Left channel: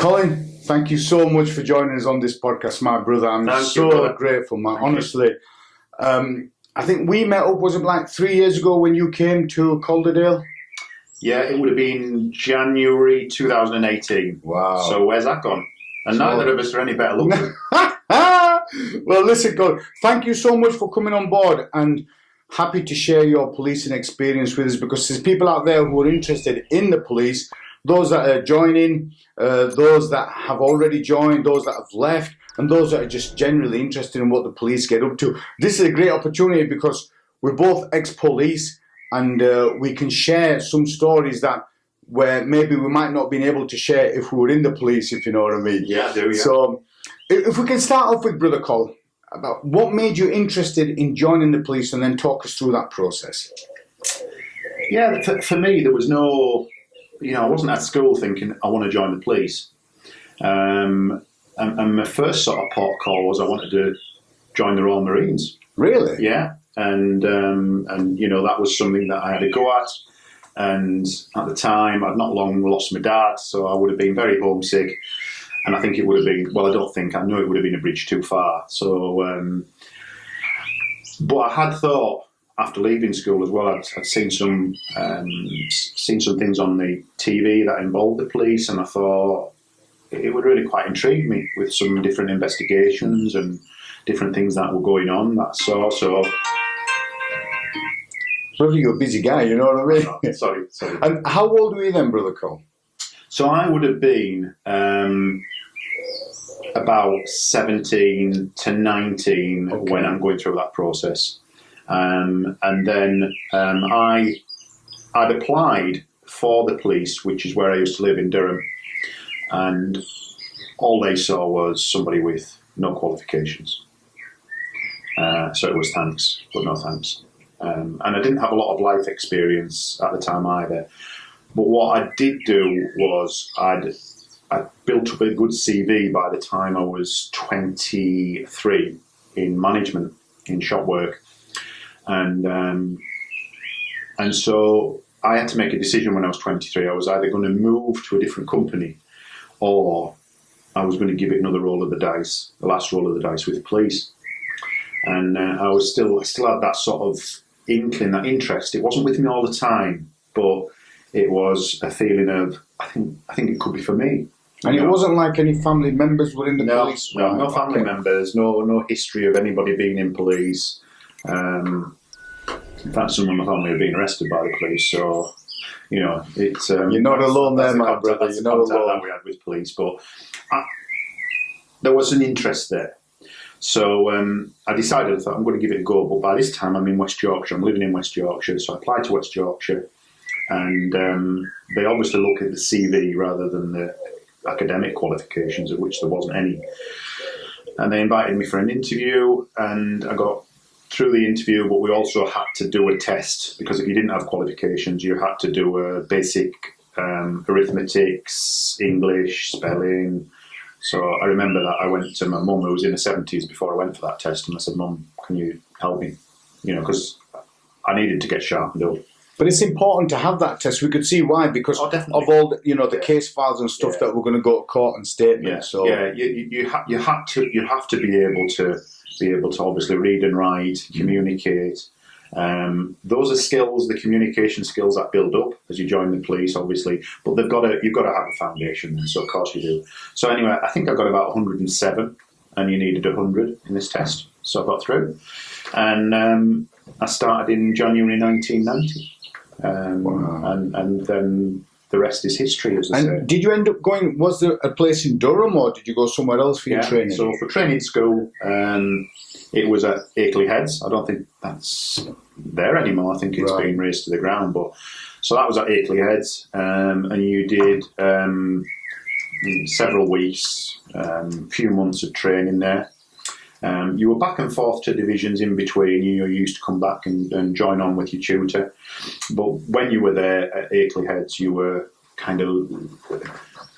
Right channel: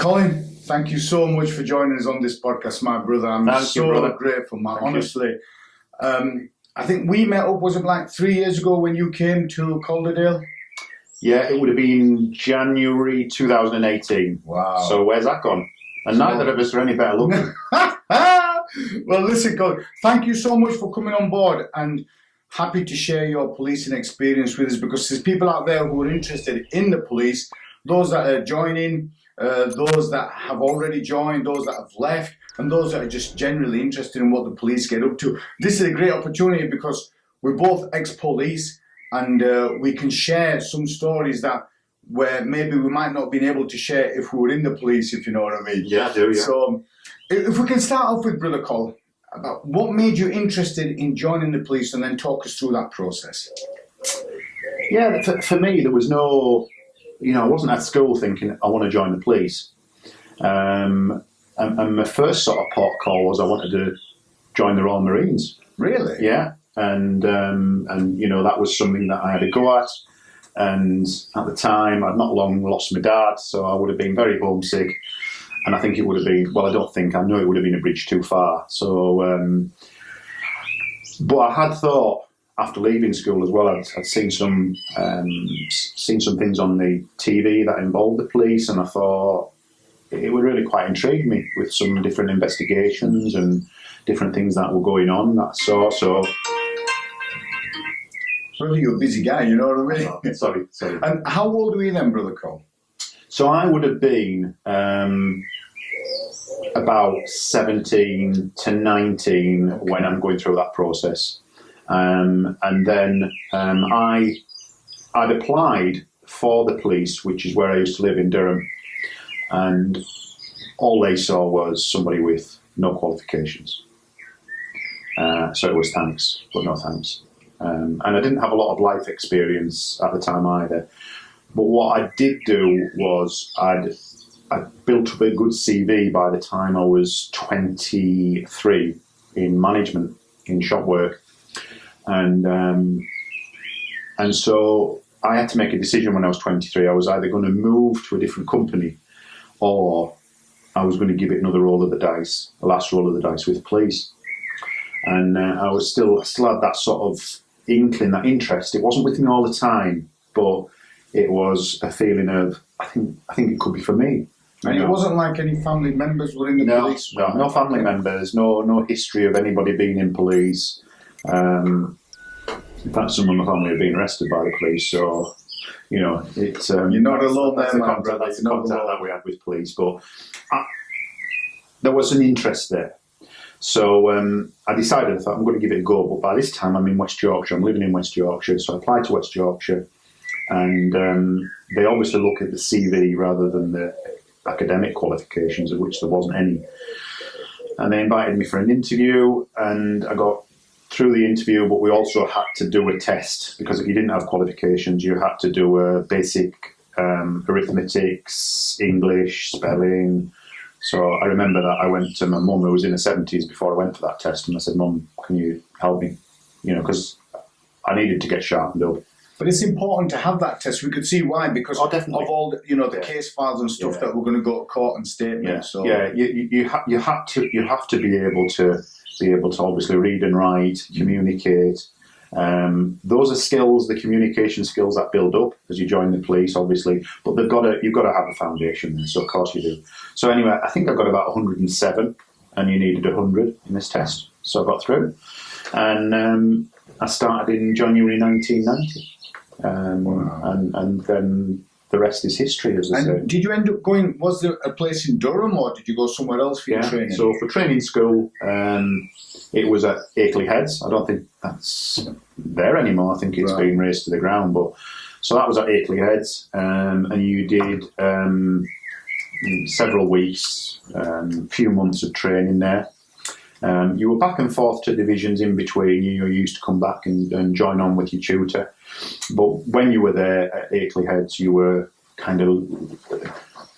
Colin, thank you so much for joining us on this podcast, my brother. I'm so grateful, man. Honestly. I think we met up, was it like 3 years ago when you came to Calderdale? Yeah, it would have been January 2018. Wow. So where's that gone? And neither of us are any better looking. Well, listen, Colin, thank you so much for coming on board, and happy to share your policing experience with us, because there's people out there who are interested in the police, those that are joining, those that have already joined, those that have left, and those that are just generally interested in what the police get up to. This is a great opportunity because we're both ex-police, and we can share some stories that where maybe we might not have been able to share if we were in the police, if you know what I mean. Yeah, I do, yeah. So if we can start off with Brother Col, about what made you interested in joining the police, and then talk us through that process. Yeah, for me, there was no, I wasn't at school thinking I want to join the police. And my first sort of port call was I wanted to join the Royal Marines. Really? Yeah, and that was something that I had a go at. And at the time, I'd not long lost my dad, so I would have been very homesick. And I think it would have been, I know it would have been a bridge too far. So, but I had thought, after leaving school as well, I'd seen some things on the TV that involved the police, and I thought it would really quite intrigue me with some different investigations and different things that were going on. That sort. So, brother, you're a busy guy, you know what I mean? Oh, sorry. And how old were you then, Brother Col? So I would have been about 17 to 19 when I'm going through that process. And then I'd applied for the police, which is where I used to live in Durham, and all they saw was somebody with no qualifications. So it was thanks, but no thanks. And I didn't have a lot of life experience at the time either. But what I did do was I'd built up a good CV by the time I was 23 in management, in shop work. And so I had to make a decision when I was 23. I was either going to move to a different company, or I was going to give it another roll of the dice, the last roll of the dice with the police. And I was still had that sort of inkling, that interest. It wasn't with me all the time, but it was a feeling of, I think it could be for me. And it wasn't like any family members were in the police? No family members, no history of anybody being in police. In fact, some of my family have been arrested by the police, so, it's... you're not alone there, my brother. That's the contact that we had with police, but there was an interest there. So I decided, I thought, I'm going to give it a go, but by this time I'm in West Yorkshire, I'm living in West Yorkshire, so I applied to West Yorkshire, and they obviously look at the CV rather than the academic qualifications, of which there wasn't any. And they invited me for an interview, and I got through the interview, but we also had to do a test, because if you didn't have qualifications, you had to do a basic arithmetics, English, spelling. So I remember that I went to my mum, who was in her 70s, before I went for that test, and I said, Mum, can you help me? Because I needed to get sharpened up. But it's important to have that test. We could see why, because of all the, the case files and stuff that we're going to go to court and statements. Yeah, so. You have to be able to obviously read and write, communicate. Those are skills, the communication skills that build up as you join the police, obviously. But you've got to have a foundation there, so of course you do. So anyway, I think I got about 107, and you needed 100 in this test, so I got through. And I started in January 1990. And then the rest is history, as I say. And did you end up going, was there a place in Durham, or did you go somewhere else for your training? So for training school, it was at Akeley Heads. I don't think that's there anymore. I think it's been razed to the ground. But so that was at Akeley Heads, and you did several weeks, few months of training there. You were back and forth to divisions in between. You used to come back and join on with your tutor. But when you were there at Akeley Heads, you were kind of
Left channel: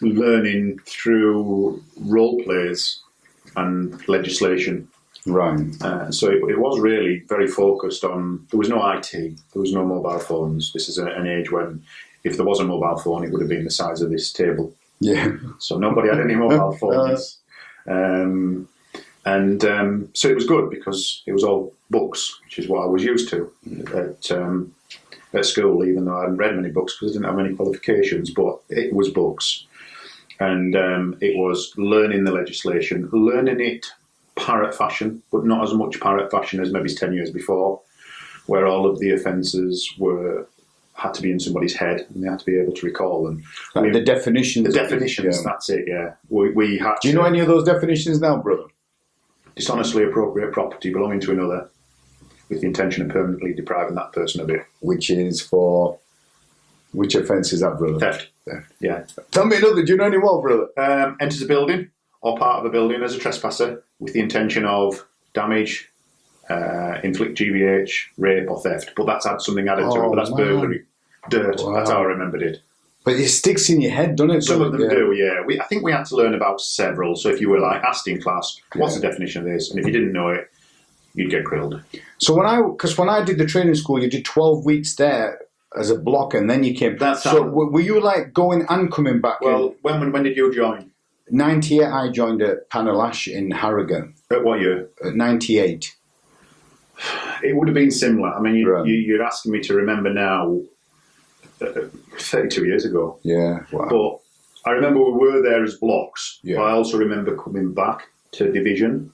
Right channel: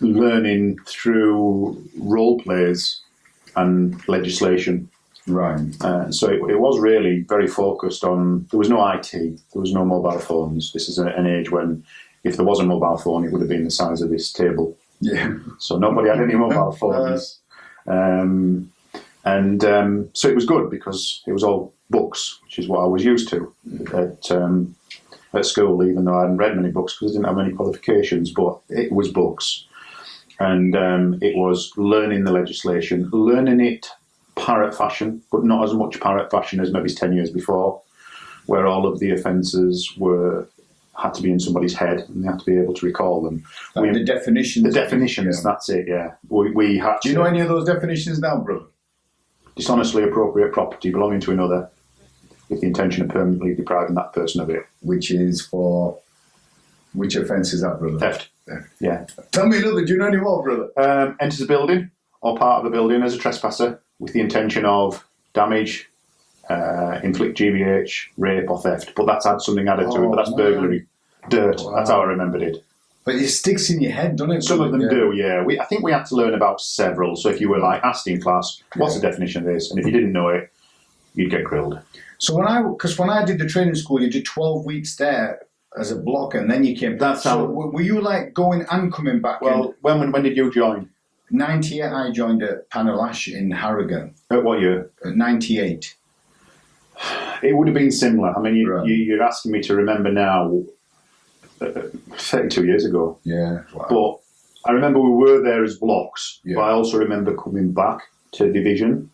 learning through role plays and legislation. Right. So it was really very focused on, there was no IT, there was no mobile phones. This is an age when if there was a mobile phone, it would have been the size of this table. Yeah. So nobody had any mobile phones. So it was good because it was all books, which is what I was used to at school, even though I hadn't read many books because I didn't have many qualifications, but it was books. And it was learning the legislation, learning it parrot fashion, but not as much parrot fashion as maybe 10 years before, where all of the offences had to be in somebody's head and they had to be able to recall them. Like the definitions. The definitions, yeah. That's it, yeah. We had Do you know any of those definitions now, brother? Dishonestly appropriate property belonging to another with the intention of permanently depriving that person of it. Which is for... Which offence is that, brother? Theft. Yeah. Tell me another. Do you know any more, brother? Enters a building or part of a building as a trespasser with the intention of damage, inflict GBH, rape or theft. But that's had something added to it, but that's burglary. Dirt. Wow. That's how I remembered it. But it sticks in your head, doesn't it? Some of them do, yeah. I think we had to learn about several. So if you were asked in class, what's the definition of this? And if you didn't know it, you'd get grilled. So when I did the training school, you did 12 weeks there as a block, and then you came back. So were you going and coming back? Well, when did you join? 98, I joined at Panelash in Harrogate. At what year? At 98. It would have been similar. I mean, you're asking me to remember now, 32 years ago. Yeah. Wow. But I remember we were there as blocks, yeah. But I also remember coming back to division.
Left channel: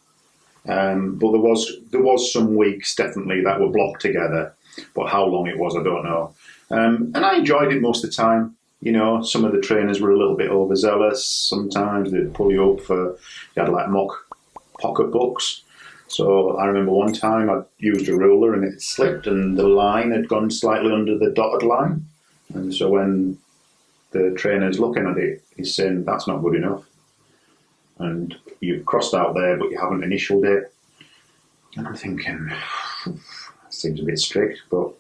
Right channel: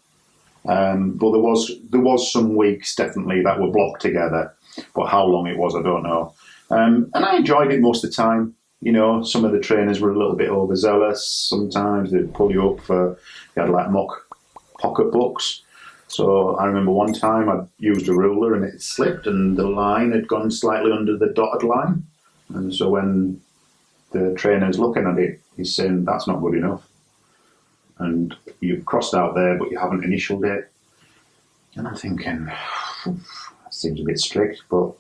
But there was some weeks definitely that were blocked together, but how long it was, I don't know. And I enjoyed it most of the time. You know, some of the trainers were a little bit overzealous. Sometimes they'd pull you up you had mock pocket books. So I remember one time I used a ruler and it slipped and the line had gone slightly under the dotted line. And so when the trainer's looking at it, he's saying, that's not good enough. And you've crossed out there, but you haven't initialed it. And I'm thinking, that seems a bit strict, but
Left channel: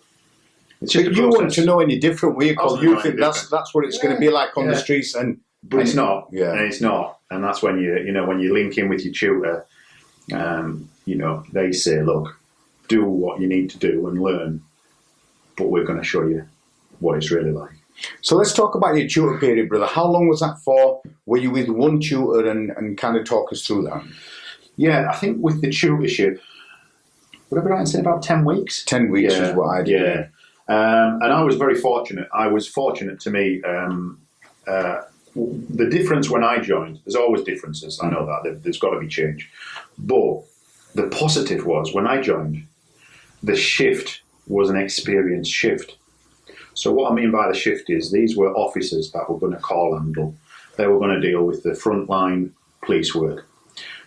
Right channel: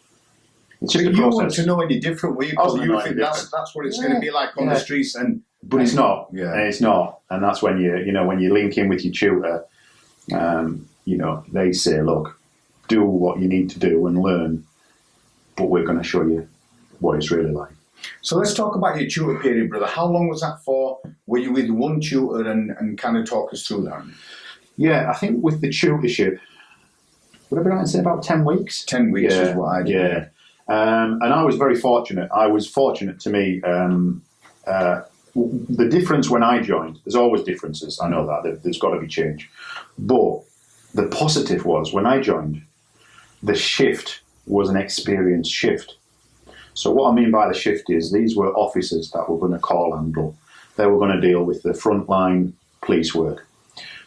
it's just a process. You want to know any different, will you? Because you think that's what it's going to be like on the streets, but it's not. Yeah, and it's not. And that's when when you link in with your tutor, they say, look, do what you need to do and learn, but we're going to show you what it's really like. So let's talk about your tutor period, brother. How long was that for? Were you with one tutor and kind of talk us through that? Yeah, I think with the tutorship, would I be right in saying about 10 weeks? 10 weeks is what I did. Yeah. And I was very fortunate. To me, the difference when I joined, there's always differences. I know that. There's got to be change. But the positive was, when I joined, the shift was an experienced shift. So what I mean by the shift is these were officers that were going to call handle. They were going to deal with the frontline police work.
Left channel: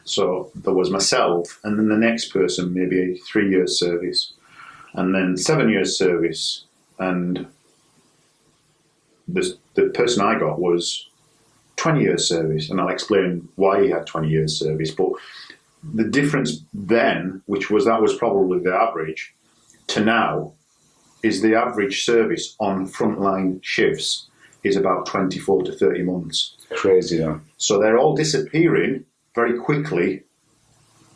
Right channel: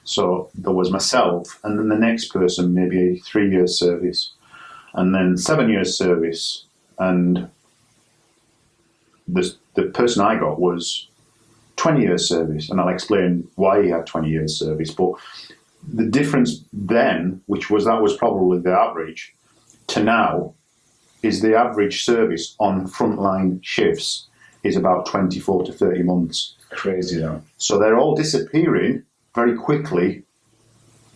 So there was myself, and then the next person, maybe a 3 years service, and then 7 years service. And the person I got was 20 years service, and I'll explain why he had 20 years service. But the difference then, that was probably the average, to now, is the average service on frontline shifts is about 24 to 30 months. Crazy, though. So they're all disappearing very quickly,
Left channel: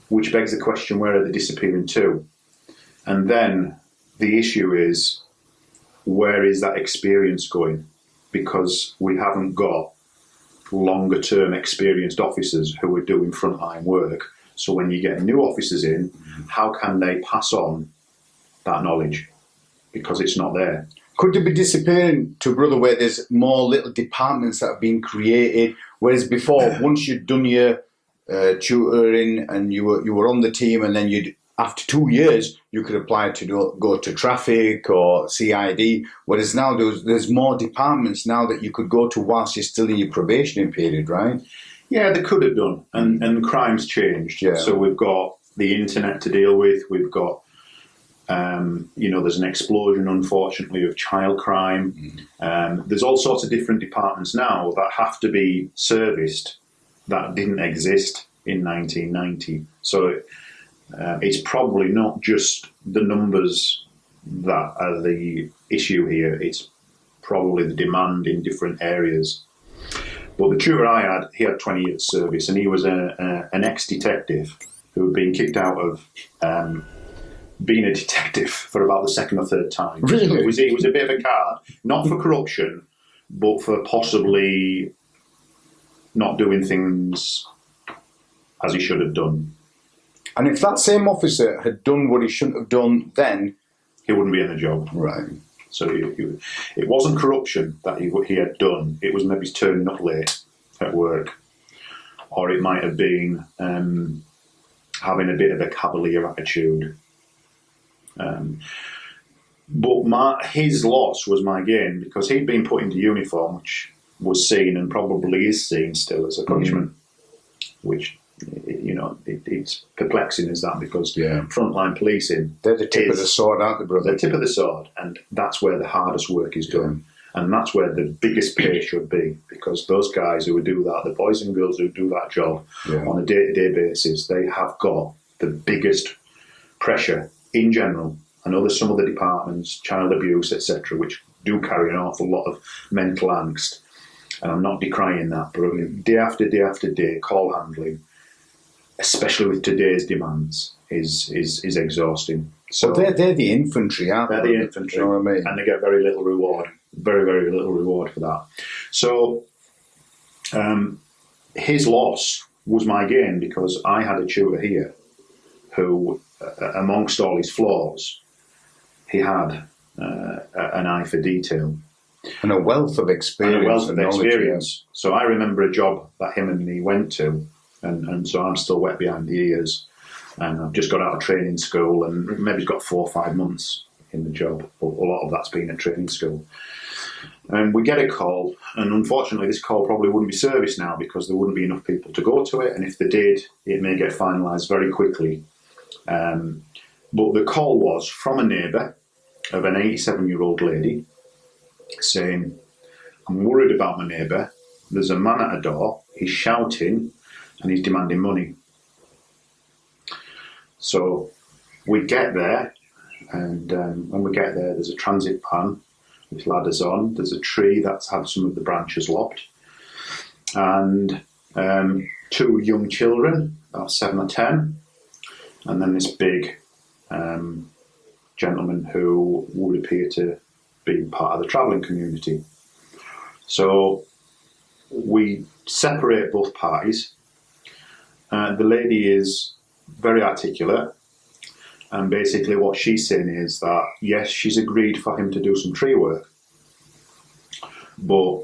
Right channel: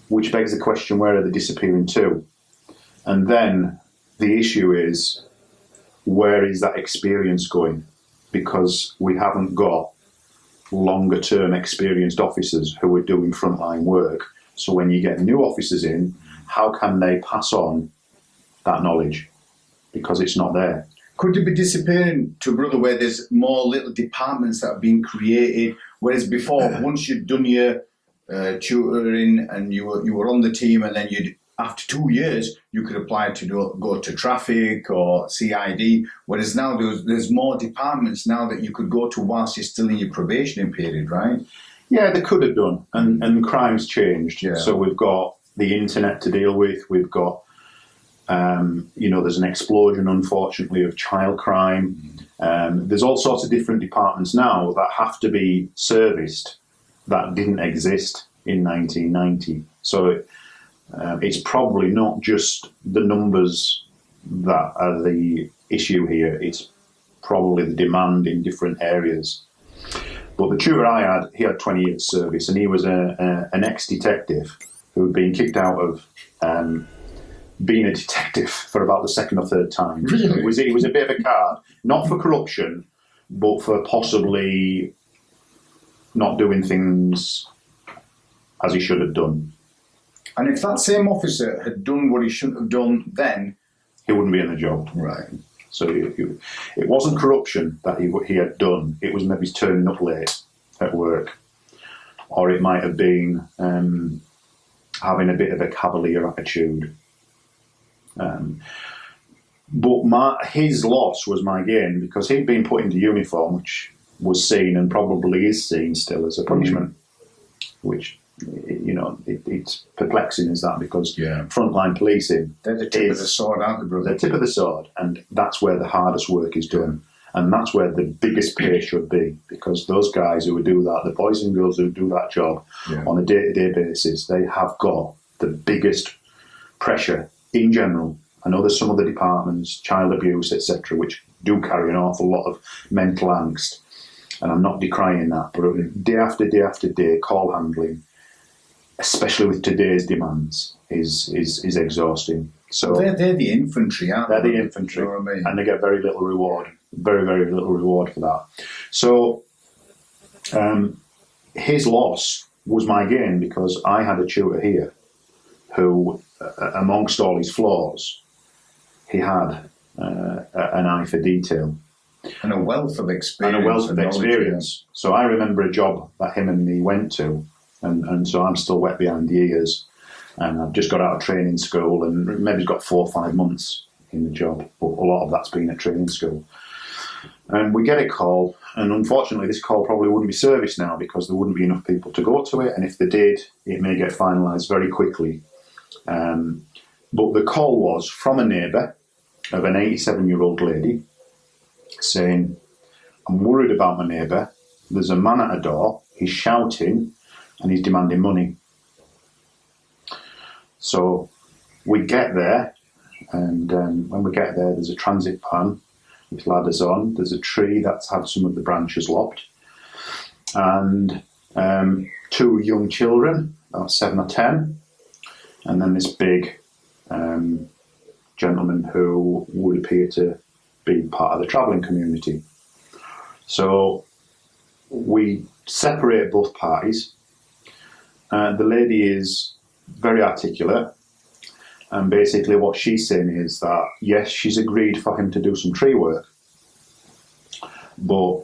which begs the question, where are they disappearing to? And then the issue is, where is that experience going? Because we haven't got longer term experienced officers who are doing frontline work. So when you get new officers in, how can they pass on that knowledge? Because it's not there. Could it be disappearing to, brother, where there's more little departments that have been created, whereas before, once you'd done your tutoring and you were on the team, and then after 2 years you could apply to go to traffic or CID, whereas now there's more departments now that you could go to whilst you're still in your probationary period, right? Yeah, they could have done, and crime's changed. Yeah. So we've got the internet to deal with, we've got there's an explosion, unfortunately, of child crime. There's all sorts of different departments now that have to be serviced that didn't exist in 1990. So it's probably not just the numbers that are the issue here. It's probably the demand in different areas. But the tutor I had, he had 20 years service, and he was an ex-detective who had been kicked out of being a detective for about the second or third time. Really? It was a bit of a card, not for corruption, but for possibly not doing things as he should have done. And if that same officer had done what he shouldn't have done, then He wouldn't be in the job. right. So it wasn't corruption that he had done. It was maybe turning up late at work, or it might have been having a bit of a cavalier attitude. But his loss was my gain, because he'd been put into uniform, which was seen and probably is seen still as a punishment, which, you know, it's perplexing as that, because frontline policing, They're the tip of the sword, aren't they, brother? they're the tip of the sword, and that's where the hardest work is done. And that's where the biggest pay should be, because those guys who do that, the boys and girls who do that job on a day-to-day basis, they have got the biggest pressure in general. I know there's some other departments, child abuse, etc., which do carry an awful lot of mental angst, and I'm not decrying that, but day after day after day, call handling, especially with today's demands, is exhausting. So they're the infantry, aren't they? They're the infantry, You know what I mean? and they get very little reward. Very, very little reward for that. So his loss was my gain, because I had a tutor here who, amongst all his flaws, he had an eye for detail. And a wealth of experience. And a wealth of knowledge, experience. So I remember a job that him and me went to, and so I'm still wet behind the ears. And I've just got out of training school, and maybe got 4 or 5 months in the job, but a lot of that's been at training school. And we get a call, and unfortunately this call probably wouldn't be serviced now, because there wouldn't be enough people to go to it, and if they did, it may get finalised very quickly. But the call was from a neighbour of an 87-year-old lady saying, "I'm worried about my neighbour. There's a man at a door, he's shouting, and he's demanding money." So we get there, and when we get there, there's a transit van with ladders on. There's a tree that's had some of the branches lopped, and 2 young children, 7 or 10, and then this big gentleman who would appear to be part of the travelling community. So we separate both parties. The lady is very articulate, and basically what she's saying is that, yes, she's agreed for him to do some tree work, but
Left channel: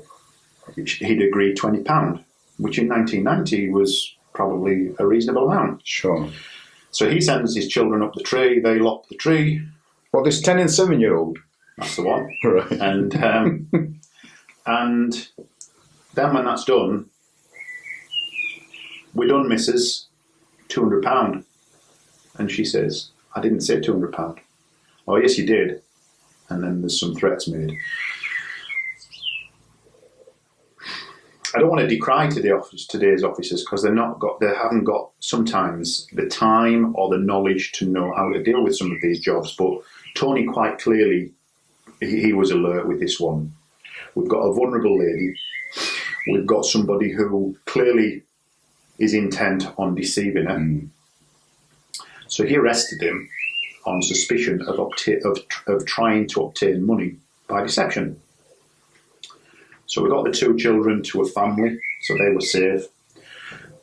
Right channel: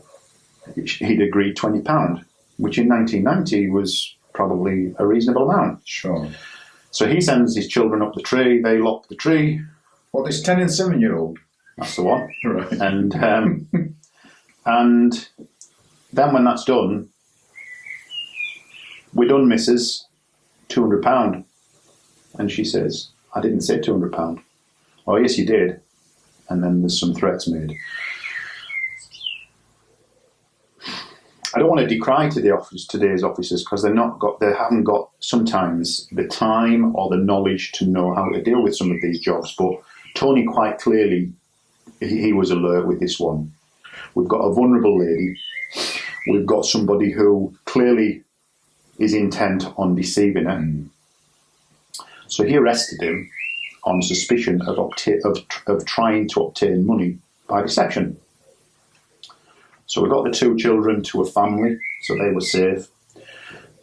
he'd agreed £20, which in 1990 was probably a reasonable amount. Sure. So he sends his children up the tree, they lop the tree. Well, this 10 and 7-year-old. That's the one. Right. And then when that's done, we're done, missus, £200. And she says, "I didn't say £200. "Oh, yes, you did." And then there's some threats made. I don't want to decry today's officers, because they haven't got sometimes the time or the knowledge to know how to deal with some of these jobs. But Tony, quite clearly, he was alert with this one. We've got a vulnerable lady. We've got somebody who clearly is intent on deceiving her. So he arrested him on suspicion of trying to obtain money by deception. So we got the 2 children to a family, so they were safe.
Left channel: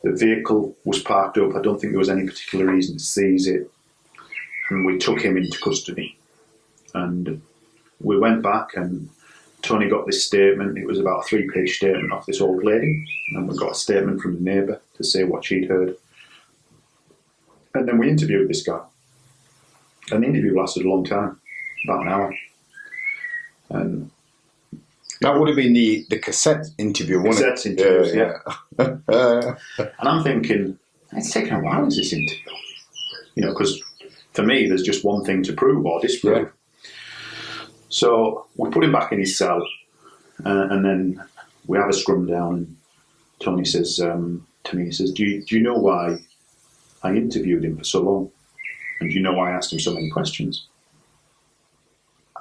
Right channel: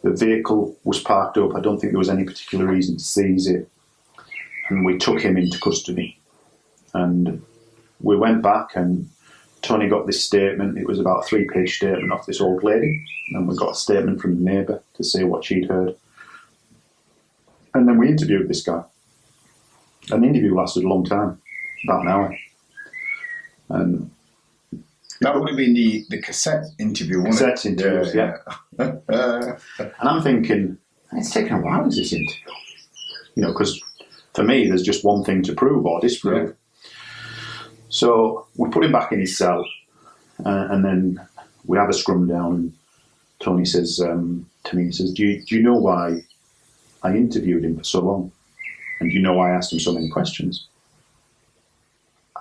The vehicle was parked up. I don't think there was any particular reason to seize it. And we took him into custody. And we went back, and Tony got this statement. It was about a 3-page statement off this old lady. And we got a statement from the neighbour to say what she'd heard. And then we interviewed this guy. And the interview lasted a long time, about an hour. And that would have been the cassette interview, wasn't it? Cassette interviews, yeah. And I'm thinking, it's taken a while, is this interview? You know, because for me, there's just one thing to prove or disprove. Yeah. So we put him back in his cell, and then we have a scrum down, and Tony says to me, he says, do you know why I interviewed him for so long? And do you know why I asked him so many questions?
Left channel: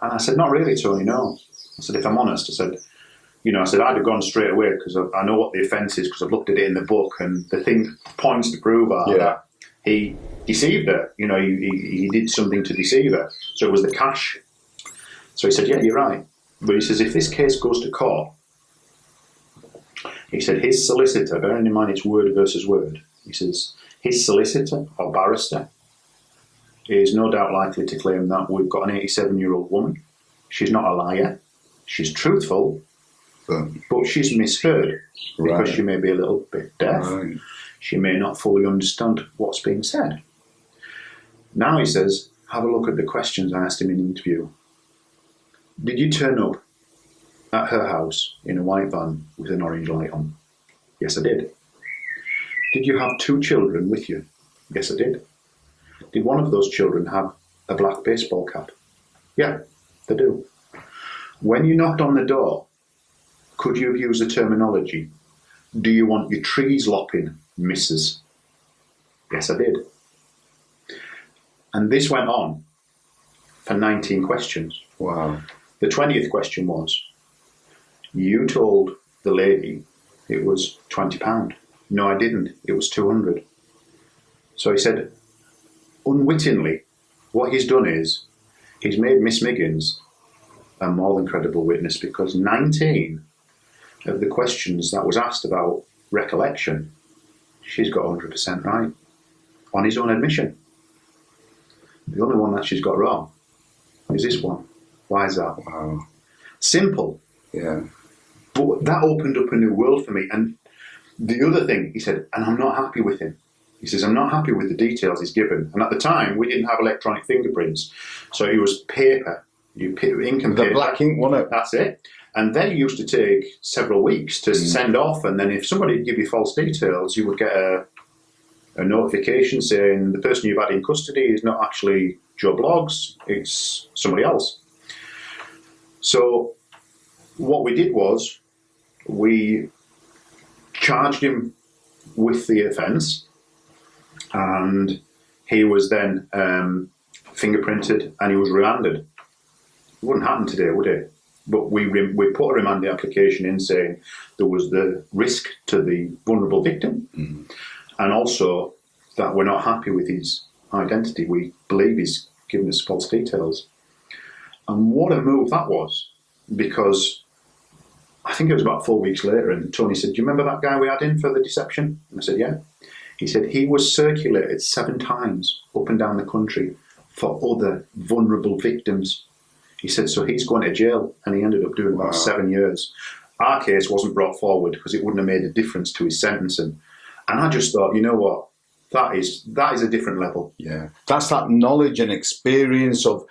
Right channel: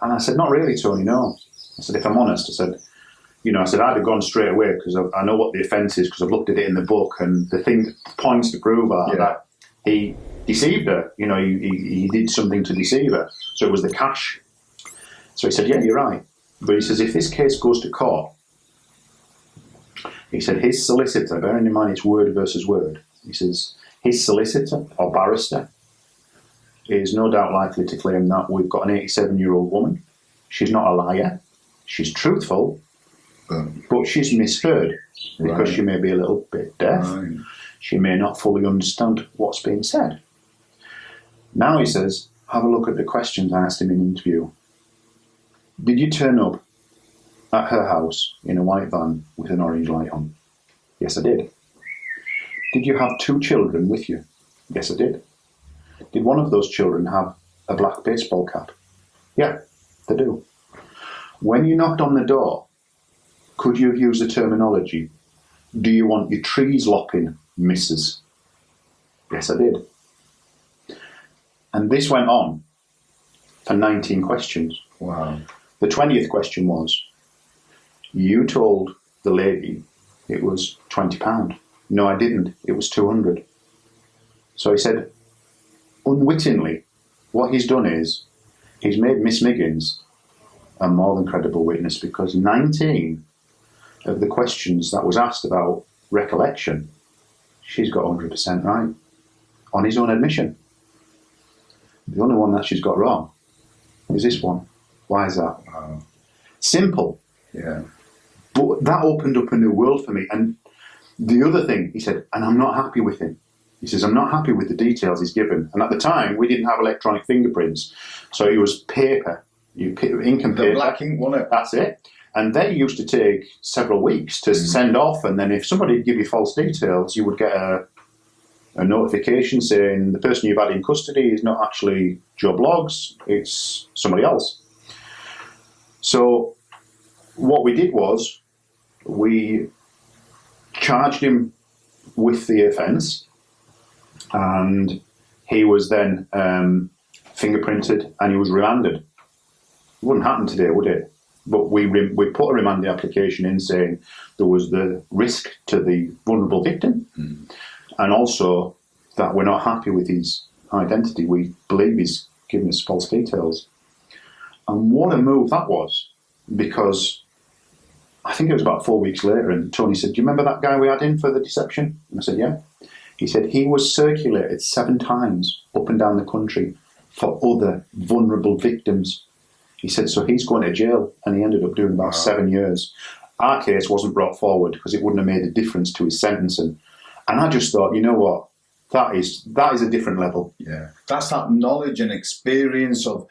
And I said, not really, Tony, no. I said, if I'm honest, I said, I'd have gone straight away, because I know what the offence is, because I've looked at it in the book, and the points to prove are that he deceived her. You know, he did something to deceive her. So it was the cash. So he said, yeah, you're right. But he says, if this case goes to court, He said his solicitor, bearing in mind it's word versus word, he says his solicitor or barrister is no doubt likely to claim that we've got an 87-year-old woman. She's not a liar. She's truthful, but she's misheard because she may be a little bit deaf. Right. She may not fully understand what's being said. Now he says, have a look at the questions I asked him in the interview. Did you turn up at her house in a white van with an orange light on? Yes, I did. Did you have 2 children with you? Yes, I did. Did one of those children have a black baseball cap? Yeah, they do. When you knocked on the door, could you have used the terminology, do you want your trees lopping, missus? Yes, I did. And this went on for 19 questions. Wow. The 20th question was, you told the lady it was £20. No, I didn't. It was 200. So he said, unwittingly, what he's done is he's made Miss Miggins a more than credible witness, because 19 of the questions that was asked about recollection, she's got 100% right on his own admission. The only one that she's got wrong is this one. Why is that? Wow. Simple. Yeah. But that opened up a new world for me. And the other thing, he said, and I'm not happy with him. He says, I'm not happy with the details he's given. And at the time, we didn't have electronic fingerprints. So it was paper. Ink and paper. The black ink, wasn't it? That's it. And they used to take several weeks to send off. And then if somebody would give you false details, you would get a notification saying the person you've had in custody is not actually Joe Bloggs, it's somebody else. So what we did was we charged him with the offence, and he was then fingerprinted and he was remanded. It wouldn't happen today, would it? But we put a remanding application in saying there was the risk to the vulnerable victim, and also that we're not happy with his identity. We believe he's given us false details. And what a move that was, because I think it was about 4 weeks later, and Tony said, do you remember that guy we had in for the deception? And I said, yeah. He said he was circulated 7 times up and down the country for other vulnerable victims. He said, so he's going to jail, and he ended up doing about 7 years. Our case wasn't brought forward because it wouldn't have made a difference to his sentencing. And I just thought, you know what, that is a different level. Yeah, that's that knowledge and experience of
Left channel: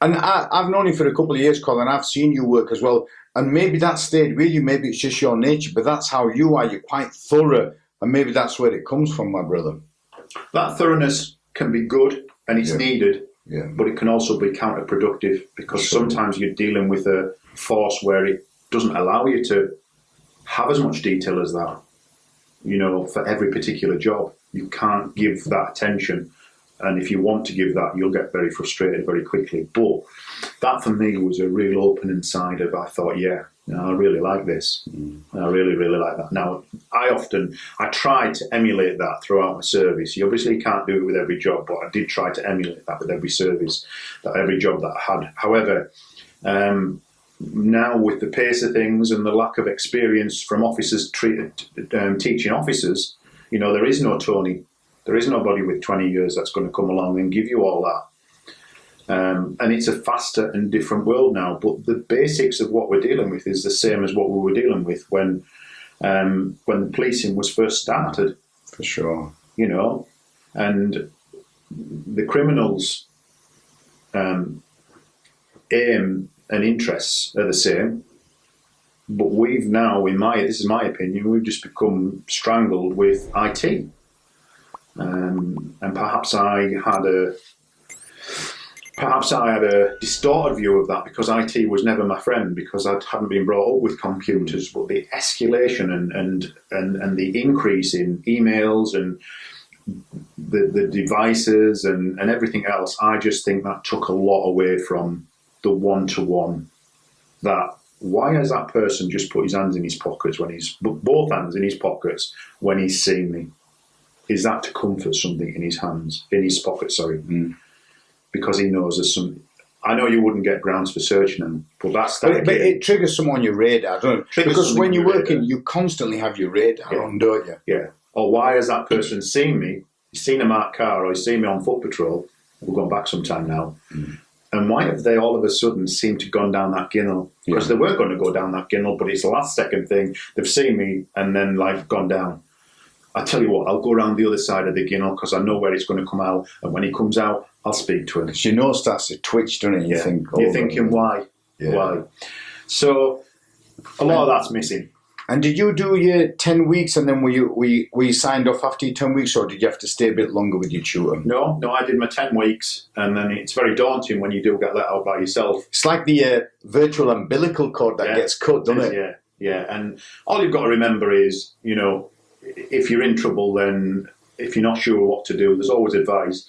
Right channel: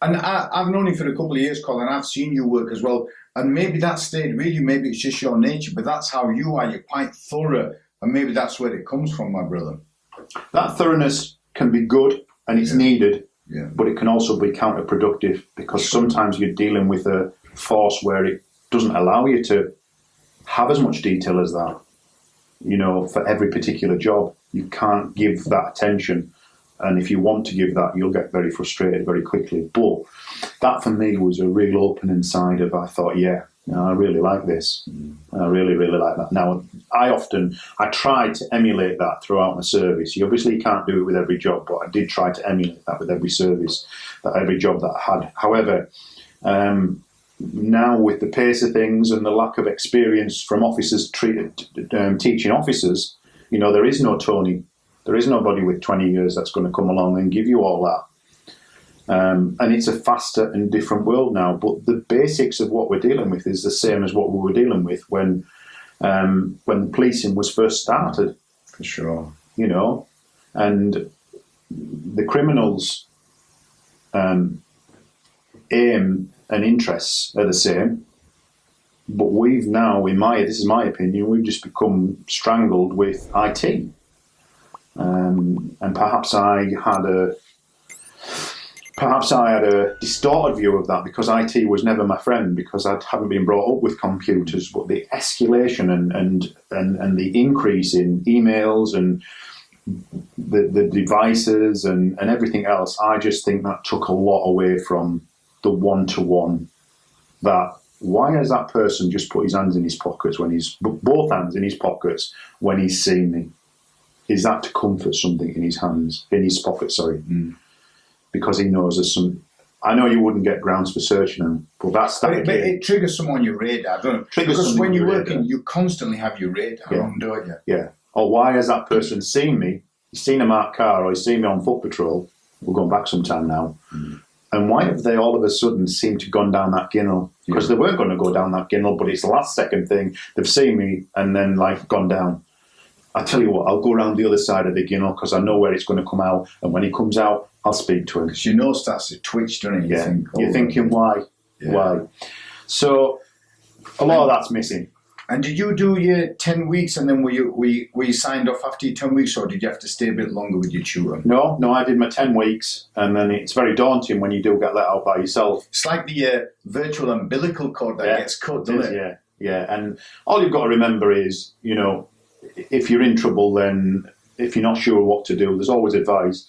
and I've known you for a couple of years, Colin. I've seen you work as well, and maybe that stayed with you. Maybe it's just your nature, but that's how you are. You're quite thorough, and maybe that's where it comes from, my brother. That thoroughness can be good, and it's needed. Yeah. But it can also be counterproductive, because sometimes you're dealing with a force where it doesn't allow you to have as much detail as that. You know, for every particular job, you can't give that attention. And if you want to give that, you'll get very frustrated very quickly. But that for me was a real opening side of, I thought, yeah, you know, I really like this. And I really, really like that. Now, I tried to emulate that throughout my service. You obviously can't do it with every job, but I did try to emulate that with every service, every job that I had. However, now with the pace of things and the lack of experience from officers teaching officers, you know, there is no Tony. There is nobody with 20 years that's going to come along and give you all that. And it's a faster and different world now. But the basics of what we're dealing with is the same as what we were dealing with when the policing was first started. For sure. You know, and the criminals' aim and interests are the same. But we've now, this is my opinion, we've just become strangled with IT. And perhaps I had a distorted view of that, because IT was never my friend, because I hadn't been brought up with computers. But the escalation and the increase in emails and the devices and everything else, I just think that took a lot away from the one-to-one. That why has that person just put his hands in his pockets both hands in his pockets when he's seen me? Is that to comfort something in his pocket? Because he knows there's I know you wouldn't get grounds for searching them, but that's that. But it triggers some on your radar, don't it? Because when you're working, radar. you constantly have your radar on, don't you? Yeah. Or why has that person seen me? He's seen a marked car, or he's seen me on foot patrol. We're going back some time now. And why have they all of a sudden seemed to have gone down that ginnel? Because they weren't going to go down that ginnel, but it's the last second thing. They've seen me and then like gone down. I tell you what, I'll go around the other side of the ginnel because I know where it's going to come out. And when he comes out, I'll speak to him. Because your nose starts to twitch, doesn't it? You think, you're thinking, why? Yeah. Why? So a lot of that's missing. And did you do your 10 weeks and then were you signed off after your 10 weeks, or did you have to stay a bit longer with your tutor? No, I did my 10 weeks, and then it's very daunting when you do get let out by yourself. It's like the virtual umbilical cord that gets cut, doesn't it? Yeah. And all you've got to remember is, you know, if you're in trouble, then if you're not sure what to do, there's always advice.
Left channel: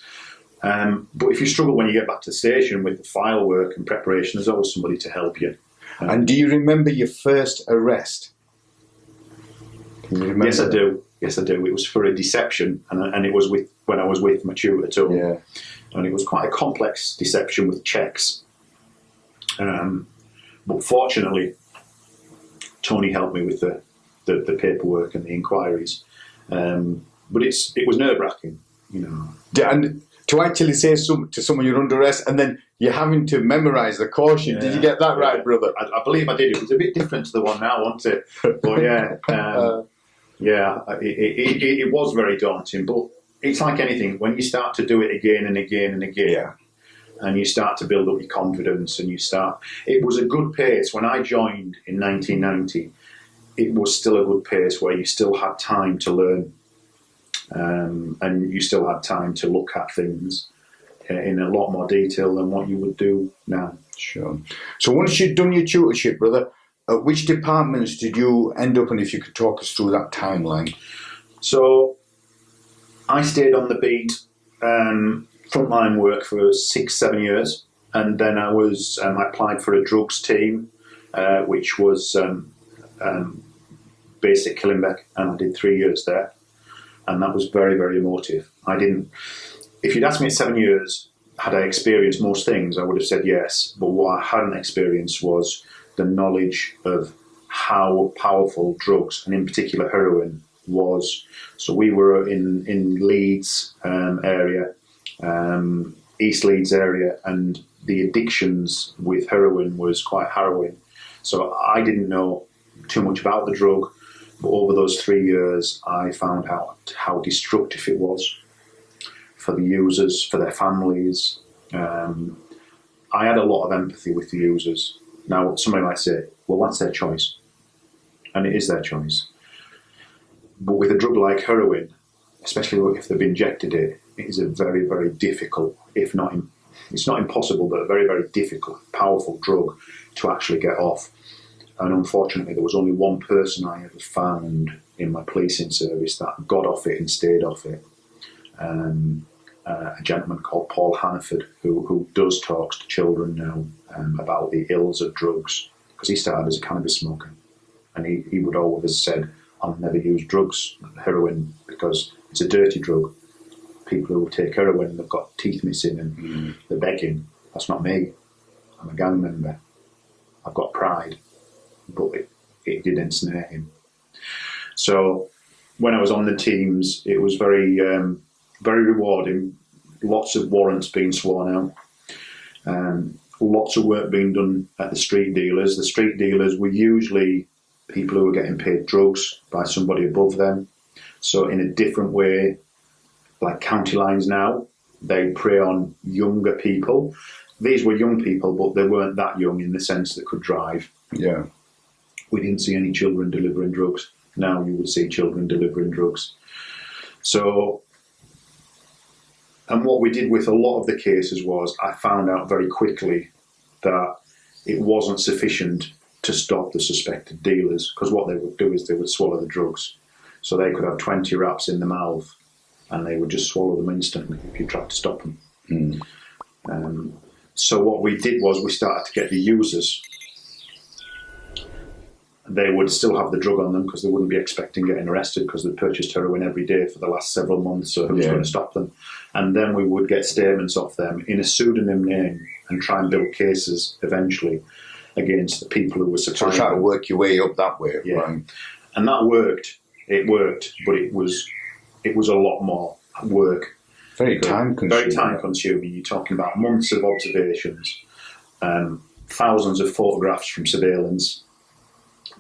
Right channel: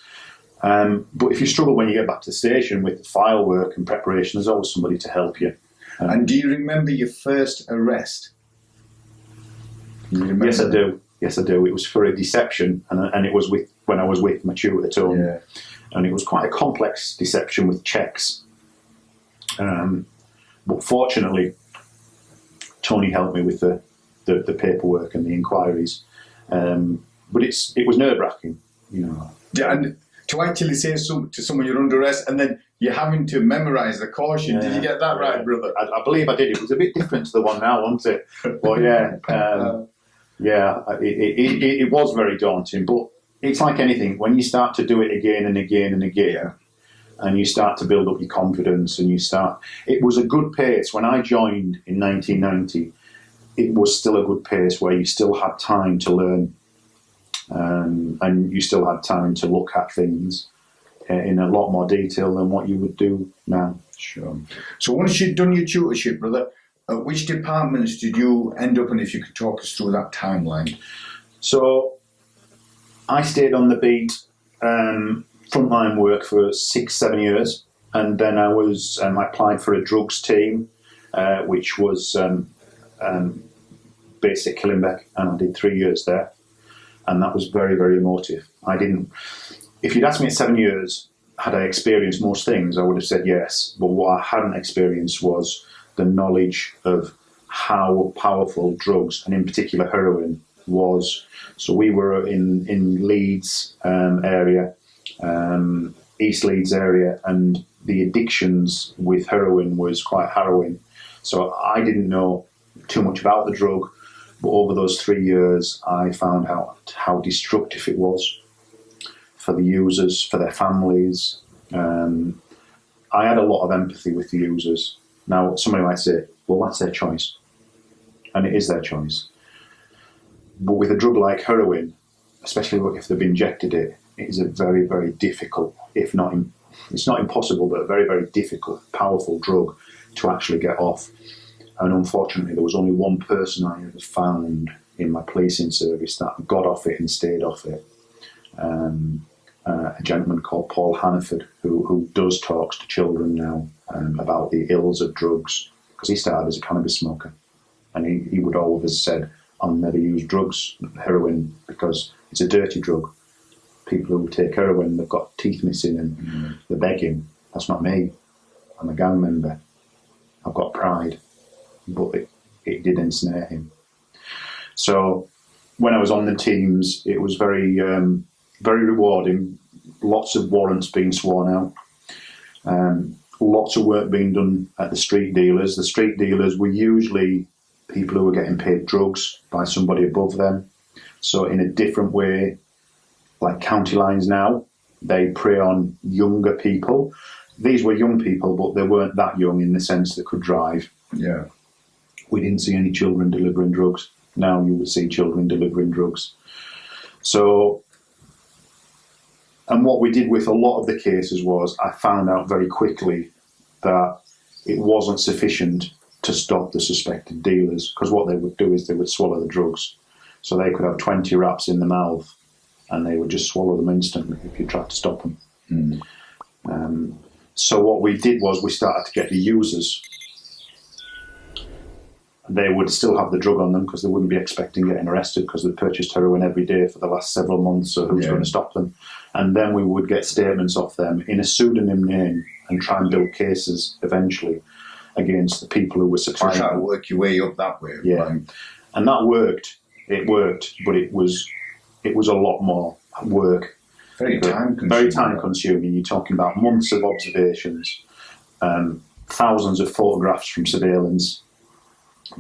But if you struggle when you get back to the station with the file work and preparation, there's always somebody to help you. And do you remember your first arrest? Yes, I do. It was for a deception, and it was when I was with my tutor at home. Yeah. And it was quite a complex deception with checks. But fortunately, Tony helped me with the paperwork and the inquiries. But it was nerve-wracking, you know. And to actually say to someone you're under arrest, and then you're having to memorise the caution. Did you get that right, brother? I believe I did. It was a bit different to the one now, wasn't it? But it was very daunting. But it's like anything. When you start to do it again and again and again, and you start to build up your confidence, and it was a good pace. When I joined in 1990, it was still a good pace where you still had time to learn. And you still had time to look at things in a lot more detail than what you would do now. Sure. So once you'd done your tutorship, brother, which departments did you end up in, if you could talk us through that timeline? So I stayed on the beat, frontline work for 6-7 years, and then I applied for a drugs team, which was based at Killinbeck, and I did 3 years there. And that was very, very emotive. If you'd asked me at 7 years, had I experienced most things, I would have said yes. But what I hadn't experienced was the knowledge of how powerful drugs, and in particular heroin, was. So we were in Leeds area, East Leeds area, and the addictions with heroin was quite harrowing. So I didn't know too much about the drug. But over those 3 years, I found out how destructive it was for the users, for their families. I had a lot of empathy with the users. Now, somebody might say, well, that's their choice. And it is their choice. But with a drug like heroin, especially if they've injected it, it is a very, very difficult, it's not impossible, but a very, very difficult, powerful drug to actually get off. And unfortunately, there was only one person I ever found in my policing service that got off it and stayed off it. A gentleman called Paul Hannaford, who does talks to children now about the ills of drugs, because he started as a cannabis smoker. And he would always have said, I'll never use drugs, heroin, because it's a dirty drug. People who take heroin, they've got teeth missing and they're begging. That's not me. I'm a gang member. I've got pride. But it did ensnare him. So when I was on the teams, it was very, very rewarding. Lots of warrants being sworn out. Lots of work being done at the street dealers. The street dealers were usually people who were getting paid drugs by somebody above them. So in a different way, like county lines now, they prey on younger people. These were young people, but they weren't that young in the sense they could drive. Yeah. We didn't see any children delivering drugs. Now you would see children delivering drugs. So, and what we did with a lot of the cases was I found out very quickly that it wasn't sufficient to stop the suspected dealers, because what they would do is they would swallow the drugs. So they could have 20 wraps in the mouth and they would just swallow them instantly if you tried to stop them. So what we did was we started to get the users. they would still have the drug on them because they wouldn't be expecting getting arrested because they'd purchased heroin every day for the last several months, so who's going to stop them? And then we would get statements off them in a pseudonym name and try and build cases eventually against the people who were supplying. So try to work your way up that way. Yeah. Right? And that worked. It worked, but it was a lot more work. Very time consuming. Very time consuming. You're talking about months of observations, thousands of photographs from surveillance.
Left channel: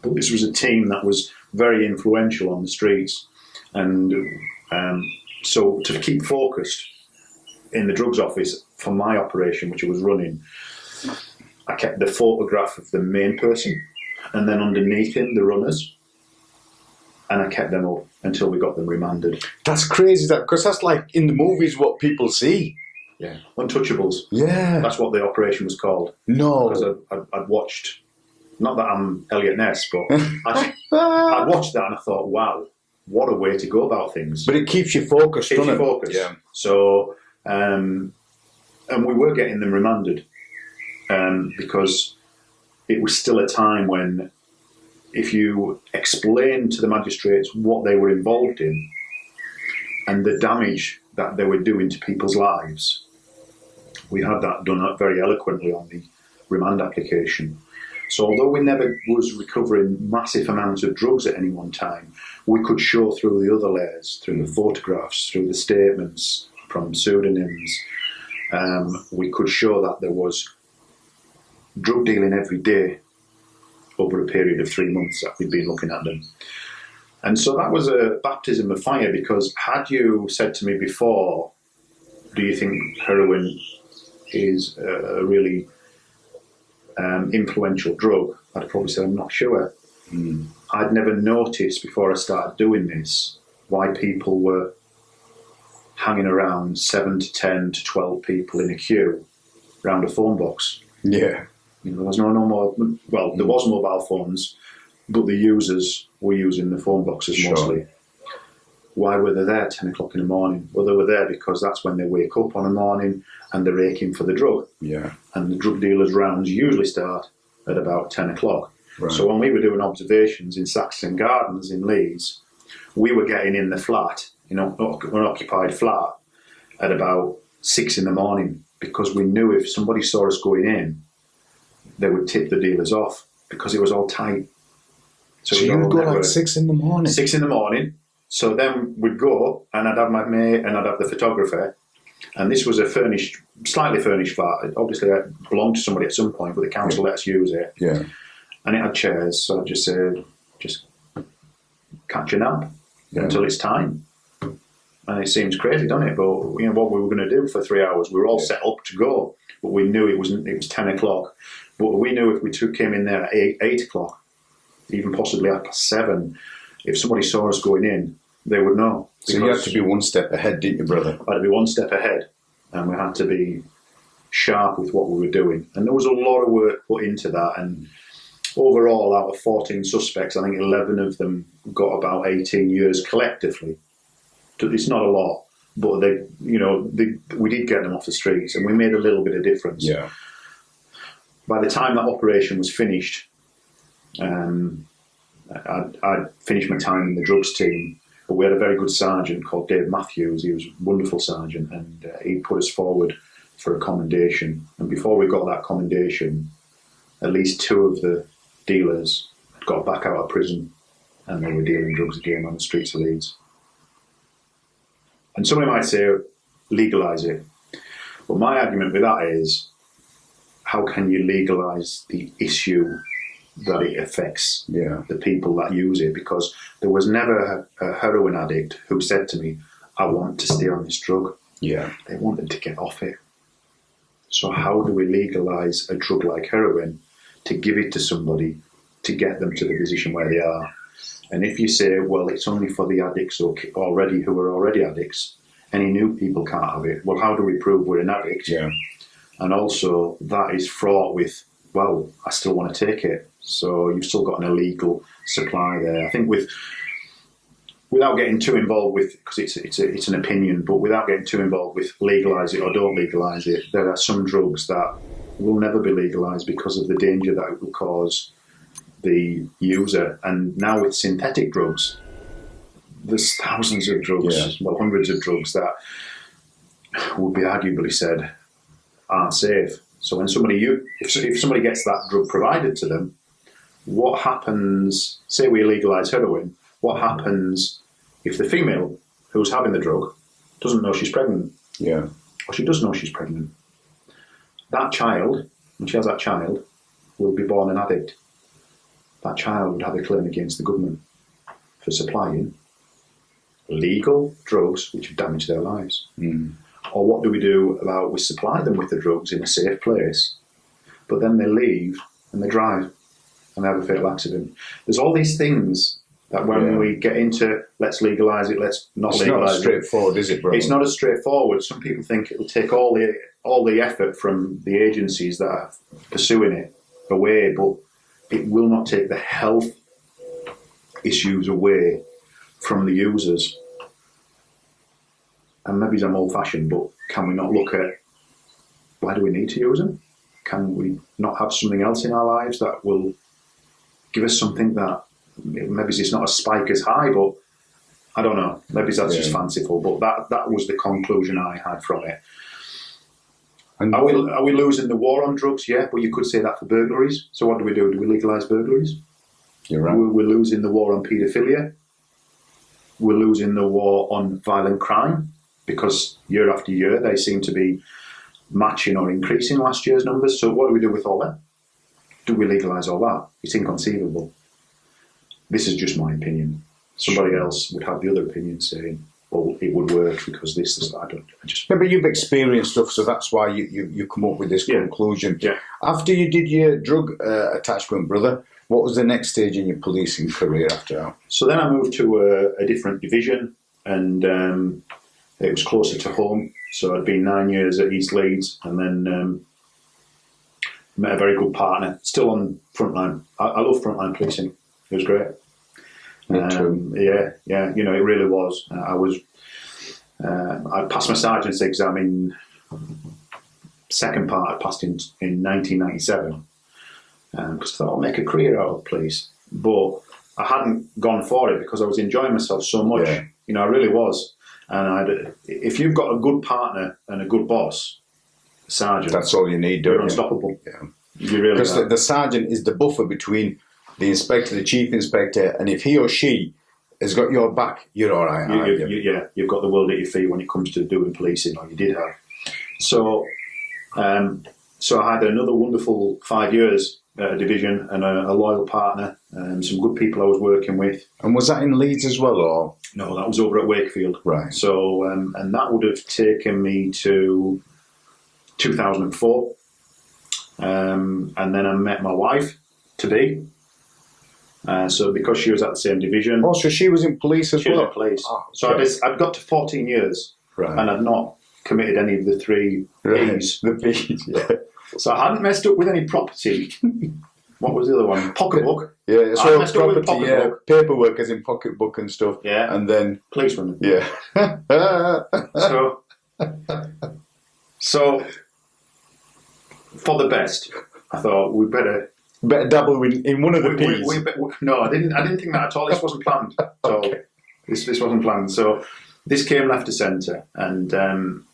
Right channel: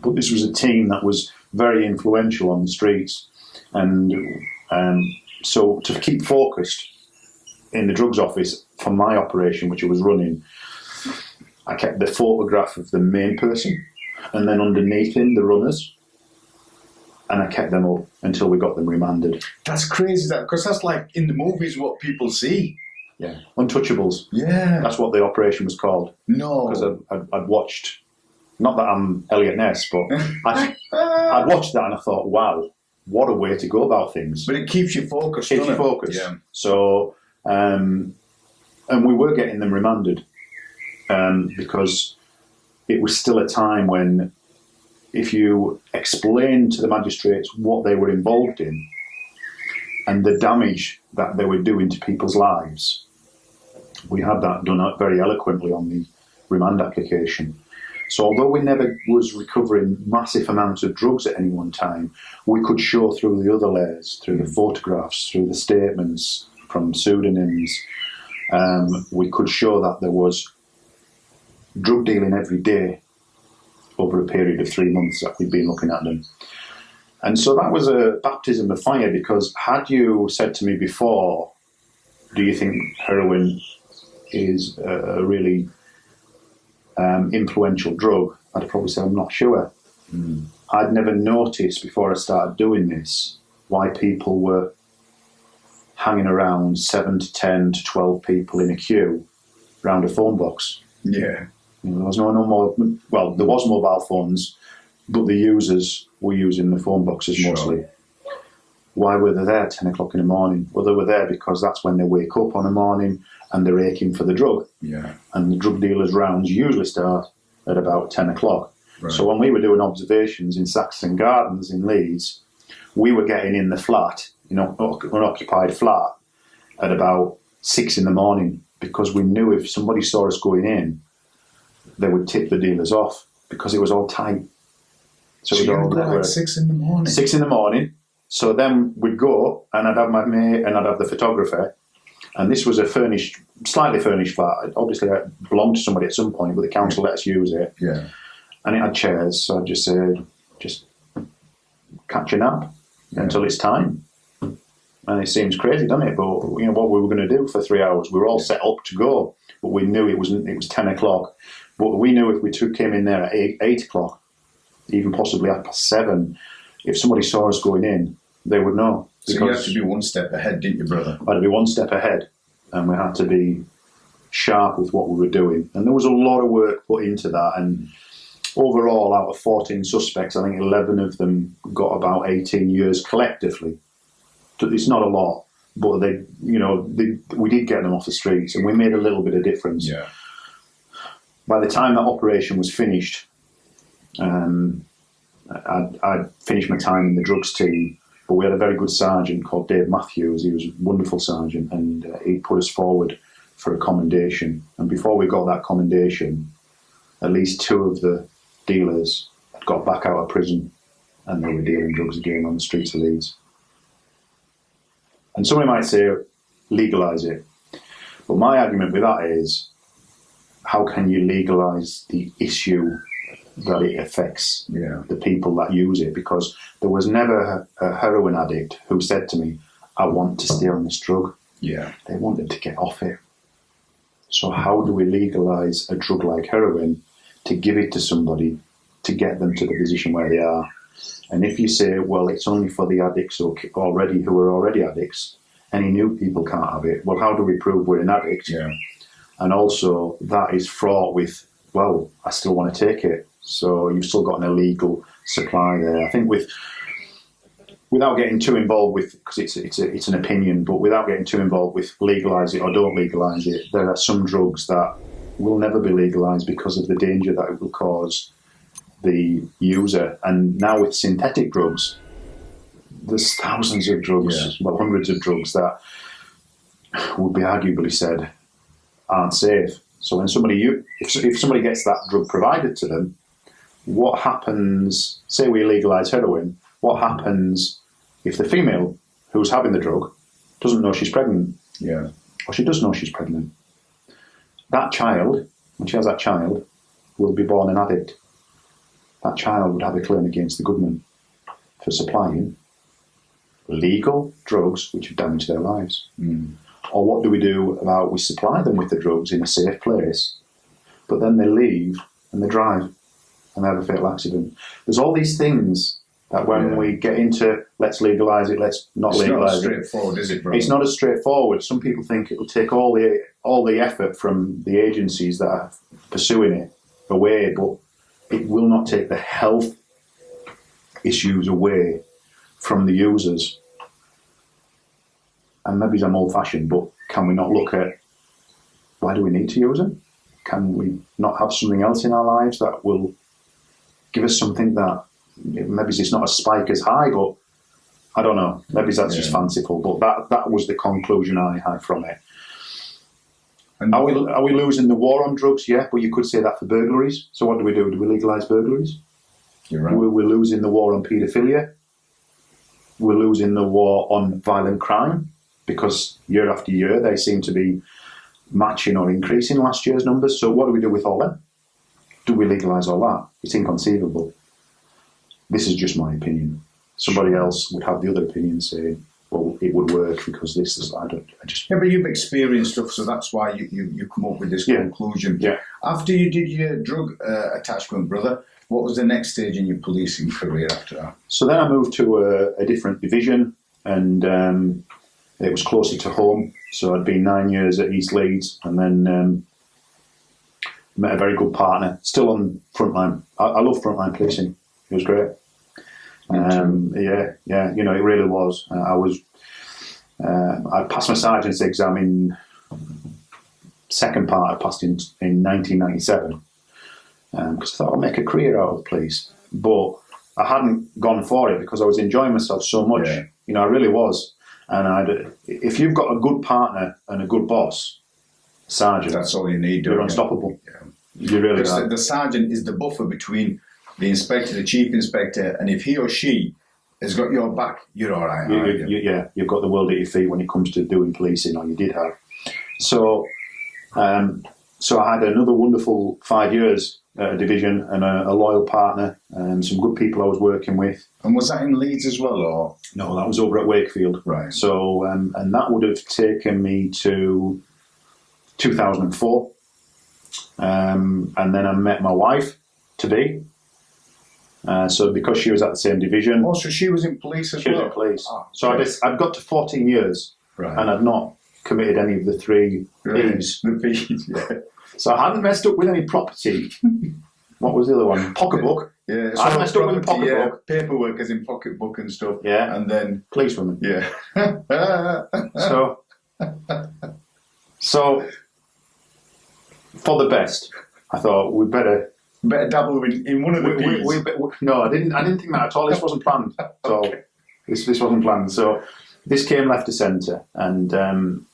But this was a team that was very influential on the streets. And so to keep focused in the drugs office for my operation, which I was running, I kept the photograph of the main person and then underneath him, the runners. And I kept them up until we got them remanded. That's crazy, because that's like in the movies what people see. Yeah. Untouchables. Yeah. That's what the operation was called. No. Because I'd watched, not that I'm Elliot Ness, but I'd watched that and I thought, wow, what a way to go about things. But it keeps you focused, Keeps doesn't you it? focused. Yeah. So, and we were getting them remanded because it was still a time when if you explained to the magistrates what they were involved in and the damage that they were doing to people's lives, we had that done very eloquently on the remand application. So although we never was recovering massive amounts of drugs at any one time, we could show through the other layers, through the photographs, through the statements from pseudonyms, we could show that there was drug dealing every day over a period of 3 months that we'd been looking at them. And so that was a baptism of fire, because had you said to me before, do you think heroin is a really influential drug, I'd have probably said, I'm not sure. I'd never noticed before I started doing this why people were hanging around 7 to 10 to 12 people in a queue around a phone box. Yeah. You know, there was no more, well, there was mobile phones, but the users were using the phone boxes mostly. Why were they there at 10 o'clock in the morning? Well, they were there because that's when they wake up on the morning and they're aching for the drug. Yeah. And the drug dealers' rounds usually start at about 10 o'clock. Right. So when we were doing observations in Saxon Gardens in Leeds, we were getting in the flat, you know, an occupied flat, at about 6 in the morning, because we knew if somebody saw us going in, they would tip the dealers off because it was all tight. So you'd go like 6 in the morning? 6 in the morning. So then we'd go, and I'd have my mate, and I'd have the photographer. And this was a furnished, slightly furnished flat. Obviously, it belonged to somebody at some point, but the council let us use it. Yeah. And it had chairs, so I just said, just catch a nap until it's time. And it seems crazy, doesn't it? But you know what we were going to do for 3 hours. We were all set up to go, but we knew it was 10 o'clock. But we knew if we came in there at 8 o'clock, even possibly 7:30, if somebody saw us going in, they would know. So you had to be one step ahead, didn't you, brother? I had to be one step ahead, and we had to be sharp with what we were doing. And there was a lot of work put into that. And overall, out of 14 suspects, I think 11 of them got about 18 years collectively. It's not a lot, but we did get them off the streets, and we made a little bit of difference. Yeah. By the time that operation was finished, I'd finished my time in the drugs team, but we had a very good sergeant called Dave Matthews. He was a wonderful sergeant, and he put us forward for a commendation. And before we got that commendation, at least 2 of the dealers had got back out of prison, and they were dealing drugs again on the streets of Leeds. And somebody might say, legalise it. But my argument with that is, how can you legalise the issue that it affects the people that use it? Because there was never a heroin addict who said to me, I want to stay on this drug. Yeah. They wanted to get off it. So how do we legalise a drug like heroin to give it to somebody to get them to the position where they are? And if you say, well, it's only for the addicts who are already addicts, any new people can't have it. Well, how do we prove we're an addict? Yeah. And also, that is fraught with, well, I still want to take it. So you've still got an illegal supply there. I think without getting too involved with, because it's an opinion, but without getting too involved with legalise it or don't legalise it, there are some drugs that will never be legalised because of the danger that it will cause the user. And now with synthetic drugs, there's thousands of drugs, well, hundreds of drugs that would be arguably said aren't safe. So when if somebody gets that drug provided to them, what happens, say we legalise heroin, what happens if the female who's having the drug doesn't know she's pregnant? Yeah. Or she does know she's pregnant. That child, when she has that child, will be born an addict. That child would have a claim against the government for supplying legal drugs which have damaged their lives. Mm. Or what do we do about we supply them with the drugs in a safe place, but then they leave and they drive and they have a fatal accident? There's all these things that when we get into let's legalise it, let's not legalise it. It's not as straightforward, is it, bro? It's not as straightforward. Some people think it will take all the effort from the agencies that are pursuing it away, but it will not take the health issues away from the users. And maybe I'm old-fashioned, but can we not look at why do we need to use them? Can we not have something else in our lives that will give us something that maybe it's not a spike as high, but I don't know. Maybe that's just fanciful, but that was the conclusion I had from it. And are we losing the war on drugs? Yeah, but you could say that for burglaries. So what do we do? Do we legalise burglaries? You're right. We're losing the war on paedophilia. We're losing the war on violent crime because year after year they seem to be matching or increasing last year's numbers. So what do we do with all that? Do we legalise all that? It's inconceivable. This is just my opinion. Somebody else would have the other opinion saying, well, it would work because this is, I just... Yeah, but you've experienced stuff, so that's why you come up with this conclusion. Yeah. After you did your drug attachment, brother, what was the next stage in your policing career after that? So then I moved to a different division, and it was closer to home. So I'd been 9 years at East Leeds, and then met a very good partner, still on frontline. I love frontline policing. It was great. Yeah, you know, it really was. I passed my sergeant's exam in second part. I passed in 1997 because I thought I'll make a career out of police. But I hadn't gone for it because I was enjoying myself so much. Yeah. You know, I really was. And if you've got a good partner and a good boss, sergeant, that's all you need. You're unstoppable. Yeah. You really are. The sergeant is the buffer between the inspector, the chief inspector, and if he or she has got your back, you're all right. You've got the world at your feet when it comes to doing policing, or you did have. So I had another wonderful 5 years at a division and a loyal partner and some good people I was working with. And was that in Leeds as well, or? No, that was over at Wakefield. Right. So, and that would have taken me to 2004. And then I met my wife today. So because she was at the same division. Oh, so she was in police as well? She was in police. Oh, so I'd got to 14 years and I'd not committed any of the three P's. The P's, yeah. So I hadn't messed up with any property. What was the other one? Pocketbook. Yeah, so I messed up with the pocketbook. Paperwork as in pocketbook and stuff. Yeah. And then... Policewoman. Yeah. So for the best, I thought we'd better dabble in one of the P's. No, I didn't think that at all. This wasn't planned. So this wasn't planned. So this came left to centre, and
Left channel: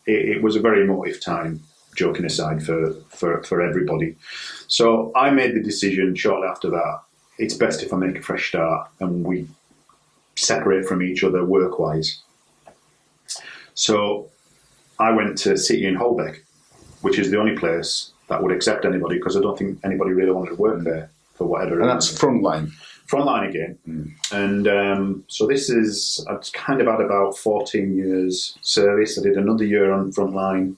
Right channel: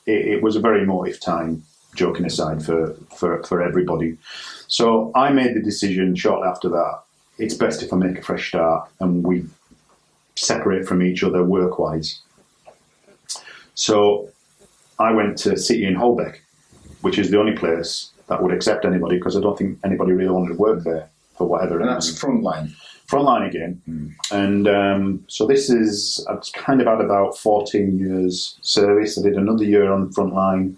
it was a very emotive time, joking aside, for everybody. So I made the decision shortly after that, it's best if I make a fresh start and we separate from each other work-wise. So I went to City in Holbeck, which is the only place that would accept anybody, because I don't think anybody really wanted to work there for whatever reason. And that's frontline. Frontline again. And so I've kind of had about 14 years service. I did another year on frontline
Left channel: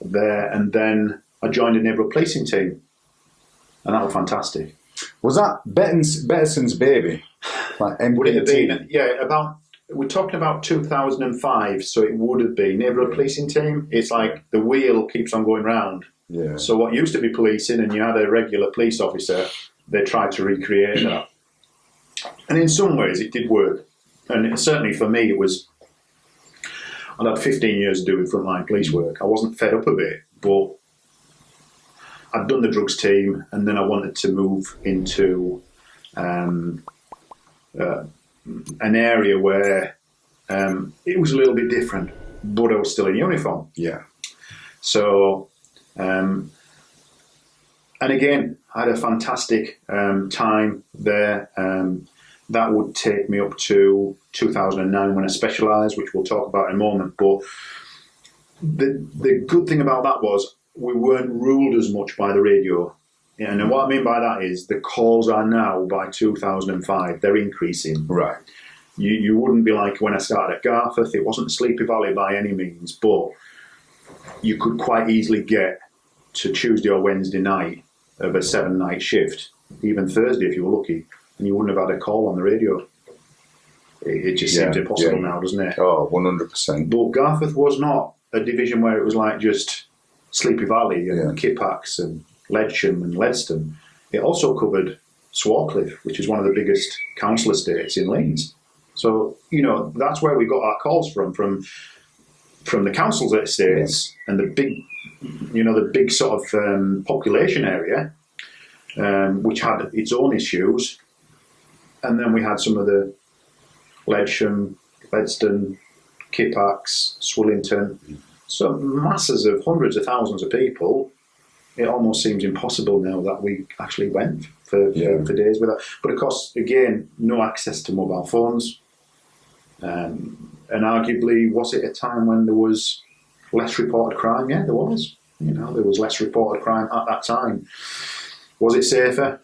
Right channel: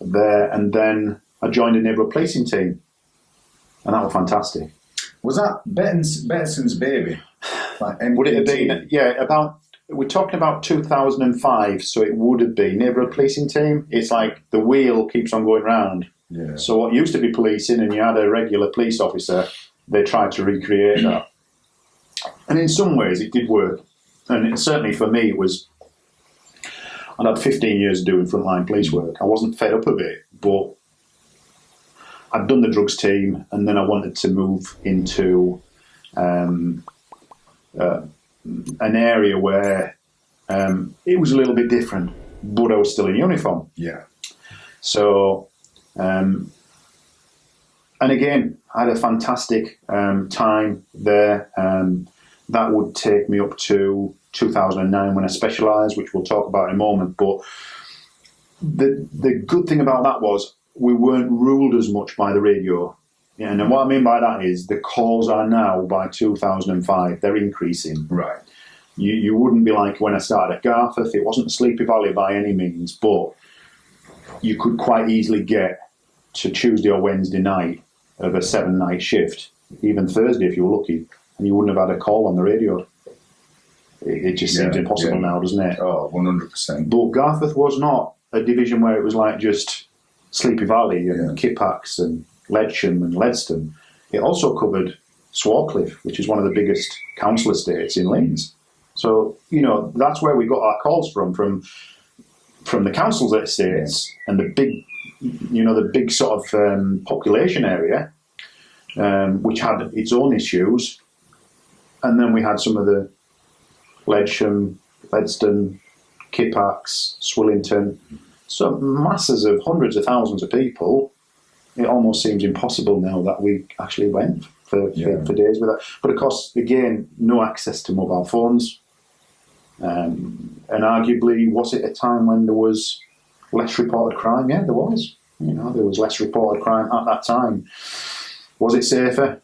there, and then I joined a neighbourhood policing team, and that was fantastic. Was that Betterson's baby? Like would it have been? Yeah, we're talking about 2005, so it would have been neighbourhood policing team. It's like the wheel keeps on going round. Yeah. So what used to be policing, and you had a regular police officer, they tried to recreate that. And in some ways it did work. And certainly for me it was, I'd had 15 years doing frontline police work. I wasn't fed up of it, but I'd done the drugs team, and then I wanted to move into an area where it was a little bit different, but I was still in uniform. Yeah. So, and again, I had a fantastic time there. That would take me up to 2009 when I specialised, which we'll talk about in a moment. But the good thing about that was we weren't ruled as much by the radio. Yeah, and what I mean by that is the calls are now, by 2005, they're increasing. Right. You wouldn't be like when I started at Garforth. It wasn't Sleepy Valley by any means, but you could quite easily get to Tuesday or Wednesday night of a 7-night shift, even Thursday if you were lucky, and you wouldn't have had a call on the radio. It just seems impossible now, doesn't it? Oh, 100%. But Garforth was not a division where it was like just Sleepy Valley and Kippax and Ledsham and Ledston. It also covered Swarcliffe, which is one of the biggest council estates in Leeds. So, that's where we got our calls from the council's estates and the big sort of population area, which had its own issues. And then we had some of the Ledsham, Ledston, Kippax, Swillington. So masses of hundreds of thousands of people. It almost seems impossible now that we actually went for days with that. But of course, again, no access to mobile phones. And arguably, was it a time when there was less reported crime? Yeah, there was. There was less reported crime at that time. Was it safer?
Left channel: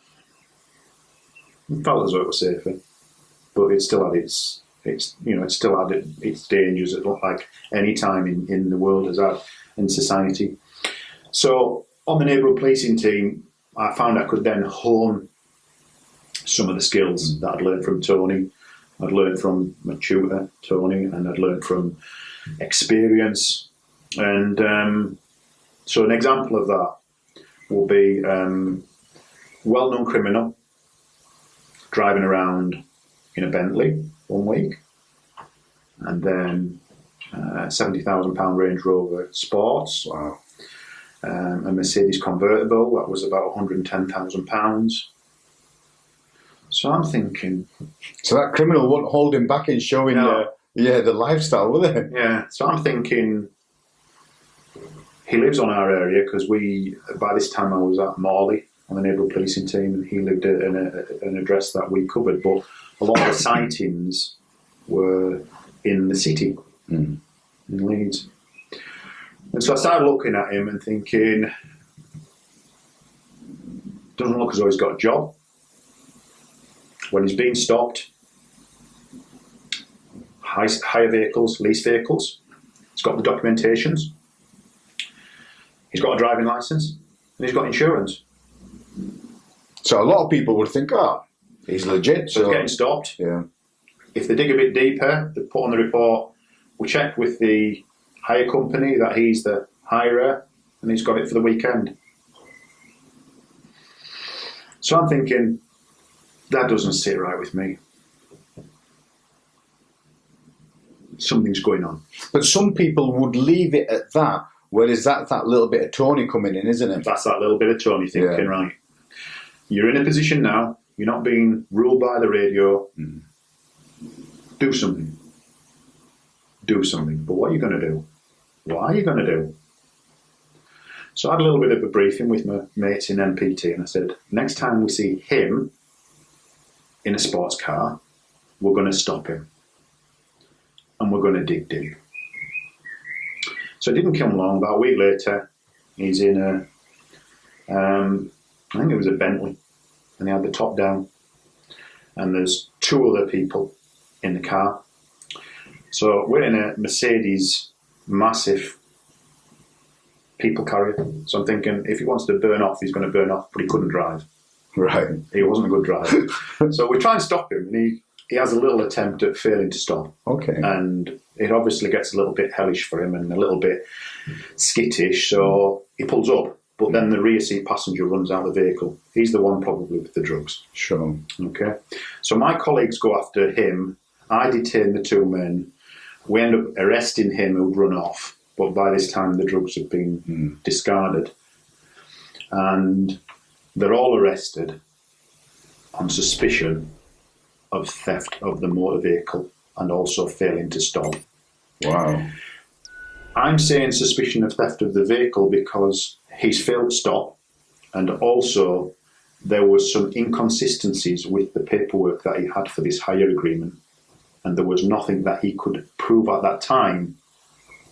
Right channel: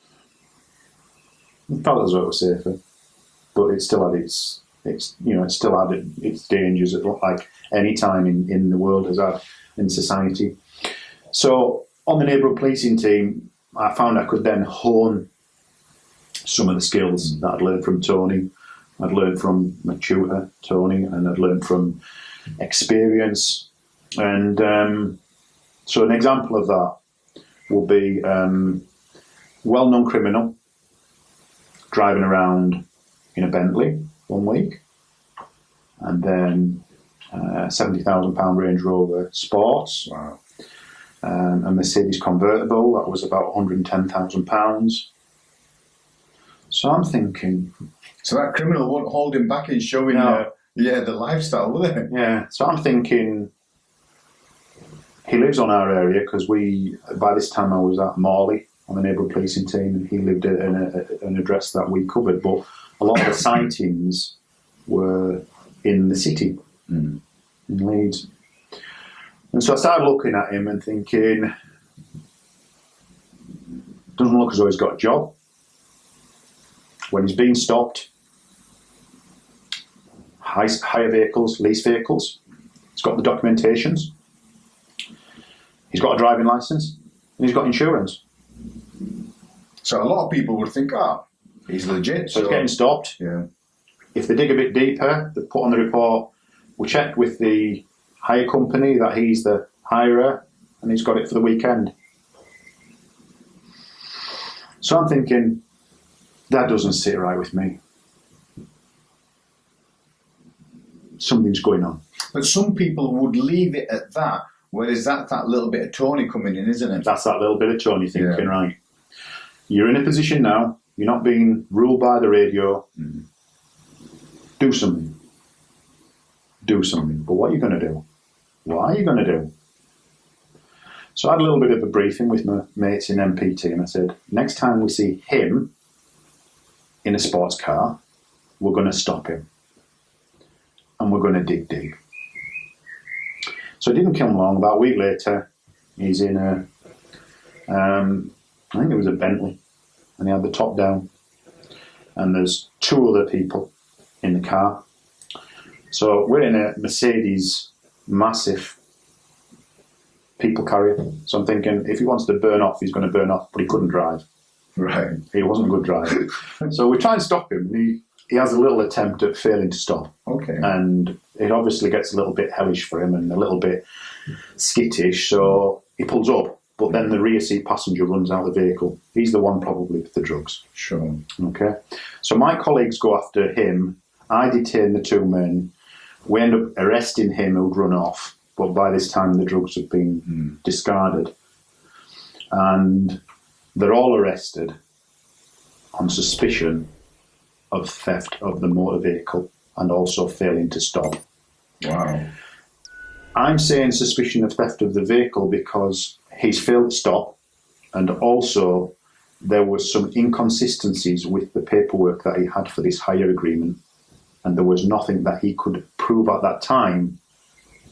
It felt as though it was safer, but it still had its dangers, like any time in the world has had in society. So on the neighbourhood policing team, I found I could then hone some of the skills that I'd learned from Tony. I'd learned from my tutor, Tony, and I'd learned from experience. And so an example of that will be well-known criminal driving around in a Bentley one week, and then £70,000 Range Rover Sports. Wow. A Mercedes convertible that was about £110,000. So I'm thinking. So that criminal won't hold him back in showing the lifestyle, will it? Yeah. So I'm thinking he lives on our area because by this time I was at Morley on the neighbourhood policing team, and he lived at an address that we covered. But a lot of the sightings were in the city, in Leeds. And so I started looking at him and thinking, doesn't look as though he's got a job. When he's being stopped, hire vehicles, lease vehicles, he's got the documentations, he's got a driving licence, and he's got insurance. So a lot of people would think, he's legit. So he's getting stopped. Yeah. If they dig a bit deeper, they put on the report, we check with the hire company that he's the hirer and he's got it for the weekend. So I'm thinking, that doesn't sit right with me. Something's going on. But some people would leave it at that, whereas that's that little bit of Tony coming in, isn't it? That's that little bit of Tony thinking, right, you're in a position now, you're not being ruled by the radio, do something. Do something. But what are you going to do? What are you going to do? So I had a little bit of a briefing with my mates in MPT, and I said, next time we see him in a sports car, we're going to stop him. And we're going to dig deep. So it didn't come long. About a week later, he's in I think it was a Bentley, and he had the top down. And there's two other people in the car. So we're in a Mercedes, massive people carrier. So I'm thinking, if he wants to burn off, he's going to burn off, but he couldn't drive. Right. He wasn't a good driver. So we try and stop him, and he has a little attempt at failing to stop. Okay. And it obviously gets a little bit hellish for him and a little bit skittish, so he pulls up. But then the rear seat passenger runs out of the vehicle. He's the one probably with the drugs. Sure. Okay. So my colleagues go after him. I detain the two men. We end up arresting him who'd run off. But by this time, the drugs have been discarded. And they're all arrested. on suspicion of theft of the motor vehicle and also failing to stop. Wow. I'm saying suspicion of theft of the vehicle because he's failed to stop, and also there were some inconsistencies with the paperwork that he had for this hire agreement, and there was nothing that he could prove at that time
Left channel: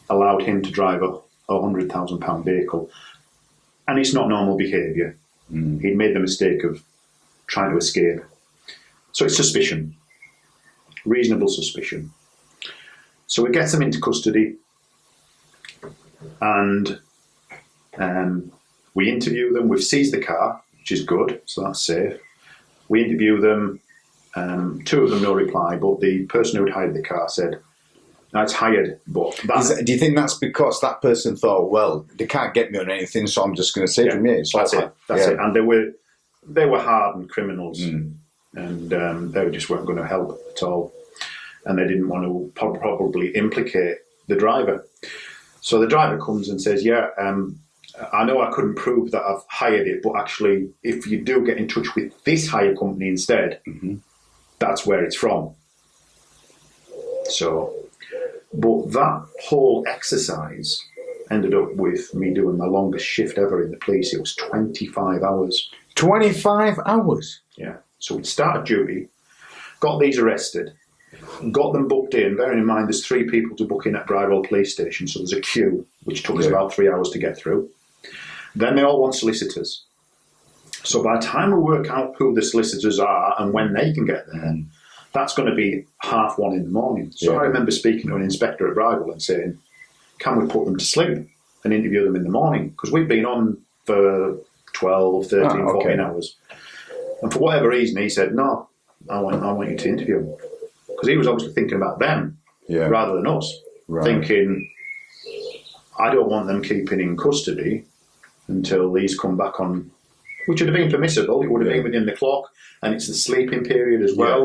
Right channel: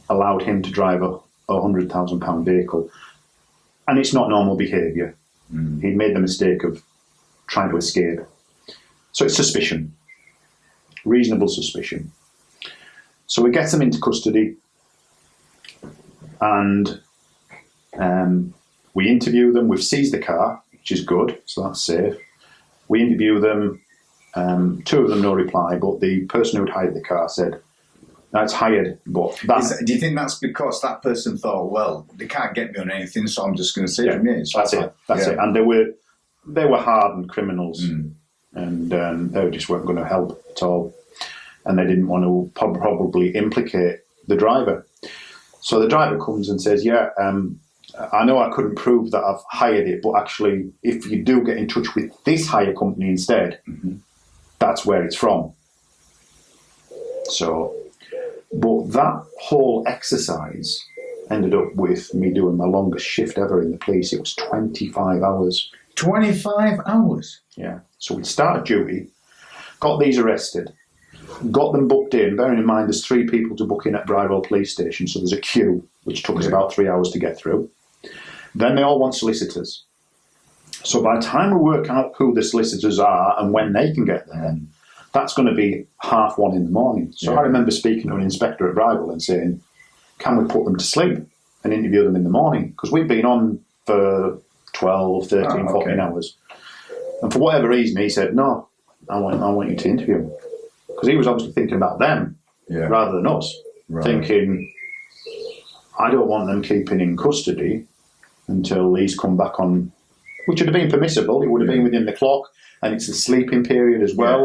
allowed him to drive a £100,000 vehicle. And it's not normal behaviour. He'd made the mistake of trying to escape. So it's suspicion, reasonable suspicion. So we get them into custody, and we interview them. We've seized the car, which is good, so that's safe. We interview them. Two of them no reply, but the person who had hired the car said, "That's hired." But do you think that's because that person thought, well, they can't get me on anything, so I'm just going to say to me, that's it. And they were hardened criminals, and they just weren't going to help at all, and they didn't want to probably implicate the driver. So the driver comes and says, "Yeah, I know I couldn't prove that I've hired it, but actually, if you do get in touch with this hire company instead, that's where it's from." So, but that whole exercise ended up with me doing my longest shift ever in the police. It was 25 hours. 25 hours? Yeah. So we'd started duty, got these arrested, got them booked in. Bearing in mind there's 3 people to book in at Bridewell Police Station, so there's a queue, which took us about 3 hours to get through. Then they all want solicitors. So by the time we work out who the solicitors are and when they can get there, that's going to be 1:30 in the morning. So I remember speaking to an inspector at Bridewell and saying, "Can we put them to sleep and interview them in the morning?" Because we've been on for 12, 13, 14 hours. And for whatever reason, he said, "No, I want you to interview them." Because he was obviously thinking about them rather than us. Right. Thinking, I don't want them keeping in custody until these come back on, which would have been permissible. It would have been within the clock, and it's the sleeping period as well.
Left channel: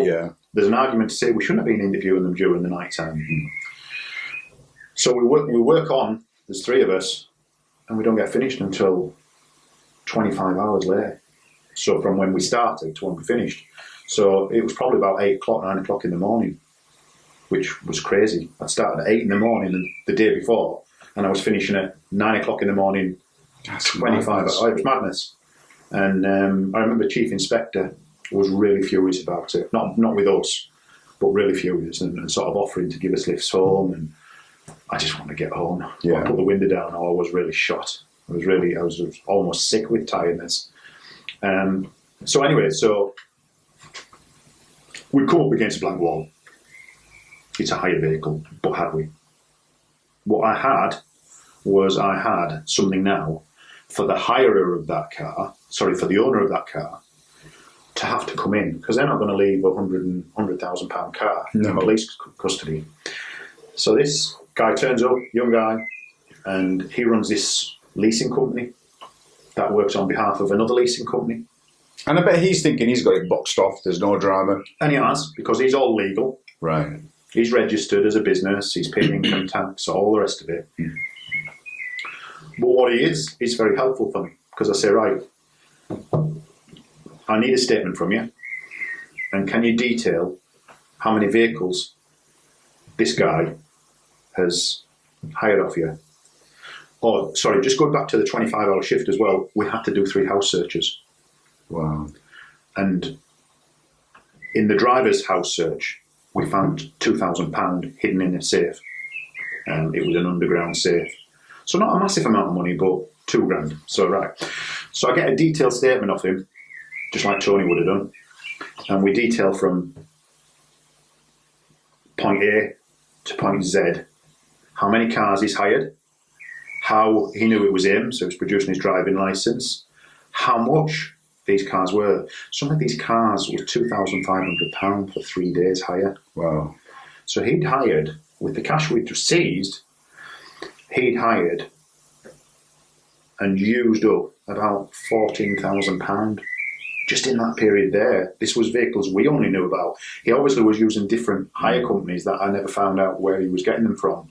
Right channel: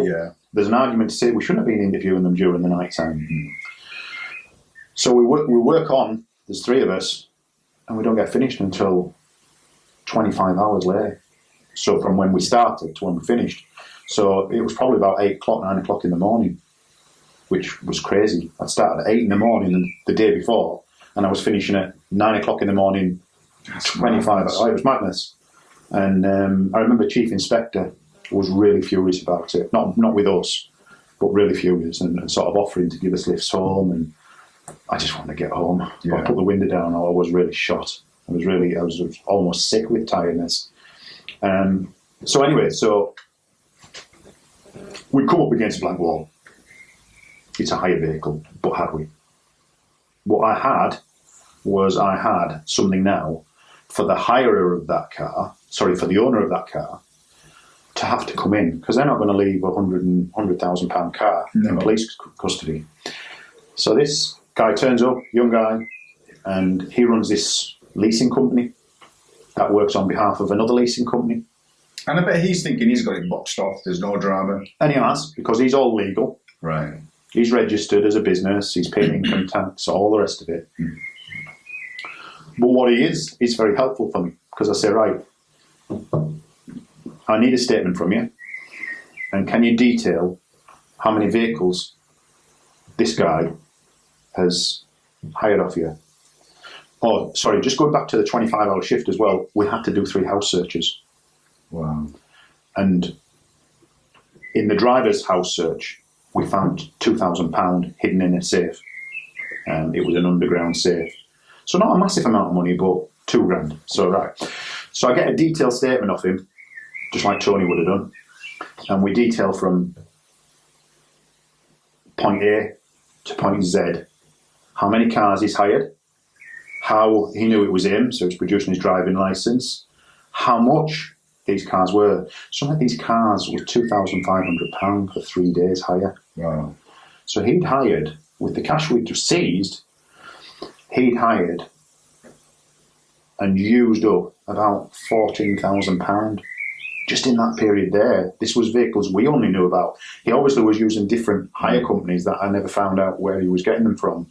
There's an argument to say we shouldn't have been interviewing them during the night time. So we work on, there's 3 of us, and we don't get finished until 25 hours later. So from when we started to when we finished. So it was probably about 8 o'clock, 9 o'clock in the morning, which was crazy. I started at 8 in the morning the day before, and I was finishing at 9 o'clock in the morning, 25 hours. It was madness. And I remember Chief Inspector was really furious about it. Not with us, but really furious, and sort of offering to give us lifts home. And I just wanted to get home. I put the window down, or I was really shot. I was almost sick with tiredness. So anyway, we'd come up against a blank wall. It's a hire vehicle, but had we? What I had was something now for the hirer of that car, for the owner of that car, to have to come in, because they're not going to leave a £100,000 car in police custody. So this guy turns up, young guy, and he runs this leasing company that works on behalf of another leasing company. And I bet he's thinking he's got it boxed off, there's no drama. And he has, because he's all legal. Right. He's registered as a business, he's paying income tax, all the rest of it. But what he is, it's very helpful for me, because I say, right, I need a statement from you, and can you detail how many vehicles this guy has hired off you? Oh, sorry, just going back to the 25-hour shift as well, we had to do 3 house searches. Wow. And in the driver's house search, we found £2,000 hidden in a safe. It was an underground safe. So not a massive amount of money, but £2,000. So right. So I get a detailed statement off him, just like Tony would have done. And we detail from point A to point Z how many cars he's hired, how he knew it was him, so he's producing his driving licence, how much these cars were. Some of these cars were £2,500 for 3 days hire. Wow. So he'd hired, with the cash we'd just seized, he'd hired and used up about £14,000 just in that period there. This was vehicles we only knew about. He obviously was using different hire companies that I never found out where he was getting them from.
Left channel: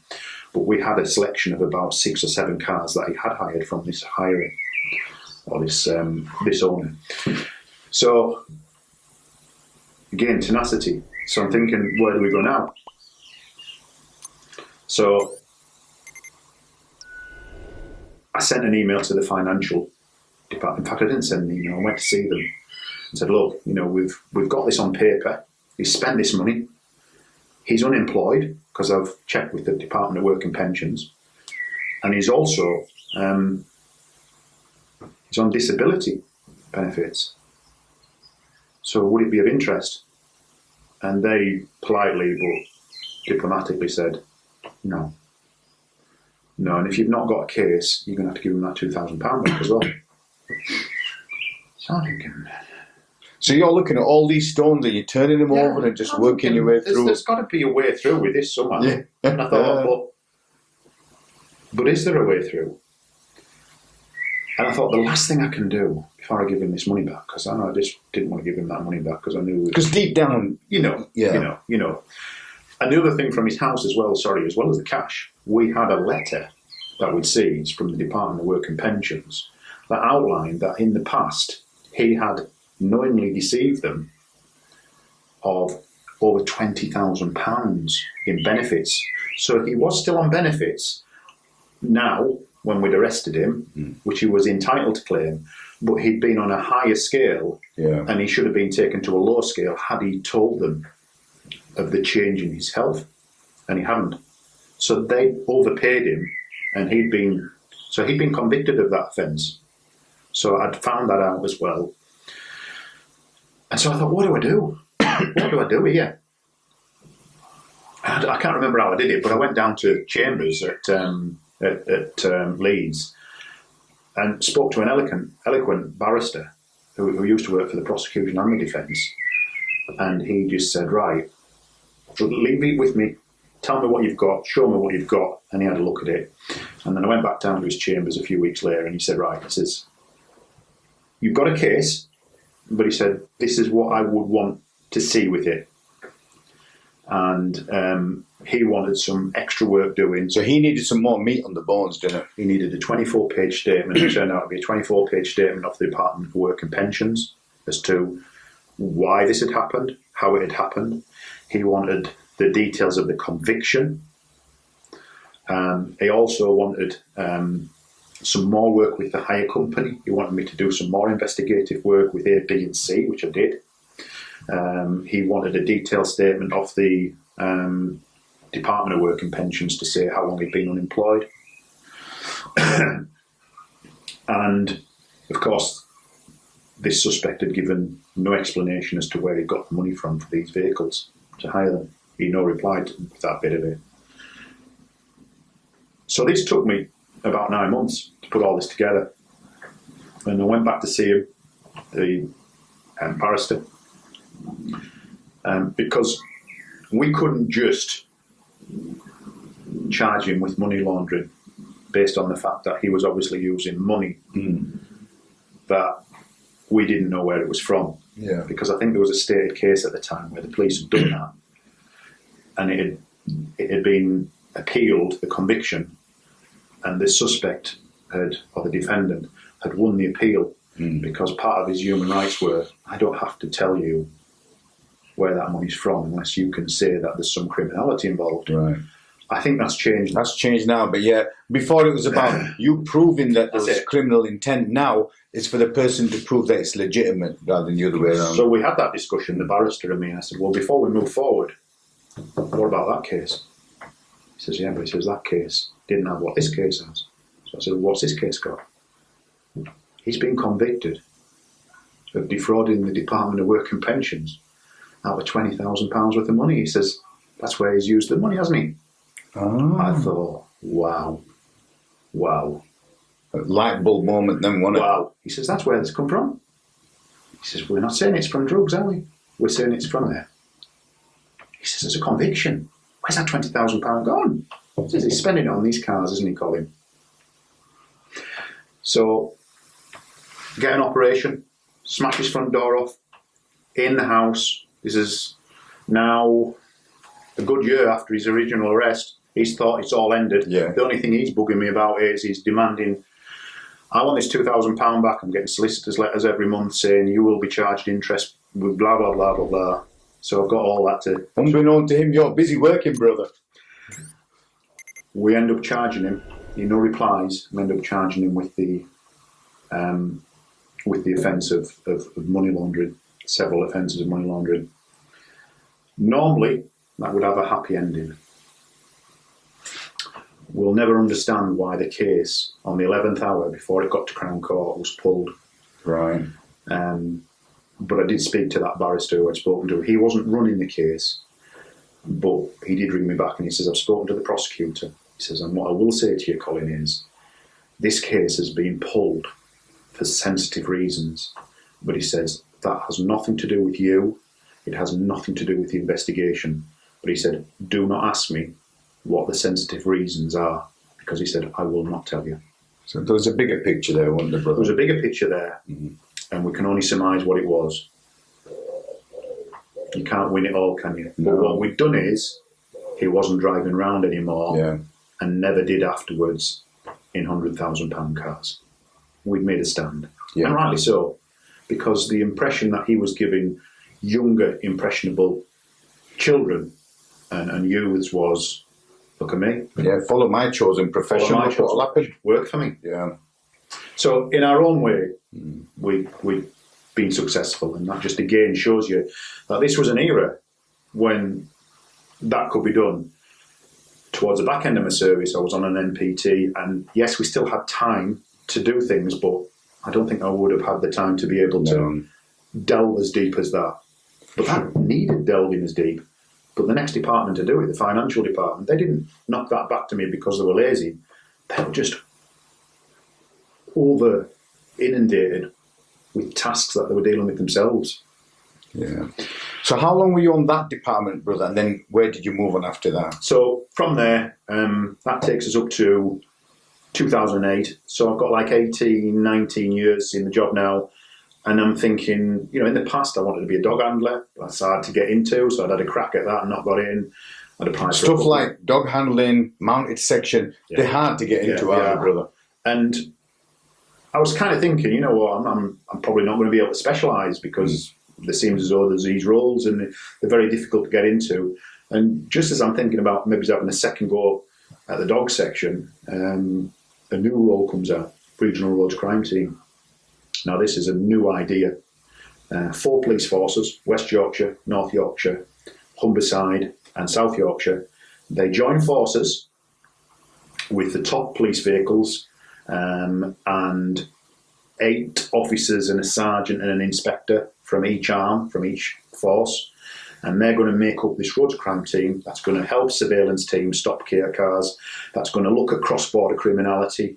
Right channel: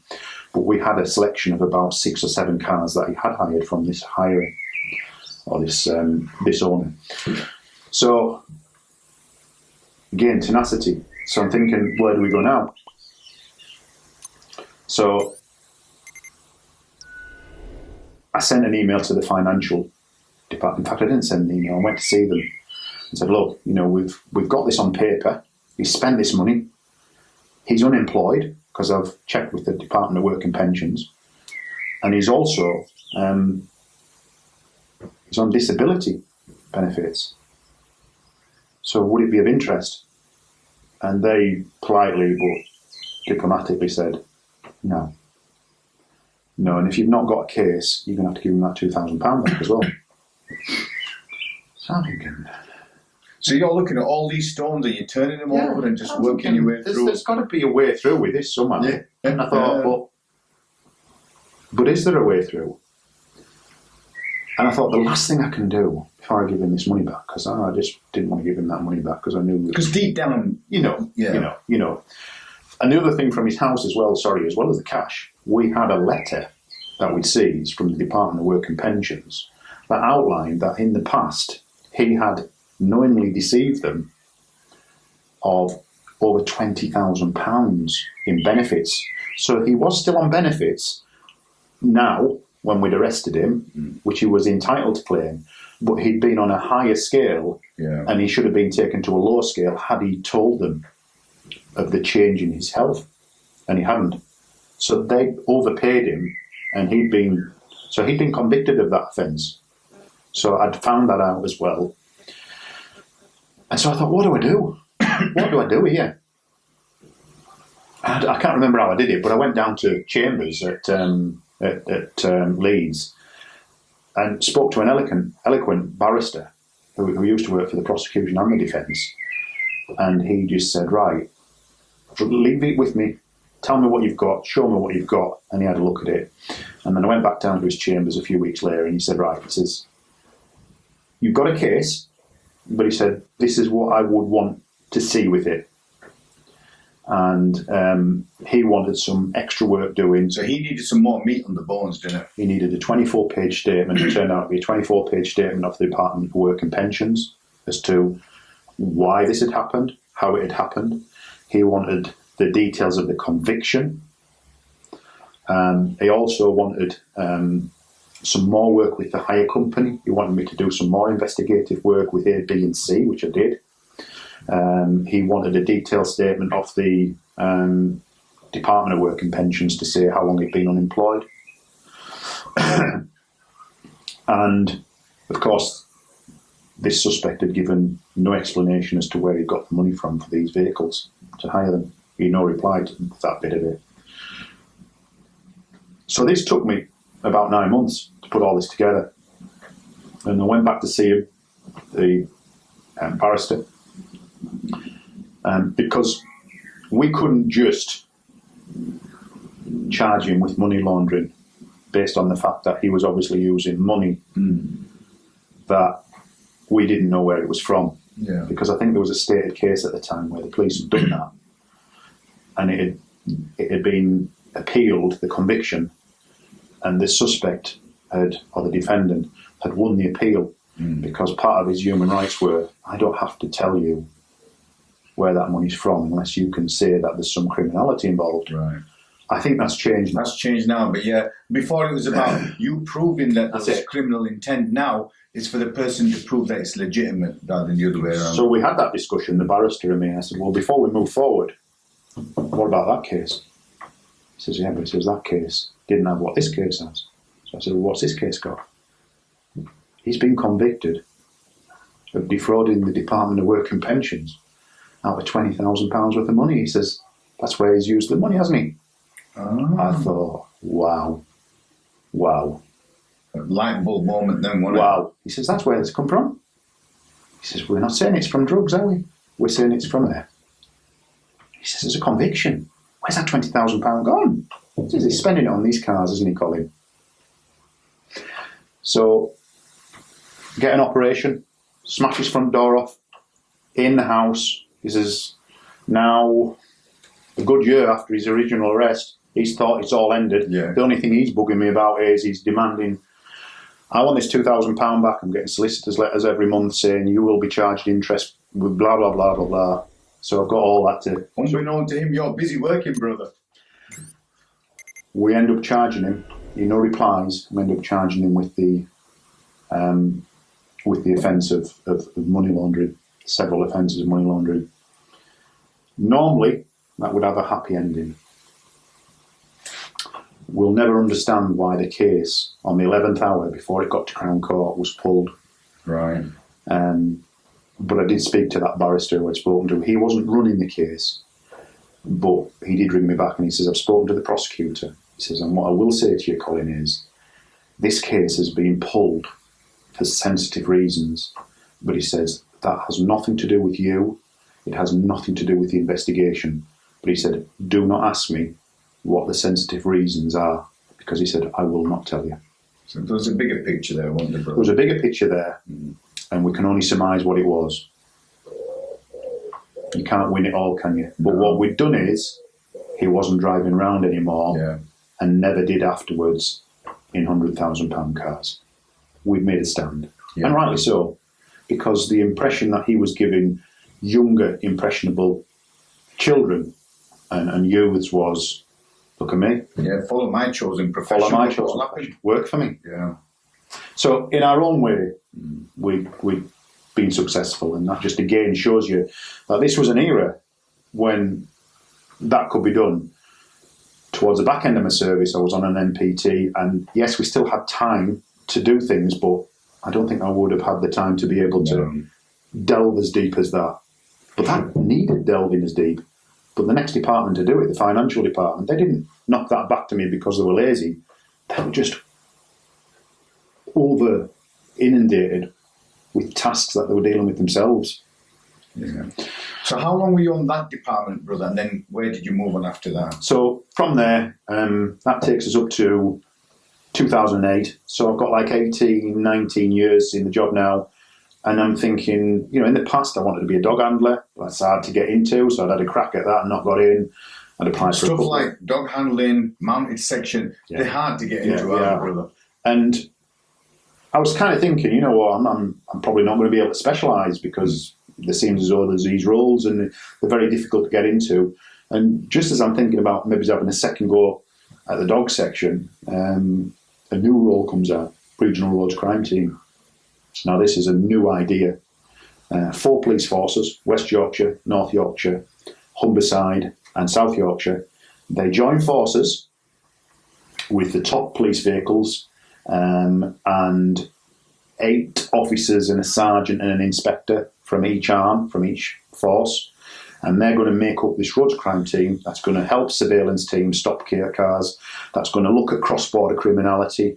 But we had a selection of about 6 or 7 cars that he had hired from this hirer, or this owner. So again, tenacity. So I'm thinking, where do we go now? So I sent an email to the financial department. In fact, I didn't send an email. I went to see them and said, look, you know, we've got this on paper. He's spent this money. He's unemployed, because I've checked with the Department of Work and Pensions. And he's also, he's on disability benefits. So would it be of interest? And they politely but diplomatically said, no. No, and if you've not got a case, you're going to have to give him that £2,000 back as well. So I'm thinking... So you're looking at all these stones and you're turning them over and just working your way through. There's got to be a way through with this somehow. Yeah. And I thought, but is there a way through? And I thought, the last thing I can do before I give him this money back, because I just didn't want to give him that money back, because I knew... Because deep down... You know. And the other thing from his house as well as the cash, we had a letter that we'd seized from the Department of Work and Pensions that outlined that in the past he had knowingly deceived them of over £20,000 in benefits. So he was still on benefits now when we'd arrested him, which he was entitled to claim, but he'd been on a higher scale and he should have been taken to a lower scale had he told them of the change in his health, and he hadn't. So they overpaid him, and he'd been convicted of that offence. So I'd found that out as well. And so I thought, what do I do? What do I do here? I can't remember how I did it, but I went down to Chambers at Leeds and spoke to an eloquent barrister who used to work for the prosecution and the defence. And he just said, right, leave it with me. Tell me what you've got. Show me what you've got. And he had a look at it. And then I went back down to his chambers a few weeks later and he said, right, he says, you've got a case, but he said, this is what I would want to see with it. And he wanted some extra work doing. So he needed some more meat on the bones, didn't he? He needed a 24-page statement. It turned out to be a 24-page statement of the Department of Work and Pensions as to why this had happened, how it had happened. He wanted the details of the conviction. He also wanted some more work with the hire company. He wanted me to do some more investigative work with A, B and C, which I did. He wanted a detailed statement of the Department of Work and Pensions to say how long he'd been unemployed. And, of course, this suspect had given no explanation as to where he got the money from for these vehicles to hire them. He had no reply to that bit of it. So this took me about 9 months to put all this together. And I went back to see him, the barrister, because we couldn't just charge him with money laundering based on the fact that he was obviously using money that we didn't know where it was from. Yeah. Because I think there was a stated case at the time where the police had done that, and it had been appealed, the conviction, and the suspect had, or the defendant, had won the appeal because part of his human rights were, I don't have to tell you where that money's from unless you can say that there's some criminality involved. Right. I think that's changed. That's changed now, but yeah, before it was about you proving that there's criminal intent. Now it's for the person to prove that it's legitimate rather than the other way around. So we had that discussion, the barrister and me, and I said, well, before we move forward, what about that case? He says, yeah, but he says that case didn't have what this case has. So I said, well, what's this case got? He's been convicted of defrauding the Department of Work and Pensions out of £20,000 worth of money. He says, that's where he's used the money, hasn't he? Oh. I thought, wow. A light bulb moment then, wasn't it? Wow. He says, that's where it's come from. He says, we're not saying it's from drugs, are we? We're saying it's from there. He says, there's a conviction. Where's that £20,000 gone? He says, he's spending it on these cars, isn't he, Colin? So, get an operation, smash his front door off, in the house. This is now a good year after his original arrest. He's thought it's all ended. Yeah. The only thing he's bugging me about is he's demanding, I want this £2,000 back. I'm getting solicitors' letters every month saying you will be charged interest with blah, blah, blah, blah, blah. So I've got all that to... Unbeknown to him, you're busy working, brother. We end up charging him. He no replies. We end up charging him with the offence of money laundering, several offences of money laundering. Normally, that would have a happy ending. We'll never understand why the case on the 11th hour before it got to Crown Court was pulled. Right. But I did speak to that barrister who I'd spoken to. He wasn't running the case, but he did ring me back and he says, I've spoken to the prosecutor. He says, and what I will say to you, Colin, is this case has been pulled for sensitive reasons. But he says, that has nothing to do with you. It has nothing to do with the investigation. But he said, do not ask me what the sensitive reasons are, because he said, I will not tell you. So there was a bigger picture there, wasn't there, brother? There was a bigger picture there, and we can only surmise what it was. You can't win it all, can you? No. But what we've done is, he wasn't driving around anymore, and never did afterwards in £100,000 cars. We've made a stand, and rightly so, because the impression that he was giving younger, impressionable children and youths was, look at me. Yeah, follow my chosen profession. Follow my chosen profession. Work for me. Yeah. So in our own way, we've been successful, and that just again shows you that this was an era when that could be done. Towards the back end of my service, I was on an NPT, and yes, we still had time to do things, but I don't think I would have had the time to be able to delve as deep as that. But that needed delving as deep. But the next department to do it, the financial department, they didn't knock that back to me because they were lazy. They were just over inundated with tasks that they were dealing with themselves. Yeah. So how long were you on that department, brother? And then where did you move on after that? So from there, that takes us up to 2008. So I've got like 18, 19 years in the job now. And I'm thinking, you know, in the past I wanted to be a dog handler. That's hard to get into, so I'd had a crack at that and not got in. I'd applied for stuff like dog handling, mounted section. They're hard to get into, aren't they, brother? And I was kind of thinking, you know what, I'm probably not going to be able to specialise because there seems as though there's these roles and they're very difficult to get into. And just as I'm thinking about maybe having a second go at the dog section, a new role comes out, Regional Roads Crime Team. Now, this is a new idea. 4 police forces, West Yorkshire, North Yorkshire, Humberside and South Yorkshire. They join forces with the top police vehicles and 8 officers and a sergeant and an inspector from each arm, from each force. And they're going to make up this roads crime team that's going to help surveillance teams stop cars, that's going to look at cross-border criminality.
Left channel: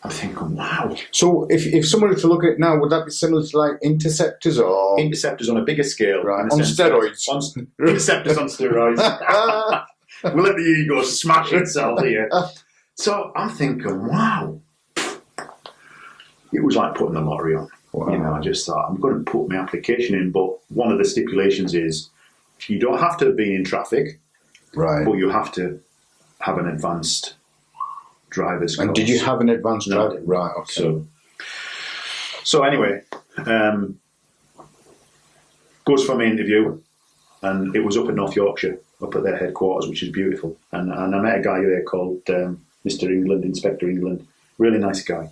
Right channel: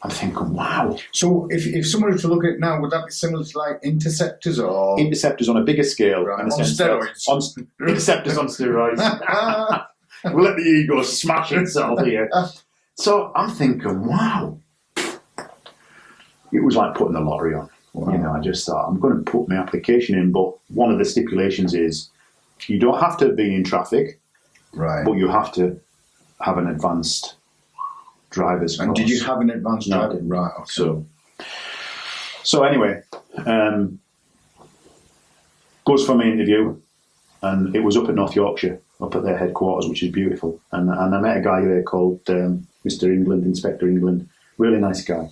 I'm thinking, wow. So if someone were to look at it now, would that be similar to like interceptors or? Interceptors on a bigger scale. Right. On steroids. Interceptors on steroids. We'll let the ego smash itself here. So I'm thinking, wow. It was like putting the lottery on. Wow. You know, I just thought, I'm going to put my application in, but one of the stipulations is you don't have to be in traffic, right? But you have to have an advanced driver's course. And did you have an advanced driving? Right, okay. So anyway, goes for my interview, and it was up in North Yorkshire, up at their headquarters, which is beautiful. And I met a guy there called Mr. England, Inspector England, really nice guy.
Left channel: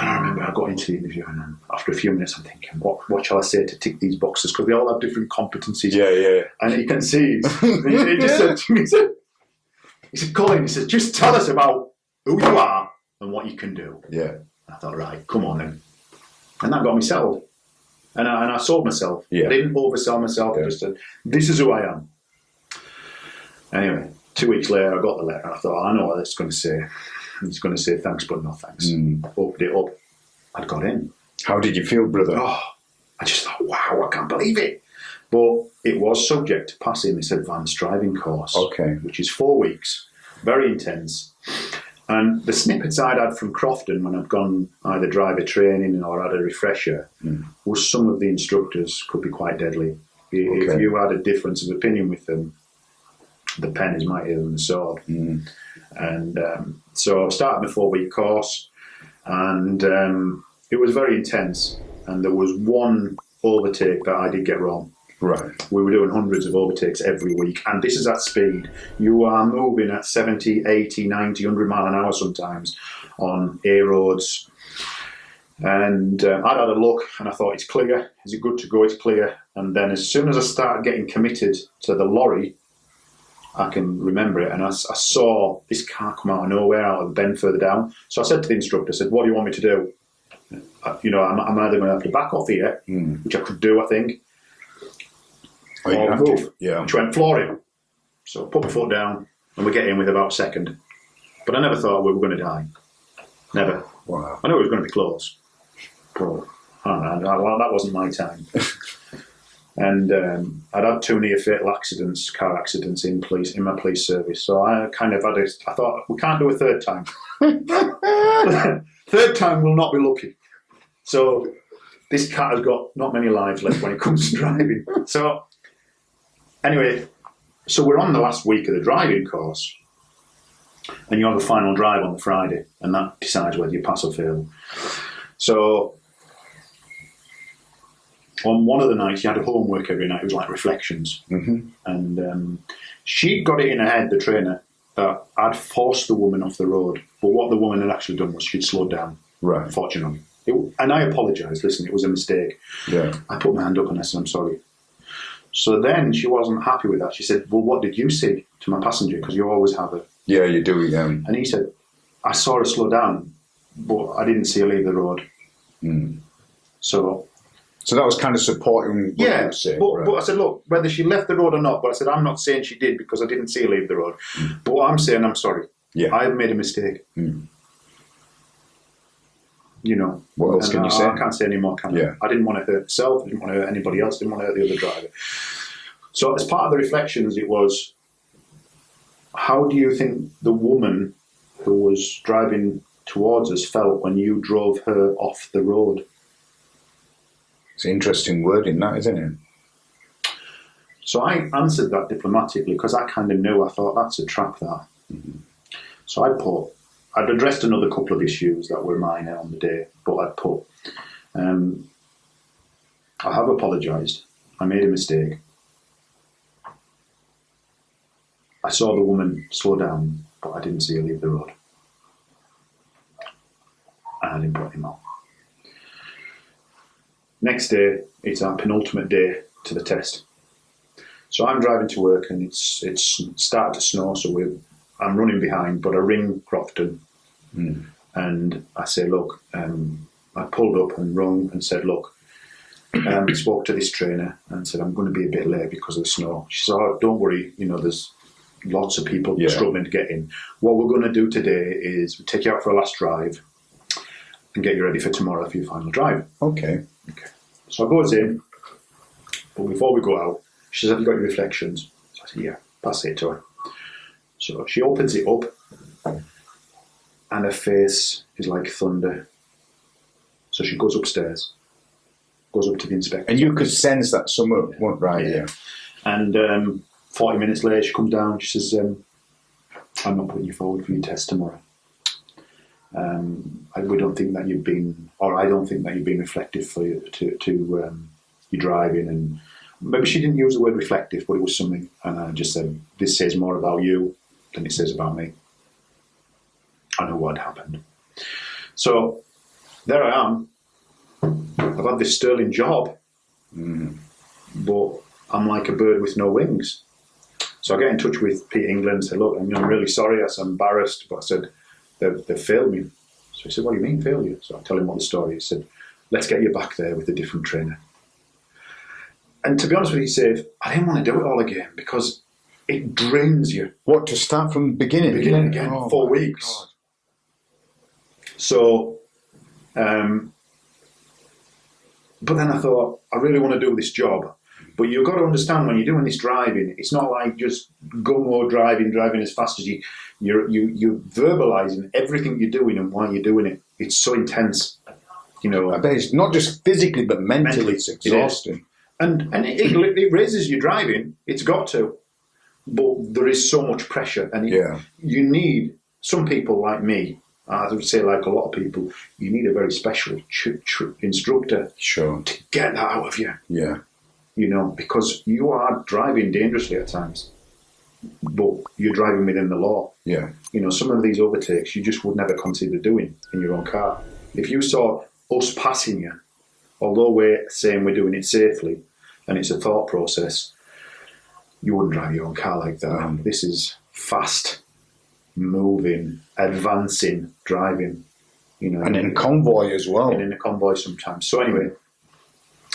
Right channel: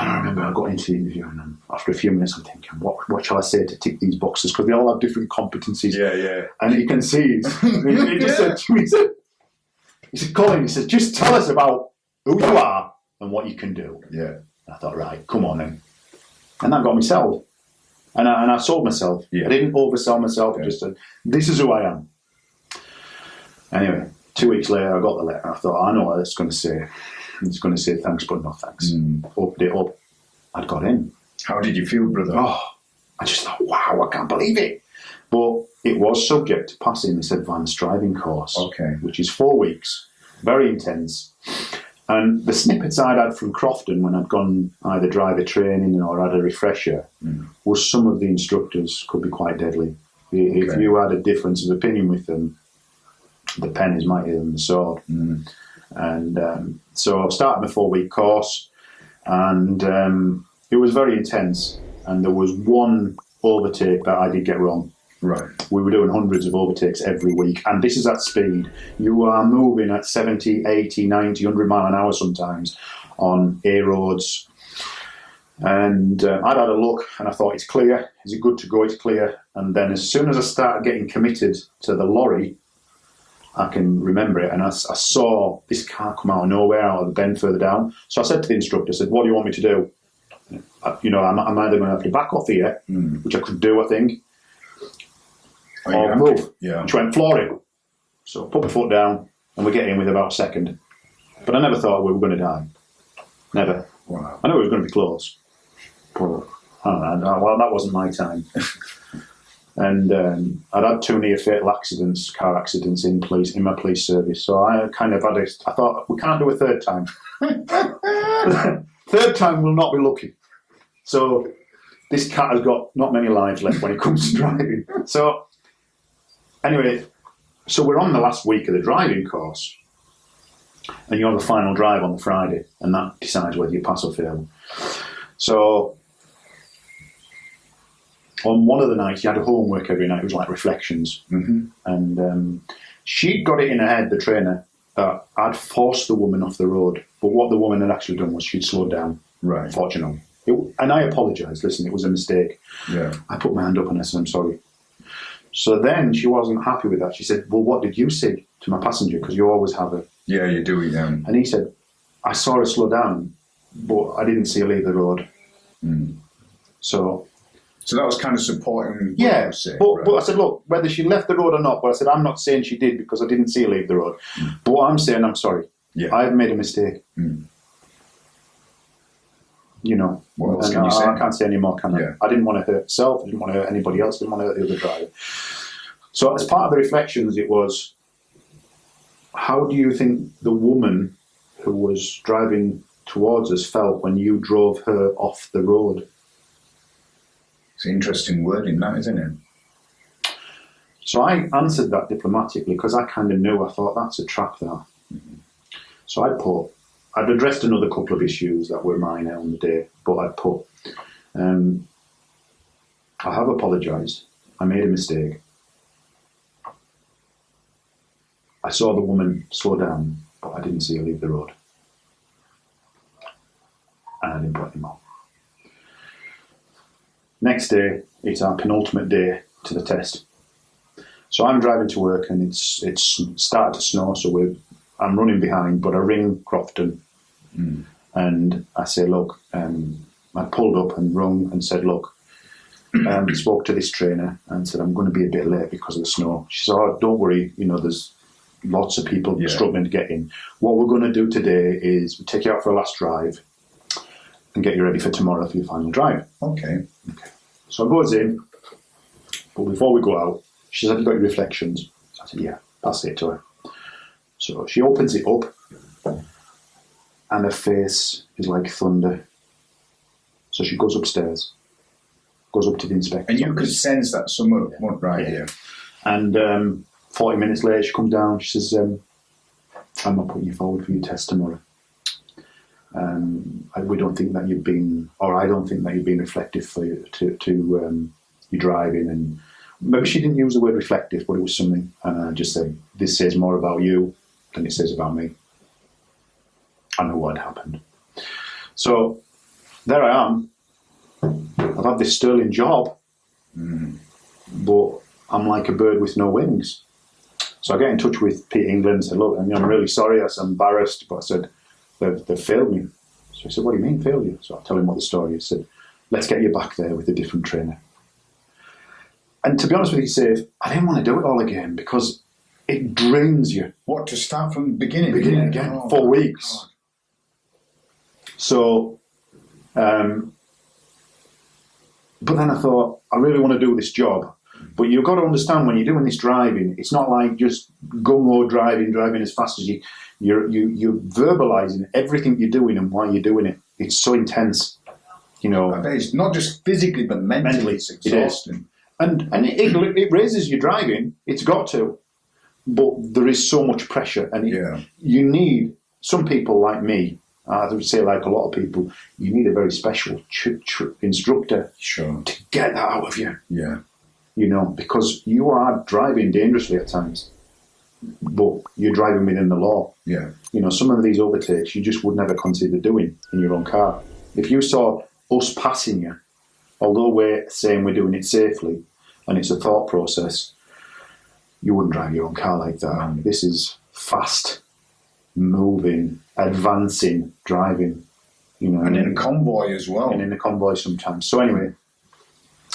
And I remember I got into the interview, and after a few minutes, I'm thinking, what shall I say to tick these boxes? Because they all have different competencies. Yeah. And you can see, he just said to me, he said, Colin, he said, just tell us about who you are and what you can do. Yeah. And I thought, right, come on then. And that got me sold. And I sold myself. Yeah. I didn't oversell myself. I just said, this is who I am. Anyway, 2 weeks later, I got the letter. I thought, I know what it's going to say. It's going to say thanks, but no thanks. Opened it up. I'd got in. How did you feel, brother? Oh, I just thought, wow, I can't believe it. But it was subject to passing this advanced driving course, which is 4 weeks, very intense. And the snippets I'd had from Crofton when I'd gone either driver training or had a refresher was some of the instructors could be quite deadly. If you had a difference of opinion with them, the pen is mightier than the sword. And so I started my 4-week course, and it was very intense. And there was one overtake that I did get wrong. Right. We were doing hundreds of overtakes every week, and this is at speed. You are moving at 70, 80, 90, 100 mile an hour sometimes on A roads. And I'd had a look, and I thought, it's clear. Is it good to go? It's clear. And then as soon as I started getting committed to the lorry, I can remember it, and I saw this car come out of nowhere, out of the bend further down. So I said to the instructor, I said, what do you want me to do? I'm either going to have to back off here, which I could do, I think, or move. Yeah. Which went flooring. So I put my foot down, and we get in with about a second. But I never thought we were going to die. Never. Wow. I knew it was going to be close. But I don't know. Well, that wasn't my time. And I'd had 2 near fatal accidents, car accidents in my police service. So I kind of I thought, we can't do a third time. Third time we'll not be lucky. So this cat has got not many lives left when it comes to driving. So anyway, so we're on the last week of the driving course, and you have a final drive on the Friday, and that decides whether you pass or fail. So on one of the nights, you had a homework every night. It was like reflections. Mm-hmm. And she'd got it in her head, the trainer, that I'd forced the woman off the road. But what the woman had actually done was she'd slowed down, Right. fortunately. And I apologised. Listen, it was a mistake. Yeah. I put my hand up and I said, I'm sorry. So then she wasn't happy with that. She said, well, what did you say to my passenger? Because you always have her. Yeah, you do. Yeah. And he said, I saw her slow down, but I didn't see her leave the road. So that was kind of supporting what you were saying, right? but I said, look, whether she left the road or not, but I said, I'm not saying she did because I didn't see her leave the road. But what I'm saying, I'm sorry. Yeah. I have made a mistake. You know. What else can you say? I can't say any more, can I? Yeah. I didn't want to hurt myself. I didn't want to hurt anybody else. I didn't want to hurt the other driver. So as part of the reflections, it was, how do you think the woman who was driving towards us felt when you drove her off the road? It's an interesting word in that, isn't it? So I answered that diplomatically because I kind of knew. I thought, that's a trap, that. So I'd addressed another couple of issues that were minor on the day, but I'd put, I have apologised. I made a mistake. I saw the woman slow down, but I didn't see her leave the road. And I didn't put him on. Next day, it's our penultimate day to the test. So I'm driving to work, and it's started to snow, so I'm running behind, but I ring Crofton, and I say, look, I pulled up and rung and said, look, spoke to this trainer and said, I'm going to be a bit late because of the snow. She said, oh, don't worry, there's lots of people struggling to get in. What we're going to do today is we take you out for a last drive and get you ready for tomorrow for your final drive. Okay. So I goes in, but before we go out, she said, have you got your reflections? So I said, yeah, pass it to her. So she opens it up, and her face is like thunder. So she goes upstairs, goes up to the inspector. And you could sense that somewhere went right here. And 40 minutes later, she comes down, she says, I'm not putting you forward for your test tomorrow. We don't think that you've been, or I don't think that you've been reflective for you to your driving. And maybe she didn't use the word reflective, but it was something. And I just said, this says more about you than it says about me. I know what had happened. So there I am. I've had this sterling job, but I'm like a bird with no wings. So I get in touch with Pete England and said, look, I'm really sorry, I was embarrassed, but I said, they've failed me. So he said, what do you mean, failed you? So I tell him what the story is. He said, let's get you back there with a different trainer. And to be honest with you, Save, I didn't want to do it all again because it drains you. What, to start from the beginning? Beginning again, 4 weeks. God. So, but then I thought, I really want to do this job. But you've got to understand, when you're doing this driving, it's not like just gung-ho driving as fast as you're verbalising everything you're doing and why you're doing it. It's so intense, I bet it's not just physically, but mentally it's exhausting. And it raises your driving. It's got to. But there is so much pressure. And you need, some people like me, I would say like a lot of people, you need a very special instructor to get that out of you. Yeah. you know, because you are driving dangerously at times, but you're driving within the law. Yeah. You know, some of these overtakes you just would never consider doing in your own car. If you saw us passing you, although we're saying we're doing it safely and it's a thought process, you wouldn't drive your own car like that. This is fast, moving, advancing driving. You know, And in convoy as well. and in a convoy sometimes. So anyway,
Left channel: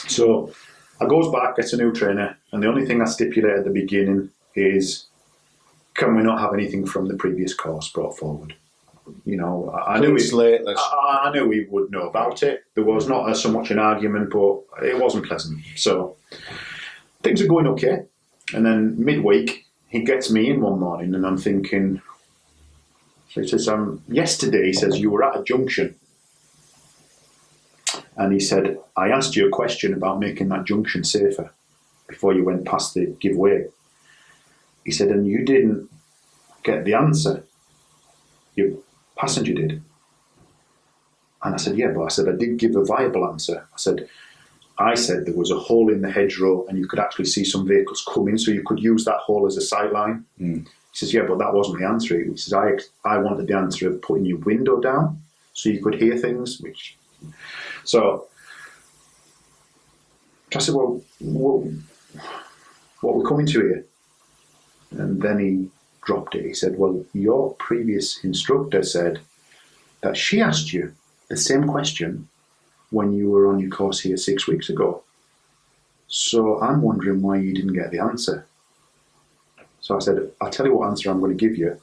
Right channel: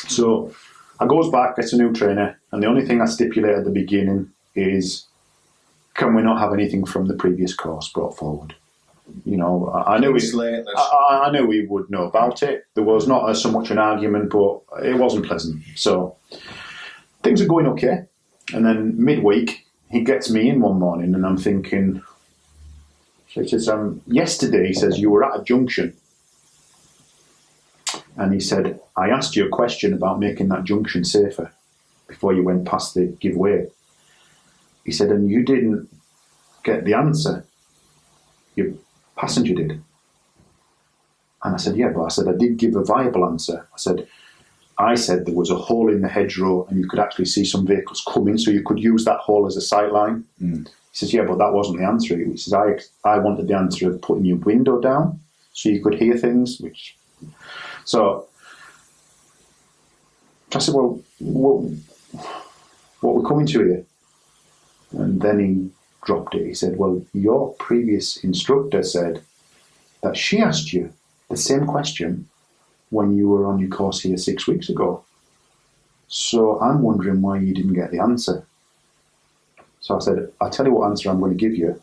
so I goes back, gets a new trainer, and the only thing I stipulate at the beginning is, can we not have anything from the previous course brought forward? You know, I knew I knew we would know about it. There was not so much an argument, but it wasn't pleasant. So things are going okay, and then midweek he gets me in one morning, and I'm thinking. So he says, yesterday, he says, you were at a junction. And he said, I asked you a question about making that junction safer before you went past the giveaway. He said, and you didn't get the answer. Your passenger did. And I said, yeah, but I said, I did give a viable answer. I said there was a hole in the hedgerow and you could actually see some vehicles coming, so you could use that hole as a sight line. He says, yeah, but that wasn't the answer. He says, I wanted the answer of putting your window down so you could hear things. So I said, well, what we're coming to here? And then he dropped it. He said, well, your previous instructor said that she asked you the same question when you were on your course here 6 weeks ago. So I'm wondering why you didn't get the answer. So I said, I'll tell you what answer I'm going to give you.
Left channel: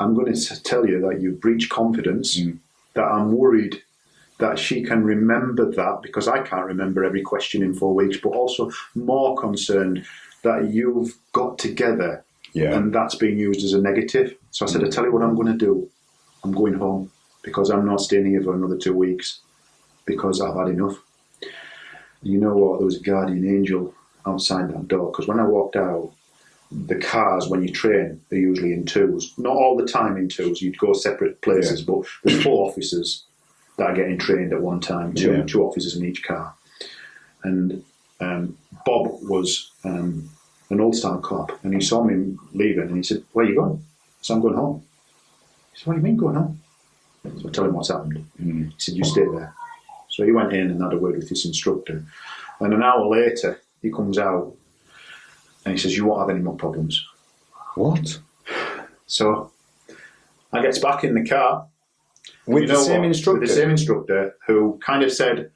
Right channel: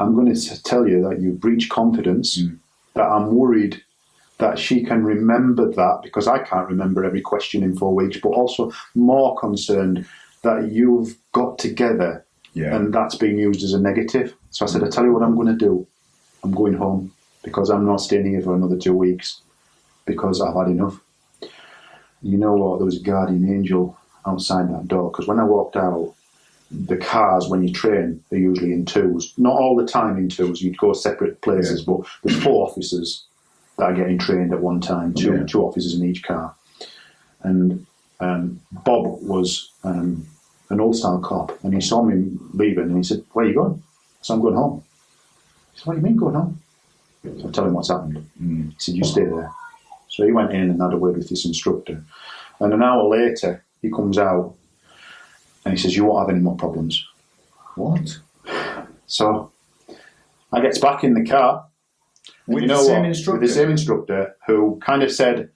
I'm going to tell you that you've breached confidence, that I'm worried that she can remember that, because I can't remember every question in 4 weeks, but also more concerned that you've got together and that's being used as a negative. So I said, I'll tell you what I'm going to do. I'm going home because I'm not staying here for another 2 weeks because I've had enough. You know what? There was a guardian angel outside that door, because when I walked out, the cars, when you train, they're usually in twos. Not all the time in twos. You'd go separate places, but there's 4 officers that are getting trained at one time, two officers in each car. And Bob was an old-style cop, and he saw me leaving, and he said, where are you going? So I'm going home. He said, what do you mean going home? So I tell him what's happened. He said, you stay there. So he went in and had a word with his instructor. And an hour later, he comes out, and he says, you won't have any more problems. What? So I gets back in the car. With the same instructor? With the same instructor, who kind of said,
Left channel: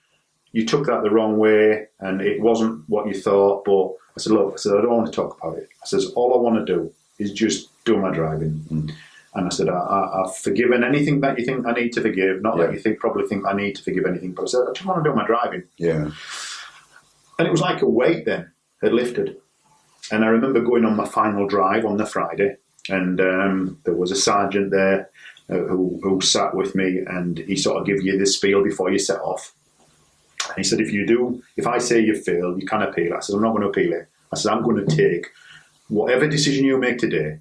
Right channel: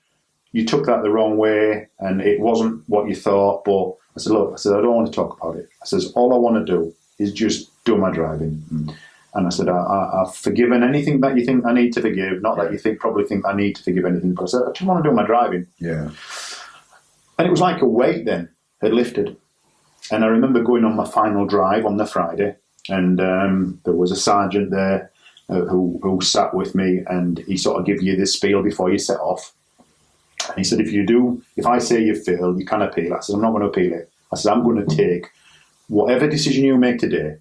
you took that the wrong way and it wasn't what you thought. But I said, look, I don't want to talk about it. I says, all I want to do is just do my driving. And I said, I've forgiven anything that you think I need to forgive. Not that you probably think I need to forgive anything. But I said, I just want to do my driving. Yeah. And it was like a weight then had lifted. And I remember going on my final drive on the Friday, and there was a sergeant there who sat with me, and he sort of give you this spiel before you set off. And he said, if I say you failed, you can appeal. I said, I'm not going to appeal it. I said, I'm going to take whatever decision you make today.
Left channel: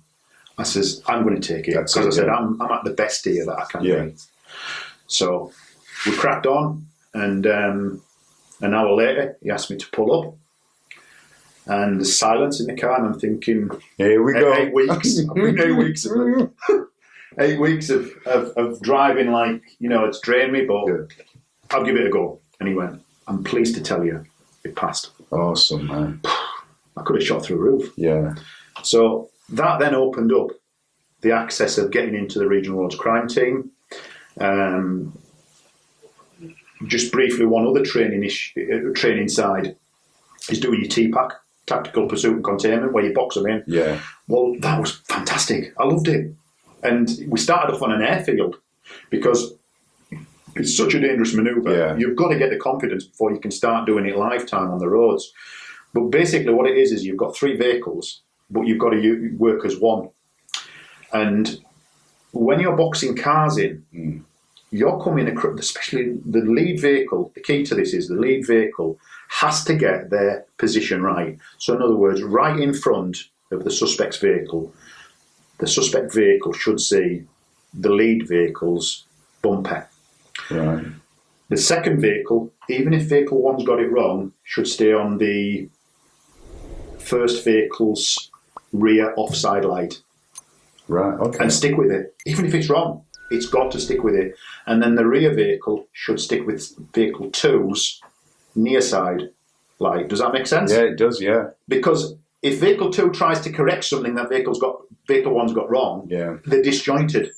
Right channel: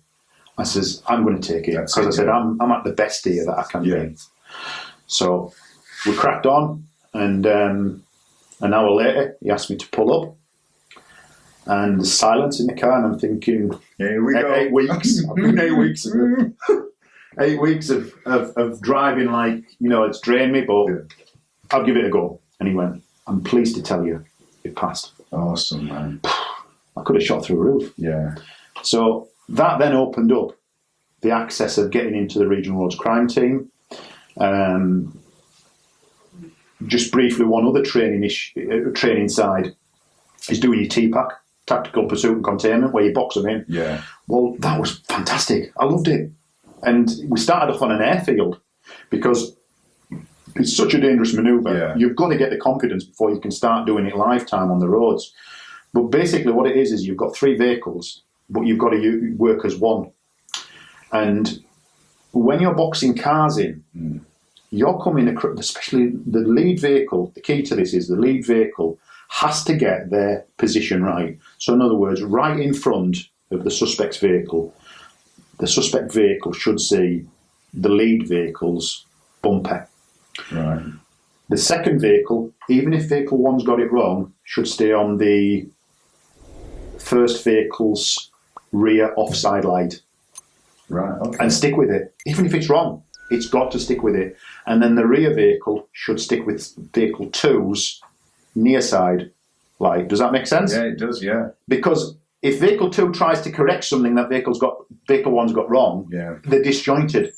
I says, I'm going to take it. Because I said, I'm at the best here that I can be. So we cracked on, and an hour later, he asked me to pull up. And there's silence in the car, and I'm thinking, here we go. 8 weeks. I've been 8 weeks of 8 weeks of driving, like, you know, it's drained me, but I'll give it a go. And he went, I'm pleased to tell you, it passed. Awesome, man. I could have shot through a roof. Yeah. So that then opened up the access of getting into the Regional Roads Crime Team. Just briefly, one other training side is doing your TPAC, Tactical Pursuit and Containment, where you box them in. Yeah. Well, that was fantastic. I loved it. And we started off on an airfield because it's such a dangerous manoeuvre. Yeah. You've got to get the confidence before you can start doing it lifetime on the roads. But basically what it is you've got 3 vehicles, but you've got to work as one. And when you're boxing cars in, you're coming across, especially the lead vehicle, the key to this is the lead vehicle has to get their position right. So in other words, right in front of the suspect's vehicle, the suspect vehicle should see the lead vehicle's bumper. Right. The second vehicle, even if vehicle one's got it wrong, should stay on the first vehicle's rear offside light. Right, okay. And stick with it. Even if it's wrong, it's got to stick with it. And then the rear vehicle should stick with vehicle two's near side light. Does that make sense? Yeah, it does, yeah. Because if vehicle two tries to correct something that vehicle one's got wrong, they're disjointed.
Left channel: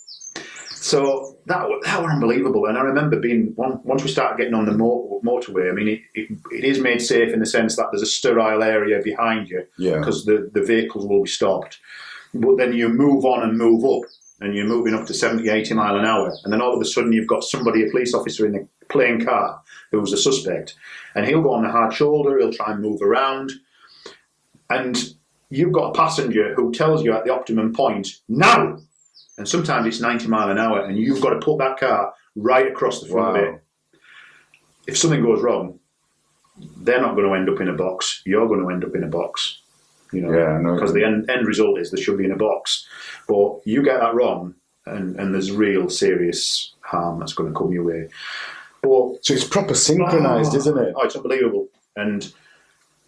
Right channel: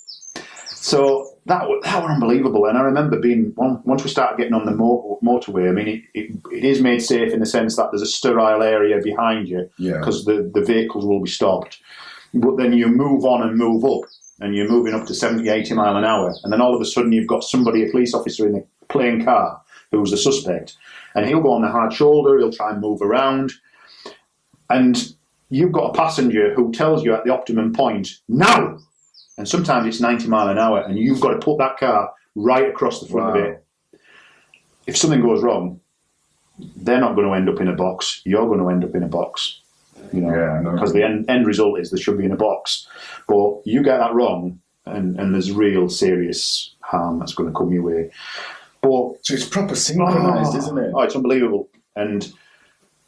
So that were unbelievable. And I remember being, once we started getting on the motorway, I mean, it is made safe in the sense that there's a sterile area behind you because the vehicles will be stopped. But then you move on and move up, and you're moving up to 70, 80 mile an hour. And then all of a sudden you've got somebody, a police officer in a plain car who's a suspect. And he'll go on the hard shoulder, he'll try and move around. And you've got a passenger who tells you at the optimum point, now! And sometimes it's 90 mile an hour, and you've got to put that car right across the front of it. If something goes wrong, they're not going to end up in a box. You're going to end up in a box. You know, because the end result is they should be in a box. But you get that wrong, and there's real serious harm that's going to come your way. But so it's proper synchronised, isn't it? Oh, it's unbelievable. And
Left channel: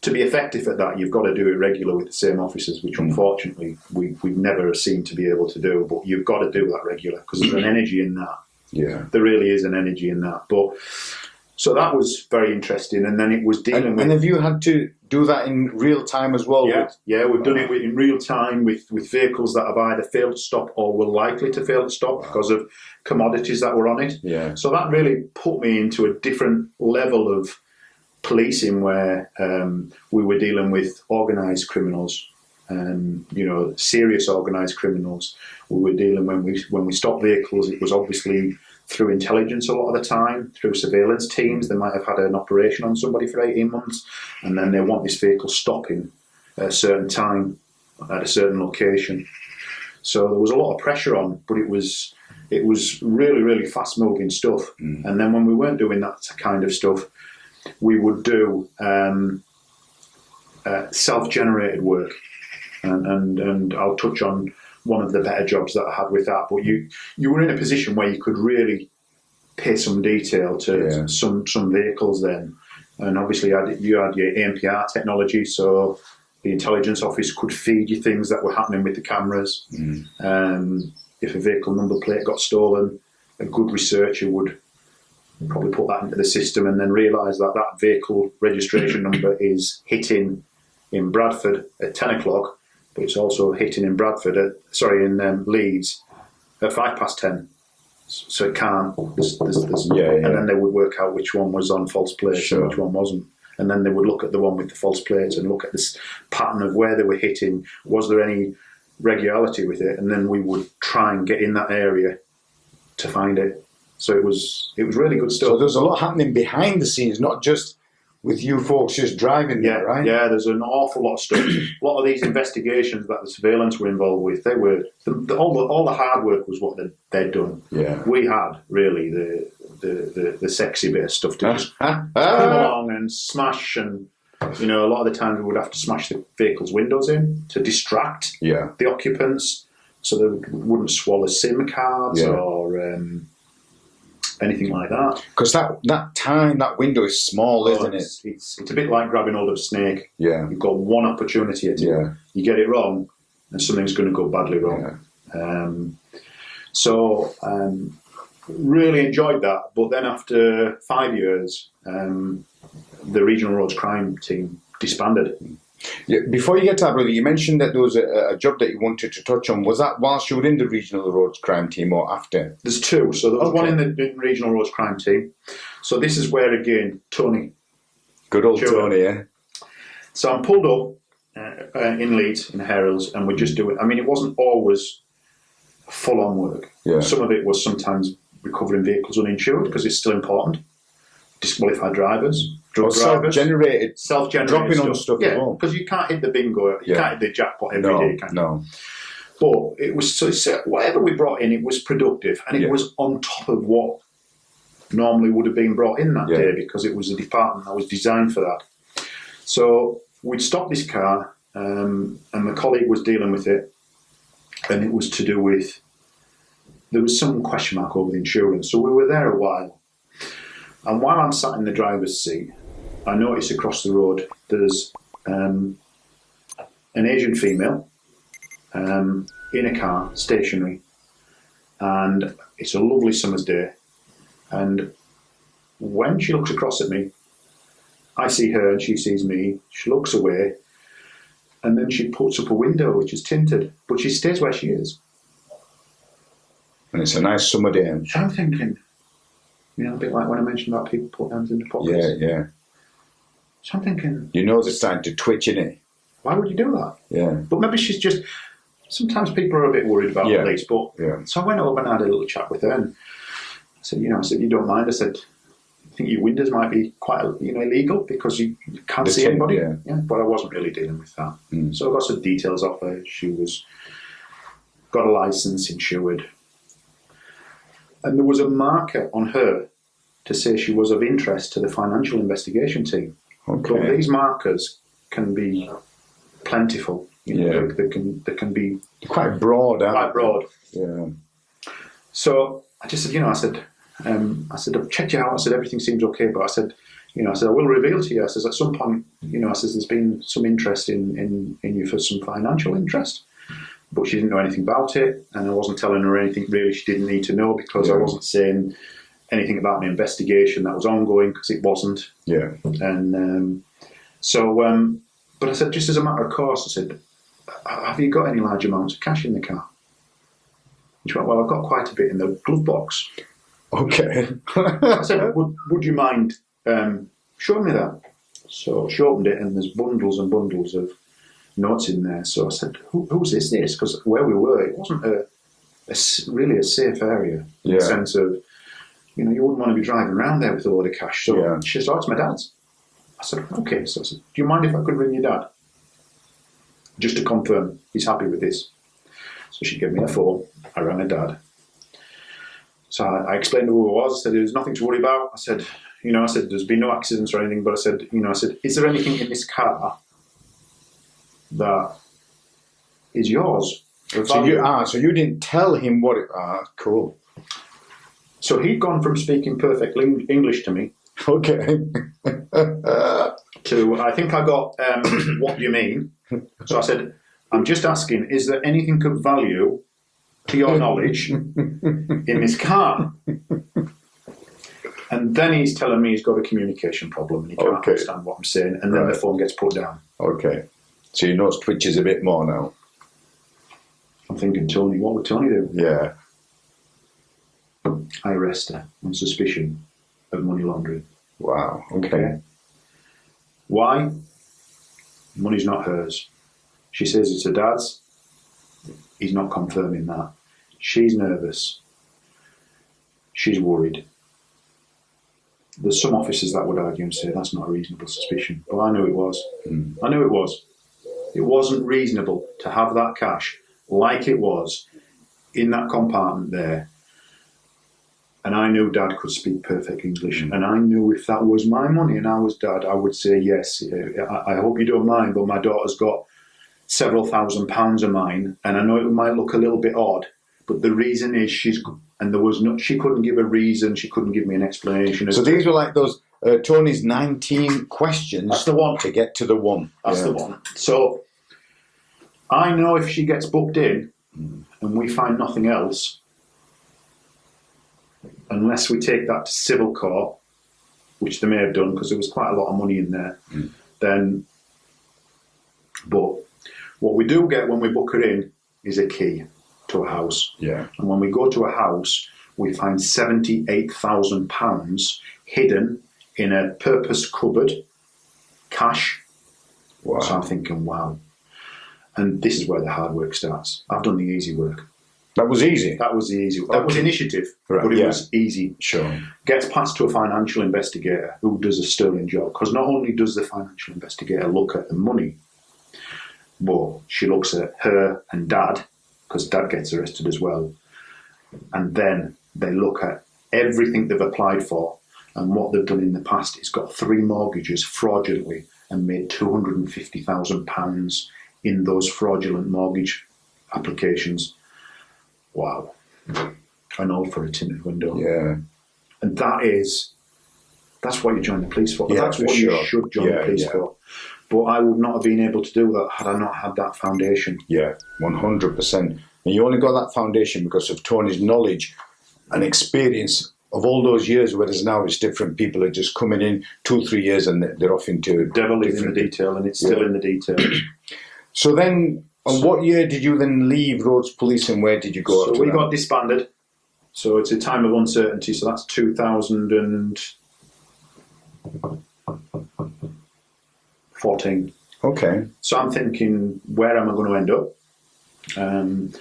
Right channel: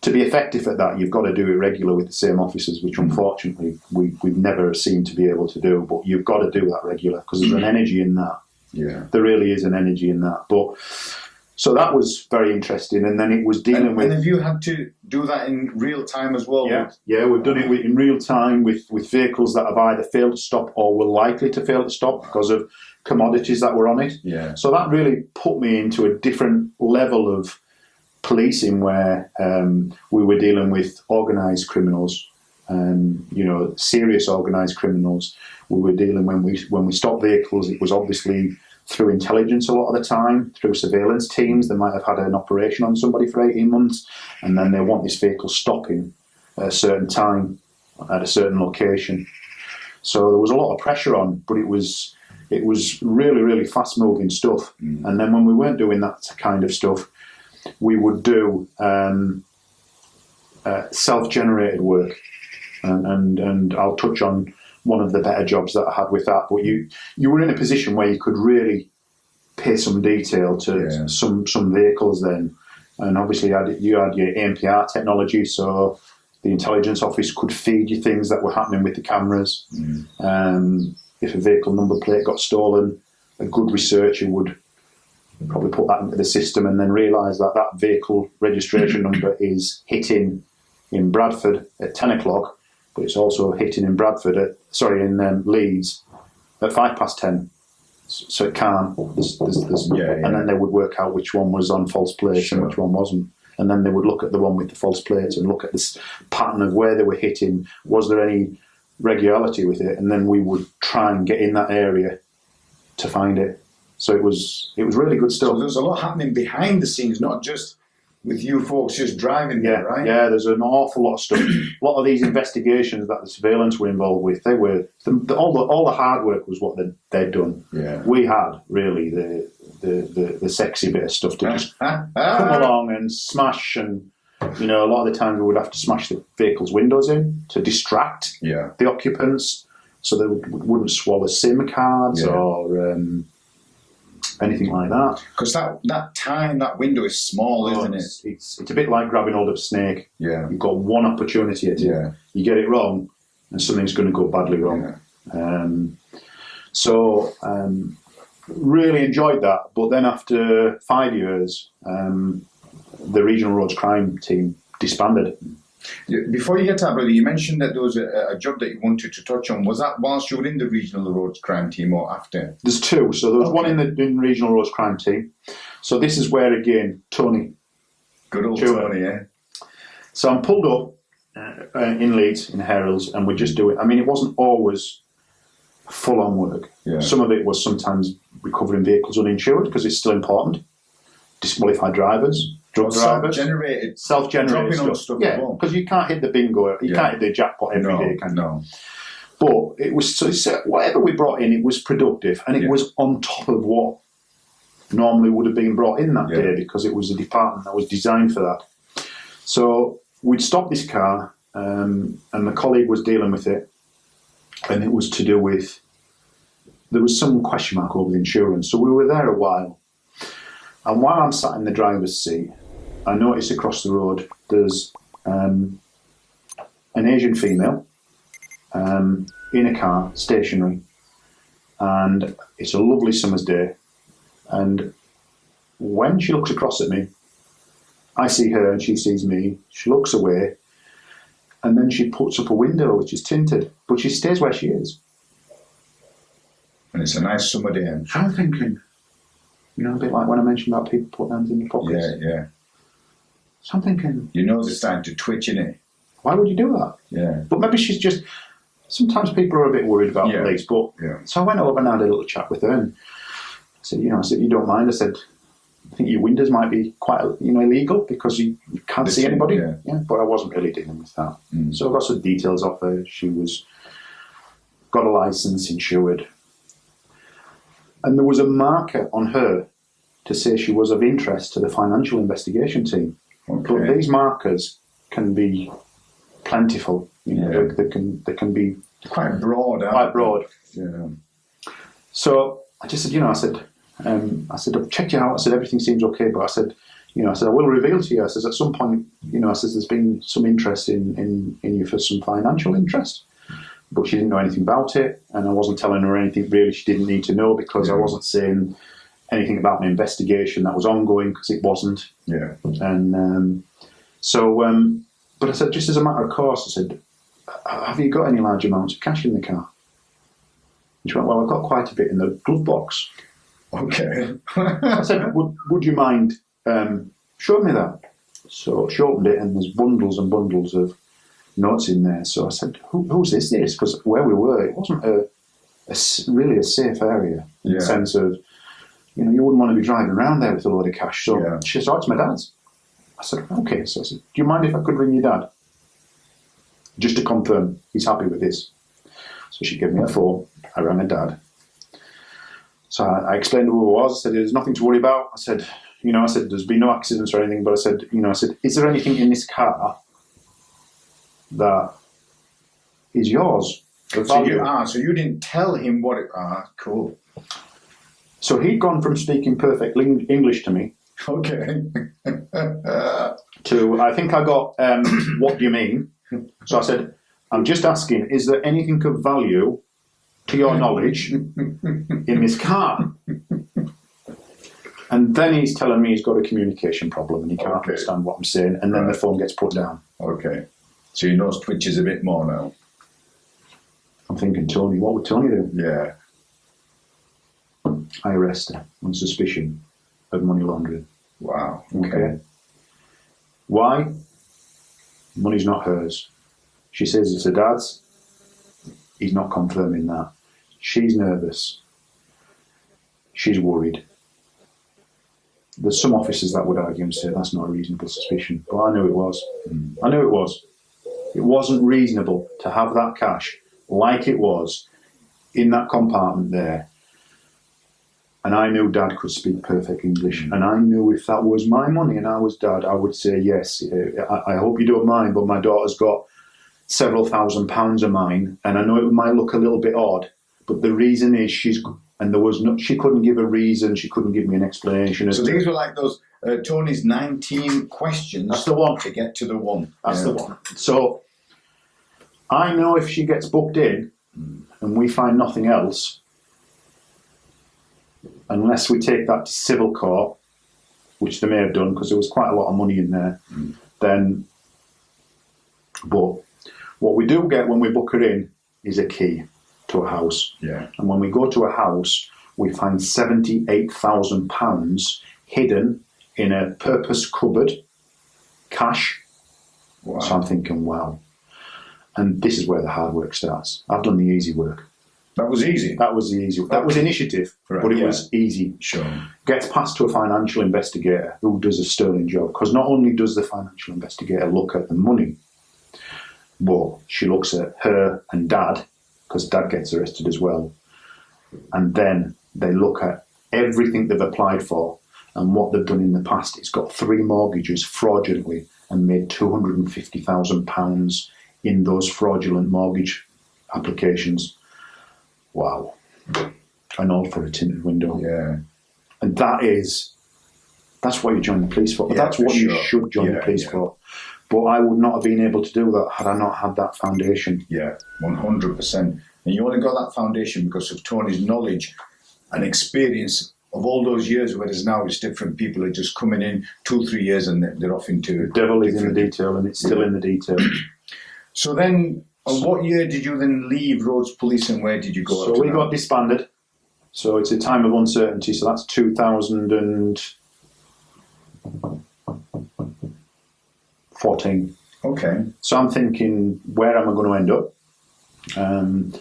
to be effective at that, you've got to do it regular with the same officers, which unfortunately we've never seemed to be able to do. But you've got to do that regular because there's an energy in that. Yeah, there really is an energy in that. But so that was very interesting. And then it was dealing with. And have you had to do that in real time as well? Yeah, we've done it in real time with vehicles that have either failed to stop or were likely to fail to stop because of commodities that were on it. Yeah. So that really put me into a different level of policing where we were dealing with organised criminals, serious organised criminals. We were dealing when we stopped vehicles. It was obviously through intelligence a lot of the time, through surveillance teams. They might have had an operation on somebody for 18 months, and then they want this vehicle stopping at a certain time at a certain location. So there was a lot of pressure on, but it was really, really fast-moving stuff. And then when we weren't doing that kind of stuff, we would do self-generated work, and I'll touch on one of the better jobs that I had with that. But you were in a position where you could really pay some detail to some vehicles then, and obviously you had your ANPR technology, so the intelligence office could feed you things that were happening with the cameras. If a vehicle number plate got stolen, a good researcher would probably put that into the system and then realise that that vehicle registration number is hitting in Bradford at 10 o'clock, but it's also hitting in in Leeds at 10:05. So it can't. And then they would work out which one was on false plates and which one wasn't. And then they would look at the one with the false plates and look at this pattern of where they were hitting. Was there any regularity with it? And then we would try and get in that area to find it. So it was really good stuff. So there's a lot happening behind the scenes, not just with you folks just driving there, right? Yeah, there's an awful lot of stuff. A lot of these investigations that the surveillance were involved with, they were all the hard work was what they'd done. Yeah, we had really the sexy bit of stuff to just come along and smash, and a lot of the times we would have to smash the vehicle's windows in to distract the occupants, so they wouldn't swallow SIM cards or anything like that. Because that window is small, isn't it? It's a bit like grabbing hold of a snake. Yeah. You've got one opportunity at it. Yeah. You get it wrong, and something's going to go badly wrong. Yeah. Really enjoyed that. But then after 5 years, the Regional Roads Crime Team disbanded. Yeah, before you get to that, brother, you mentioned that there was a job that you wanted to touch on. Was that whilst you were in the Regional Roads Crime Team or after? There's two. So there was one in the Regional Roads Crime Team. So this is where, again, Tony. Good old Tony, yeah. So I'm pulled up in Leeds, in Heralds, and we're just doing... I mean, it wasn't always full-on work. Yeah. Some of it was sometimes recovering vehicles uninsured, because it's still important. Disqualified drivers. Self-generated dropping on stuff. Yeah, because you can't hit the bingo, you can't hit the jackpot every day, can you? No. But it was whatever we brought in, it was productive, and it was on top of what normally would have been brought in that day, because it was a department that was designed for that. So we'd stopped this car, and my colleague was dealing with it, and it was to do with, there was some question mark over the insurance, so we were there a while. And while I'm sat in the driver's seat, I notice across the road there's an Asian female in a car, stationary, and it's a lovely summer's day. And when she looks across at me, I see her and she sees me. She looks away, and then she puts up a window which is tinted, but she stays where she is. And it's a nice summer day. So I'm thinking, you know, a bit like when I mentioned about people putting hands in their pockets. Yeah. So I'm thinking, Your nose is starting to twitch, innit? why would you do that? Yeah. But maybe she's just. Sometimes people are a bit worried about the police, but so I went over and had a little chat with her, and I said, you don't mind? I said, I think your windows might be quite, illegal because you can't see anybody. Yeah, but I wasn't really dealing with that. So I got some details off her. She got a license, insured, and there was a marker on her to say she was of interest to the financial investigation team. Okay. But these markers can be plentiful. They can be quite broad. Quite broad. Yeah. So I just said, I said, I've checked you out. I said, everything seems okay, but I said, I will reveal to you. I said, at some point, I said, there's been some interest in you for some financial interest. But she didn't know anything about it, and I wasn't telling her anything really she didn't need to know, because I wasn't saying anything about an investigation that was ongoing, because it wasn't. Yeah. And but I said, just as a matter of course, I said, have you got any large amounts of cash in the car? And she went, well, I've got quite a bit in the glove box. Okay. I said, would you mind showing me that? So she opened it, and there's bundles and bundles of notes in there. So I said, who's this? Because where we were, it wasn't really a safe area in the sense of, you wouldn't want to be driving around there with a load of cash. So she said, it's my dad's. I said, okay. So I said, do you mind if I could ring your dad? Just to confirm he's happy with this. So she gave me the phone. I rang her dad. So I explained who it was. I said, there's nothing to worry about. I said, there's been no accidents or anything, but I said, is there anything in this car that is yours? So you didn't tell him what it... cool. So he'd gone from speaking perfect English to me. Okay. To, I think I got, what do you mean? So I said, I'm just asking, is there anything of value, to your knowledge, in this car? And then he's telling me he's got a communication problem and he can't understand what I'm saying, and then the phone gets put down. Okay. So your nose twitches a bit more now. I'm thinking, Tony, what would Tony do? Yeah. I arrest her on suspicion of money laundering. Wow. Okay. Why? Money's not hers. She says it's her dad's. He's not confirming that. She's nervous. She's worried. There's some officers that would argue and say that's not a reasonable suspicion. But I knew it was. I knew it was. It wasn't reasonable to have that cash like it was in that compartment there. And I knew Dad could speak perfect English. And I knew if that was my money and I was Dad, I would say, yes, I hope you don't mind, but my daughter's got several £1,000s of mine. And I know it might look a little bit odd, but the reason is she couldn't give a reason. She couldn't give me an explanation. So these were like those, Tony's 19 questions. That's the one. To get to the one. That's the one. So I know if she gets booked in and we find nothing else, unless we take that to civil court, which they may have done because there was quite a lot of money in there, then, but what we do get when we book her in is a key to a house. Yeah. And when we go to a house, we find £78,000 hidden in a purpose cupboard, cash. Wow. So I'm thinking, wow. And this is where the hard work starts. I've done the easy work. That was easy. That was the easy. That was initiative, but it was easy. Sure. Gets passed to a financial investigator who does a sterling job, because not only does the financial investigator look at the money, but she looks at her and Dad, because Dad gets arrested as well, and then they look at everything they've applied for and what they've done in the past. It's got 3 mortgages fraudulently and made £250,000 in those fraudulent mortgage applications. Wow. And all for a tinted window. Yeah. And that is That's what you join the police for. Yeah, That's for what sure. you should join the police for. But I would not have been able to do that had I not had that foundation. Yeah, 100%. And you only got that foundation because of Tony's knowledge and experience of all those years, whereas now it's different. People are just coming in 2-3 years and they're off into... The devil is in the detail, and it's still in the detail. So then, what year did you then leave Roads Police and where did you go? So we got disbanded. So it's a time of uncertainty. So that's 2014. Okay. So I'm thinking, where am I going to end up? And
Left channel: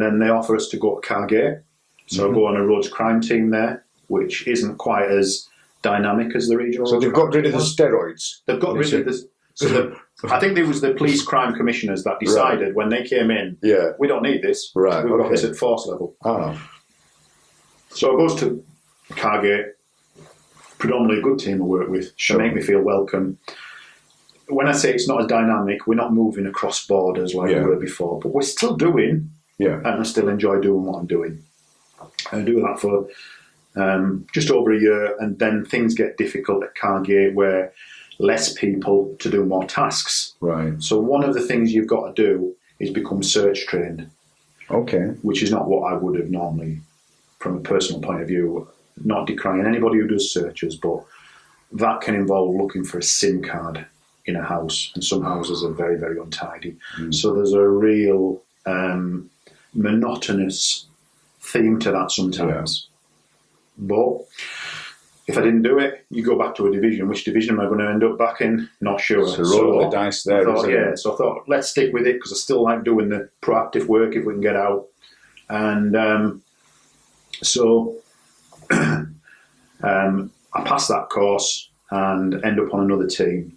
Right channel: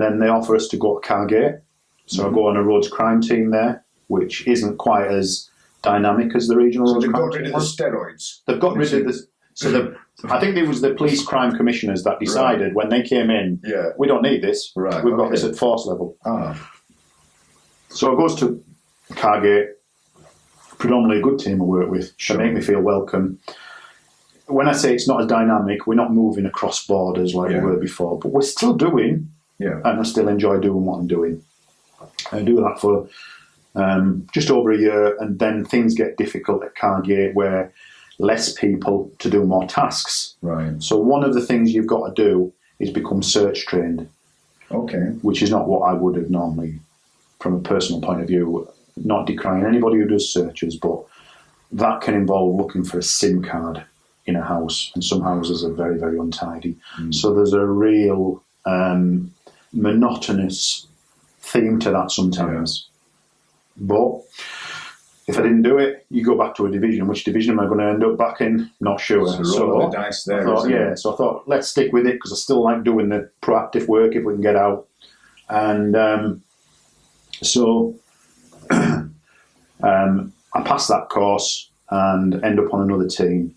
then they offer us to go to Calderdale. So I go on a roads crime team there, which isn't quite as dynamic as the regional. So they've got rid of the steroids. They've got rid of the. So I think it was the police crime commissioners that decided when they came in, we don't need this. Right. We've got this at force level. Ah. So it goes to Calderdale, predominantly a good team I work with. Sure. They make me feel welcome. When I say it's not as dynamic, we're not moving across borders like we were before, but we're still doing, and I still enjoy doing what I'm doing. I do that for just over a year, and then things get difficult at Calderdale where less people to do more tasks. Right. So one of the things you've got to do is become search trained. Okay. Which is not what I would have normally, from a personal point of view, not decrying anybody who does searches, but that can involve looking for a SIM card in a house, and some houses are very, very untidy. So there's a real monotonous theme to that sometimes. But if I didn't do it, you go back to a division. Which division am I going to end up back in? Not sure. So roll the dice there. So I thought, let's stick with it because I still like doing the proactive work if we can get out. And I passed that course and end up on another team.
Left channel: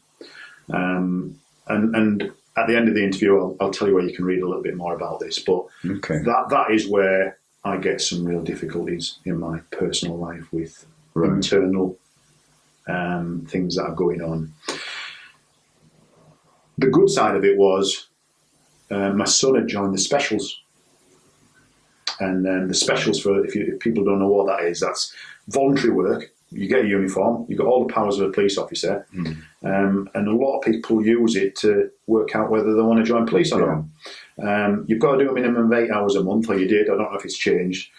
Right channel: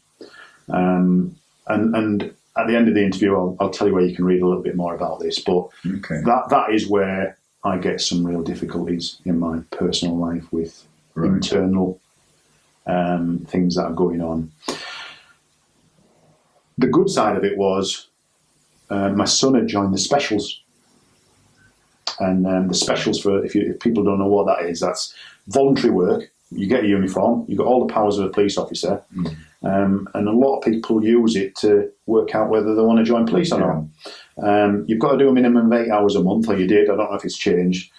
And at the end of the interview, I'll tell you where you can read a little bit more about this. But that is where I get some real difficulties in my personal life with internal things that are going on. The good side of it was my son had joined the specials. And the specials, for if people don't know what that is, that's voluntary work. You get a uniform, you've got all the powers of a police officer, and a lot of people use it to work out whether they want to join police or not. You've got to do a minimum of 8 hours a month, or you did, I don't know if it's changed.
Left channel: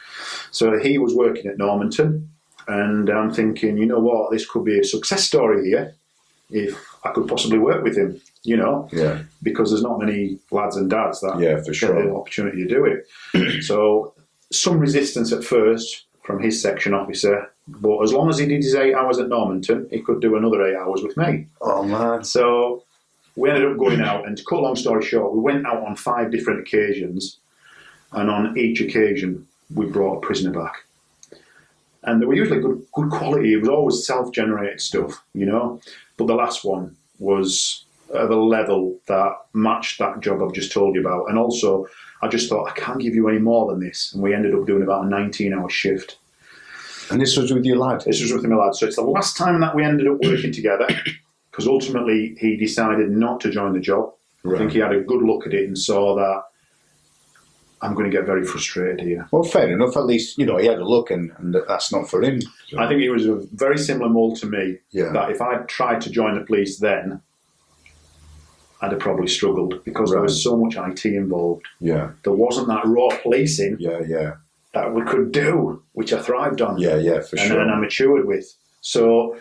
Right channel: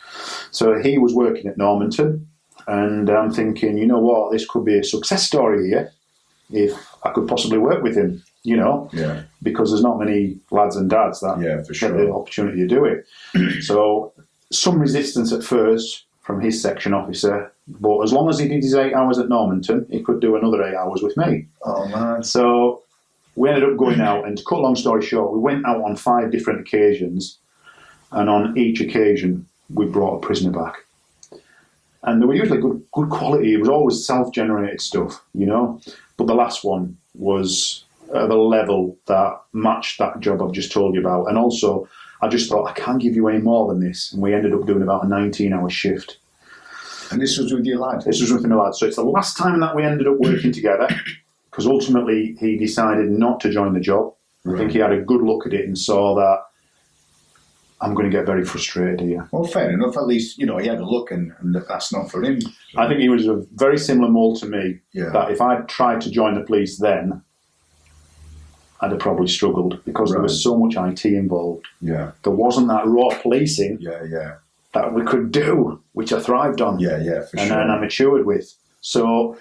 So he was working at Normanton, and I'm thinking, you know what, this could be a success story here, if I could possibly work with him, because there's not many lads and dads that get the opportunity to do it. So some resistance at first from his section officer, but as long as he did his 8 hours at Normanton, he could do another 8 hours with me. Oh man. So we ended up going out, and to cut a long story short, we went out on 5 different occasions, and on each occasion we brought a prisoner back. And they were usually good quality. It was always self-generated stuff, but the last one was at a level that matched that job I've just told you about. And also, I just thought, I can't give you any more than this. And we ended up doing about a 19-hour shift. And this was with your lad? This was with my lad. So it's the last time that we ended up working together, because ultimately he decided not to join the job. I think he had a good look at it and saw that I'm going to get very frustrated here. Well, fair enough. At least, he had a look and that's not for him. So. I think he was a very similar mould to me, that if I tried to join the police then, I'd have probably struggled because there was so much IT involved. Yeah. There wasn't that raw policing that we could do, which I thrived on. Yeah, for sure. And I matured with. So,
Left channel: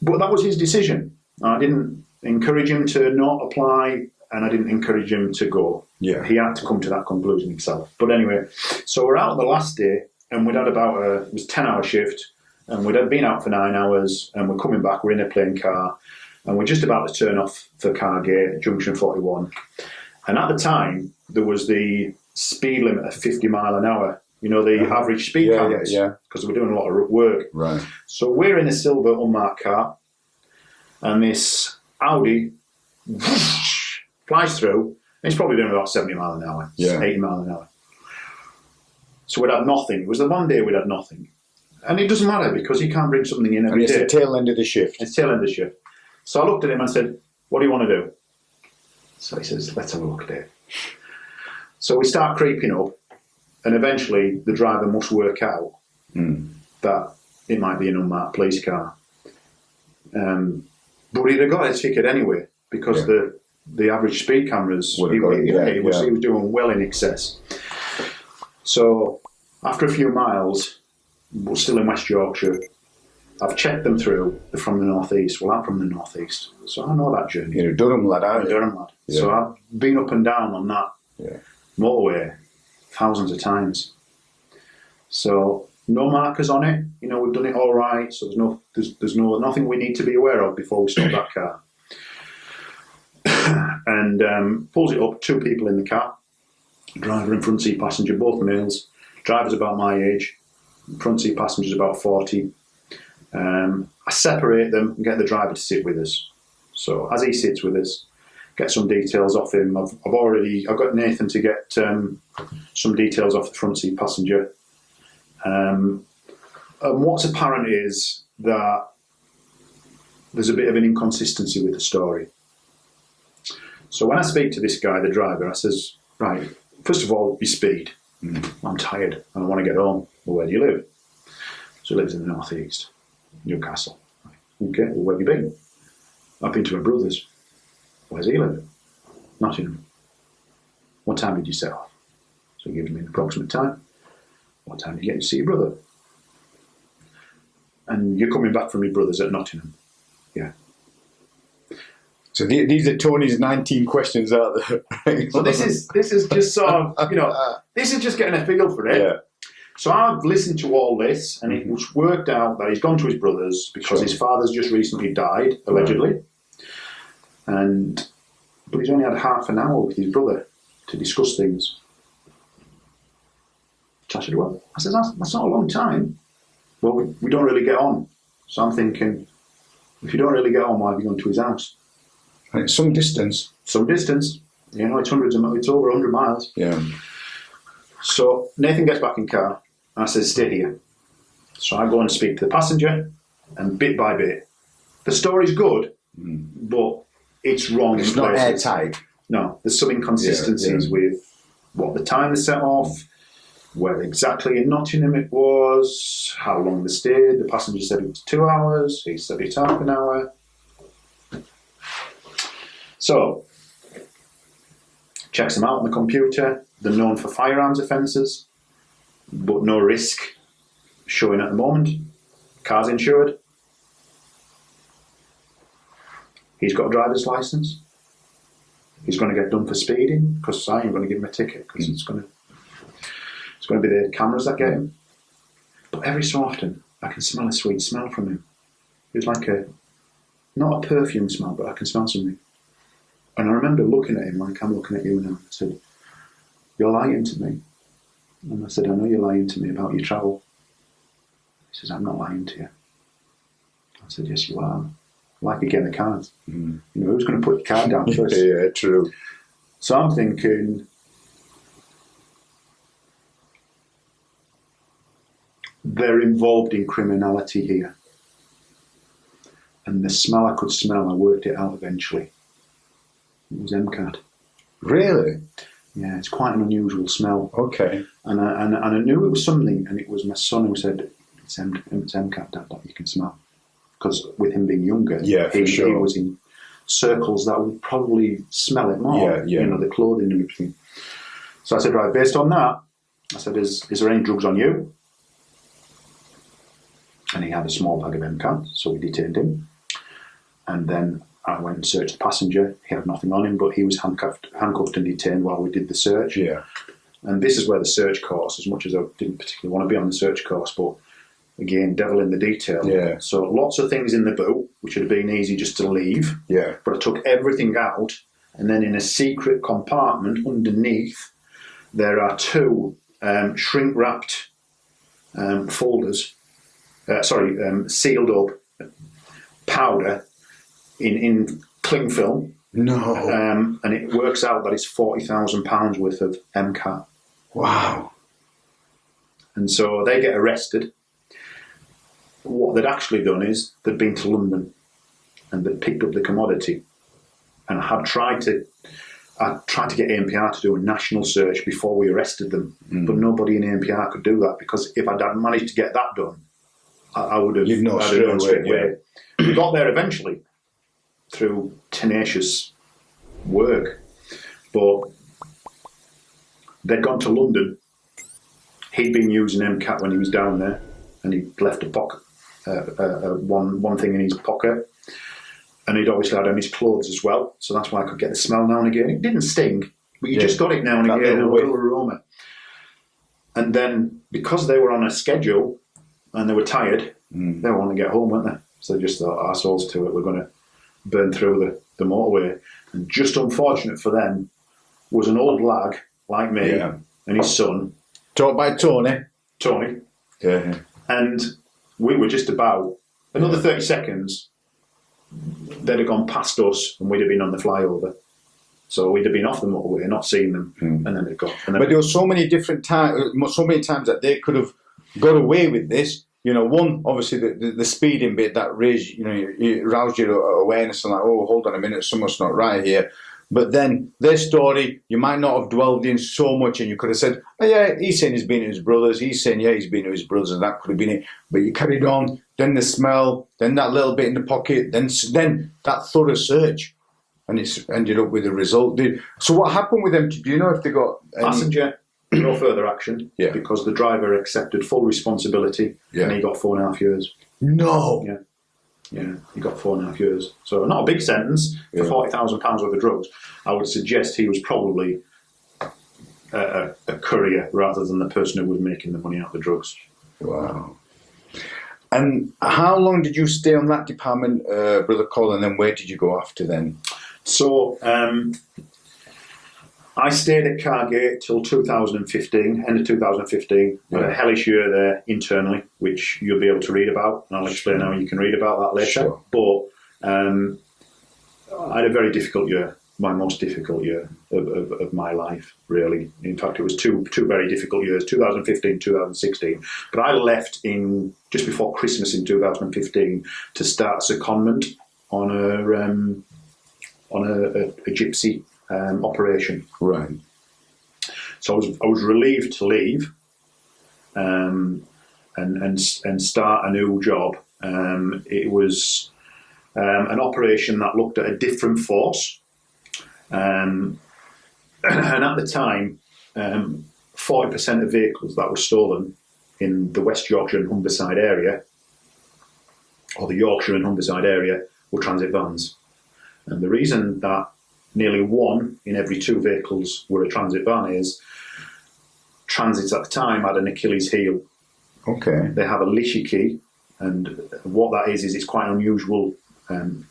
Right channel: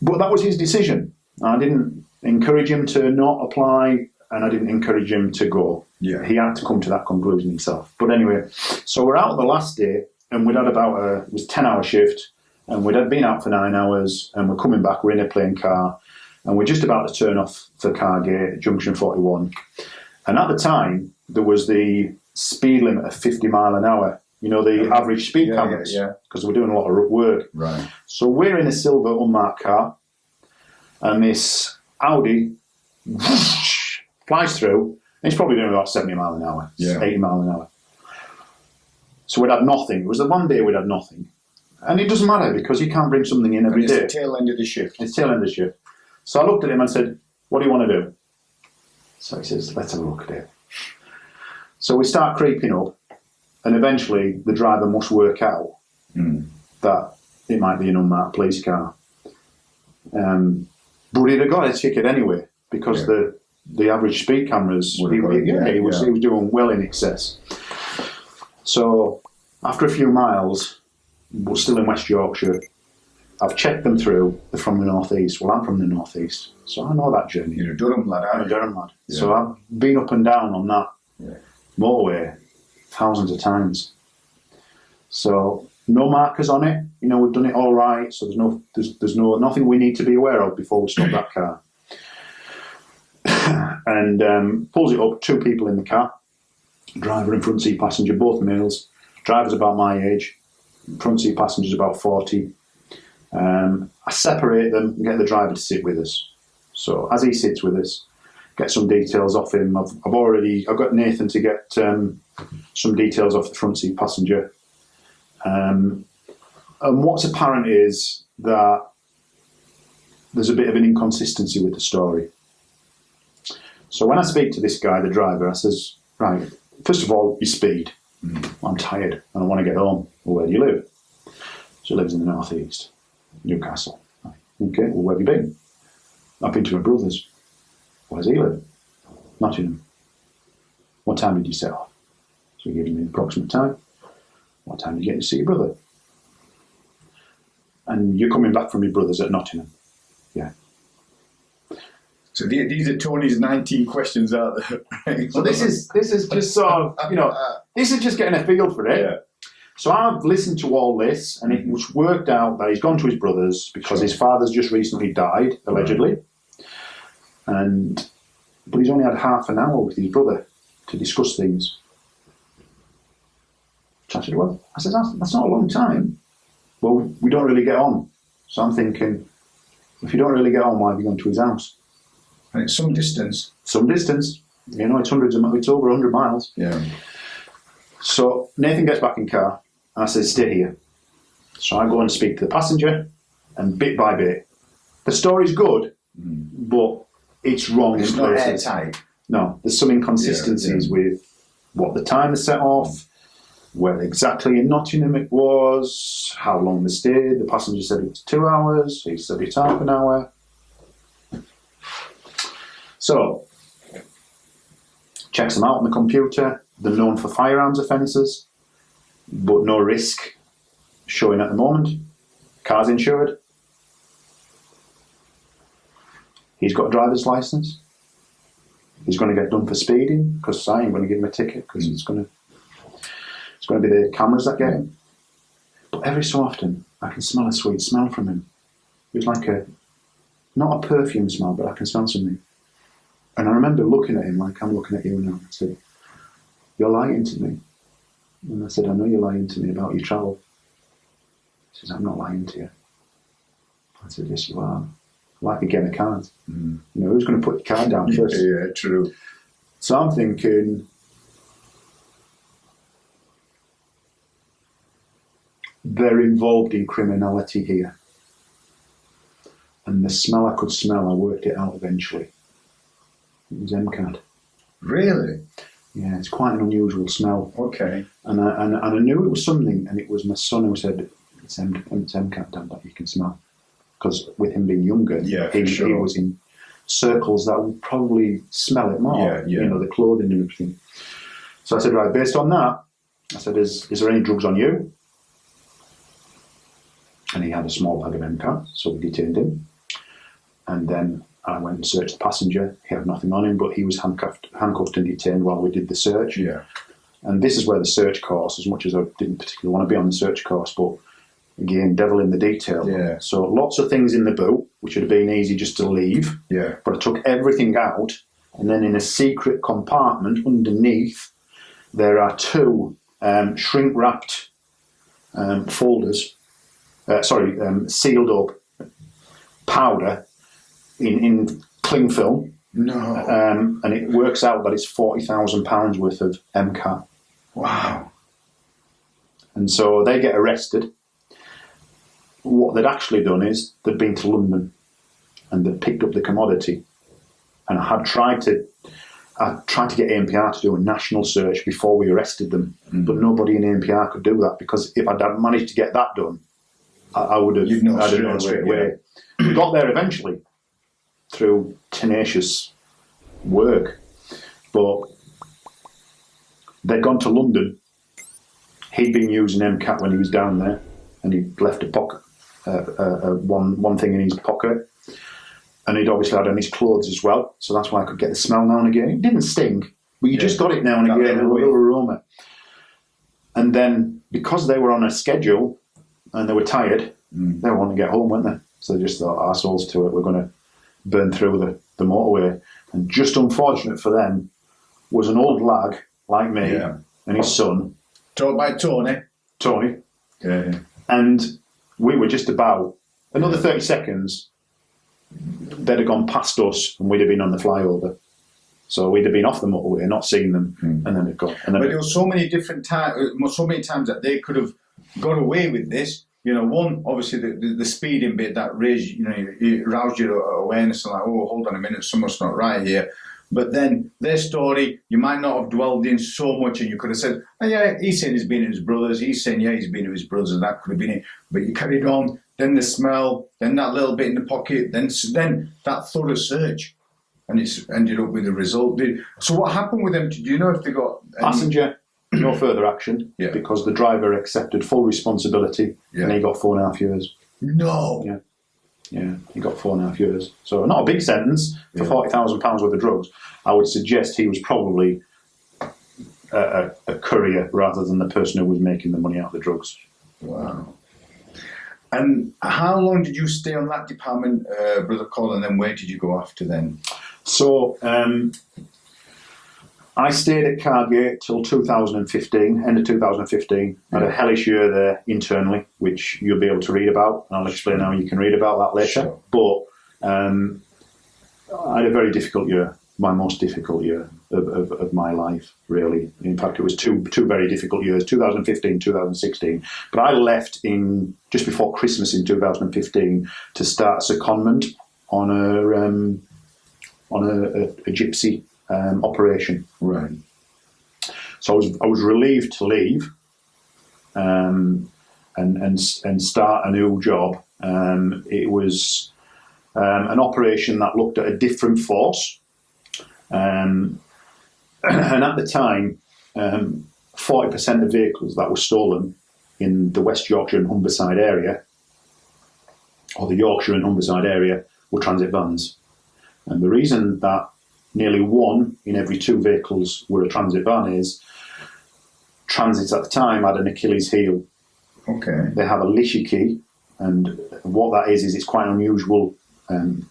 but that was his decision. I didn't encourage him to not apply, and I didn't encourage him to go. Yeah. He had to come to that conclusion himself. But anyway, so we're out on the last day, and we'd had it was a 10-hour shift, and we'd had been out for 9 hours, and we're coming back, we're in a plane car, and we're just about to turn off the car gate at junction 41. And at the time, there was the speed limit of 50 mile an hour, the average speed counts, because we're doing a lot of work. Right. So we're in a silver unmarked car, and this Audi whoosh, flies through, and it's probably doing about 70 mile an hour, 80 mile an hour. So we'd had nothing. It was the one day we'd had nothing. And it doesn't matter, because you can't bring something in every day. It's the tail end of the shift. It's the tail end of the shift. So I looked at him and said, what do you want to do? So he says, let's have a look at it. So we start creeping up, and eventually the driver must work out that it might be an unmarked police car. But he'd have got a ticket anyway because the average speed cameras, he was doing well in excess. So after a few miles, we're still in West Yorkshire. I've checked them through. They're from the northeast. Well, I'm from the northeast, so I know that journey. You're a Durham lad, aren't you? Durham lad. Yeah. So I've been up and down on that motorway thousands of times. So no markers on it. You know, we've done it all right. So there's nothing we need to be aware of before we stop that car. And pulls it up. 2 people in the car, driver and front seat passenger, both males. Driver's about my age. Front seat passenger's about 40. I separate them and get the driver to sit with us. So as he sits with us, get some details off him. I've got Nathan to get some details off the front seat passenger. And what's apparent is that there's a bit of an inconsistency with the story. So when I speak to this guy, the driver, I says, right, first of all, your speed. I'm tired and I want to get home. Well, where do you live? So he lives in the northeast, Newcastle. Right. Okay, well, where have you been? I've been to my brother's. Where does he live? Nottingham. What time did you set off? So he gives me an approximate time. What time did you get to see your brother? And you're coming back from your brother's at Nottingham. Yeah. So these are Tony's 19 questions out there. So this is just sort of, this is just getting a feel for it. Yeah. So I've listened to all this, and it was worked out that he's gone to his brother's because his father's just recently died, allegedly. But he's only had half an hour with his brother to discuss things. So I said, well, that's not a long time. Well, we don't really get on. So I'm thinking, if you don't really get on, why have you gone to his house? And it's some distance. Some distance. You know, it's over 100 miles. Yeah. So Nathan gets back in car, and I said, stay here. So I go and speak to the passenger, and bit by bit, the story's good, but it's wrong. It's not airtight. No, there's some inconsistencies with what the time is set off, where exactly in Nottingham it was, how long they stayed. The passenger said it was 2 hours, he said it's half an hour. So, checks them out on the computer. They're known for firearms offences, but no risk showing at the moment. Car's insured. He's got a driver's licence. He's going to get done for speeding because I ain't going to give him a ticket because it's going to be the cameras that get him. But every so often, I can smell a sweet smell from him. It was like not a perfume smell, but I can smell something. And I remember looking at him like I'm looking at you now. I said, you're lying to me. And I said, I know you're lying to me about your travel. He says, I'm not lying to you. I said, yes, you are. Like a game of cards. You know, who's going to put your card down first? Yeah, true. So I'm thinking, they're involved in criminality here. And the smell I could smell, I worked it out eventually. It was MCAD. Really? Yeah, it's quite an unusual smell. Okay. And I knew it was something, and it was my son who said, it's MCAD, Dad, that you can smell. Because with him being younger, he was in circles that would probably smell it more. You know, the clothing and everything. So I said, right, based on that, I said, is there any drugs on you? And he had a small bag of MCAD, so we detained him. And then I went and searched the passenger. He had nothing on him, but he was handcuffed and detained while we did the search. Yeah. And this is where the search course, as much as I didn't particularly want to be on the search course, but again, devil in the detail. Yeah. So lots of things in the boot, which would have been easy just to leave. Yeah. But I took everything out, and then in a secret compartment underneath, there are 2 shrink-wrapped folders. Sealed up powder in cling film. No. And it works out that it's £40,000 worth of MCAT. Wow. And so they get arrested. What they'd actually done is they'd been to London and they'd picked up the commodity, and I tried to get ANPR to do a national search before we arrested them, but nobody in ANPR could do that because if I'd managed to get that done, I would have You'd know I'd have known straight away, away. We got there eventually through tenacious work, but they'd gone to London. He'd been using MCAT when he was down there, and he'd left a pocket, one thing in his pocket, and he'd obviously had on his clothes as well. So that's why I could get the smell now and again. It didn't sting, but you just got it now and again, a little aroma. And then because they were on a schedule and they were tired, they wanted to get home, weren't they? So they just thought, arseholes to it, we're going to burn through the motorway. And just unfortunate for them was an old lag like me and his son. Taught by Tony. Tony. Yeah. And we were just about another 30 seconds, they'd have gone past us and we'd have been on the flyover. So we'd have been off the motorway, not seen them, and then they'd gone. But there were so many different times, so many times that they could have got away with this. You know, one, obviously, the speeding bit that raised, you know, it roused your awareness and like, oh, hold on a minute, something's not right here. But then their story, you might not have dwelled in so much, and you could have said, oh, yeah, he's saying he's been to his brothers, he's saying, yeah, he's been to his brothers, and that could have been it. But you carried on, then the smell, then that little bit in the pocket, then that thorough search, and it's ended up with a result. So what happened with them? Do you know if they got passenger? No further action, because the driver accepted full responsibility, and he got 4.5 years. No. Yeah, he got 4.5 years. So not a big sentence for £40,000 worth of drugs. I would suggest he was probably a courier rather than the person who was making the money out of the drugs. Wow. And how long did you stay on that department, Brother Colin, and then where did you go after then? So I stayed at Cargate till 2015, end of 2015. I had a hellish year there internally, which you'll be able to read about, and I'll explain how you can read about that later. Sure. But I had a very difficult year, my most difficult year of my life, really. In fact, it was two very difficult years, 2015, 2016. But I left in just before Christmas in 2015 to start secondment on a gypsy operation. Right. So I was relieved to leave and start a new job. It was an operation that looked at a different force. And at the time, 40% of vehicles that were stolen in the West Yorkshire and Humberside area, or the Yorkshire and Humberside area, were transit vans. And the reason that nearly 1 in every 2 vehicles were a transit van is transits at the time had an Achilles heel. Okay. They have a Lishi key, and what that is it's quite an unusual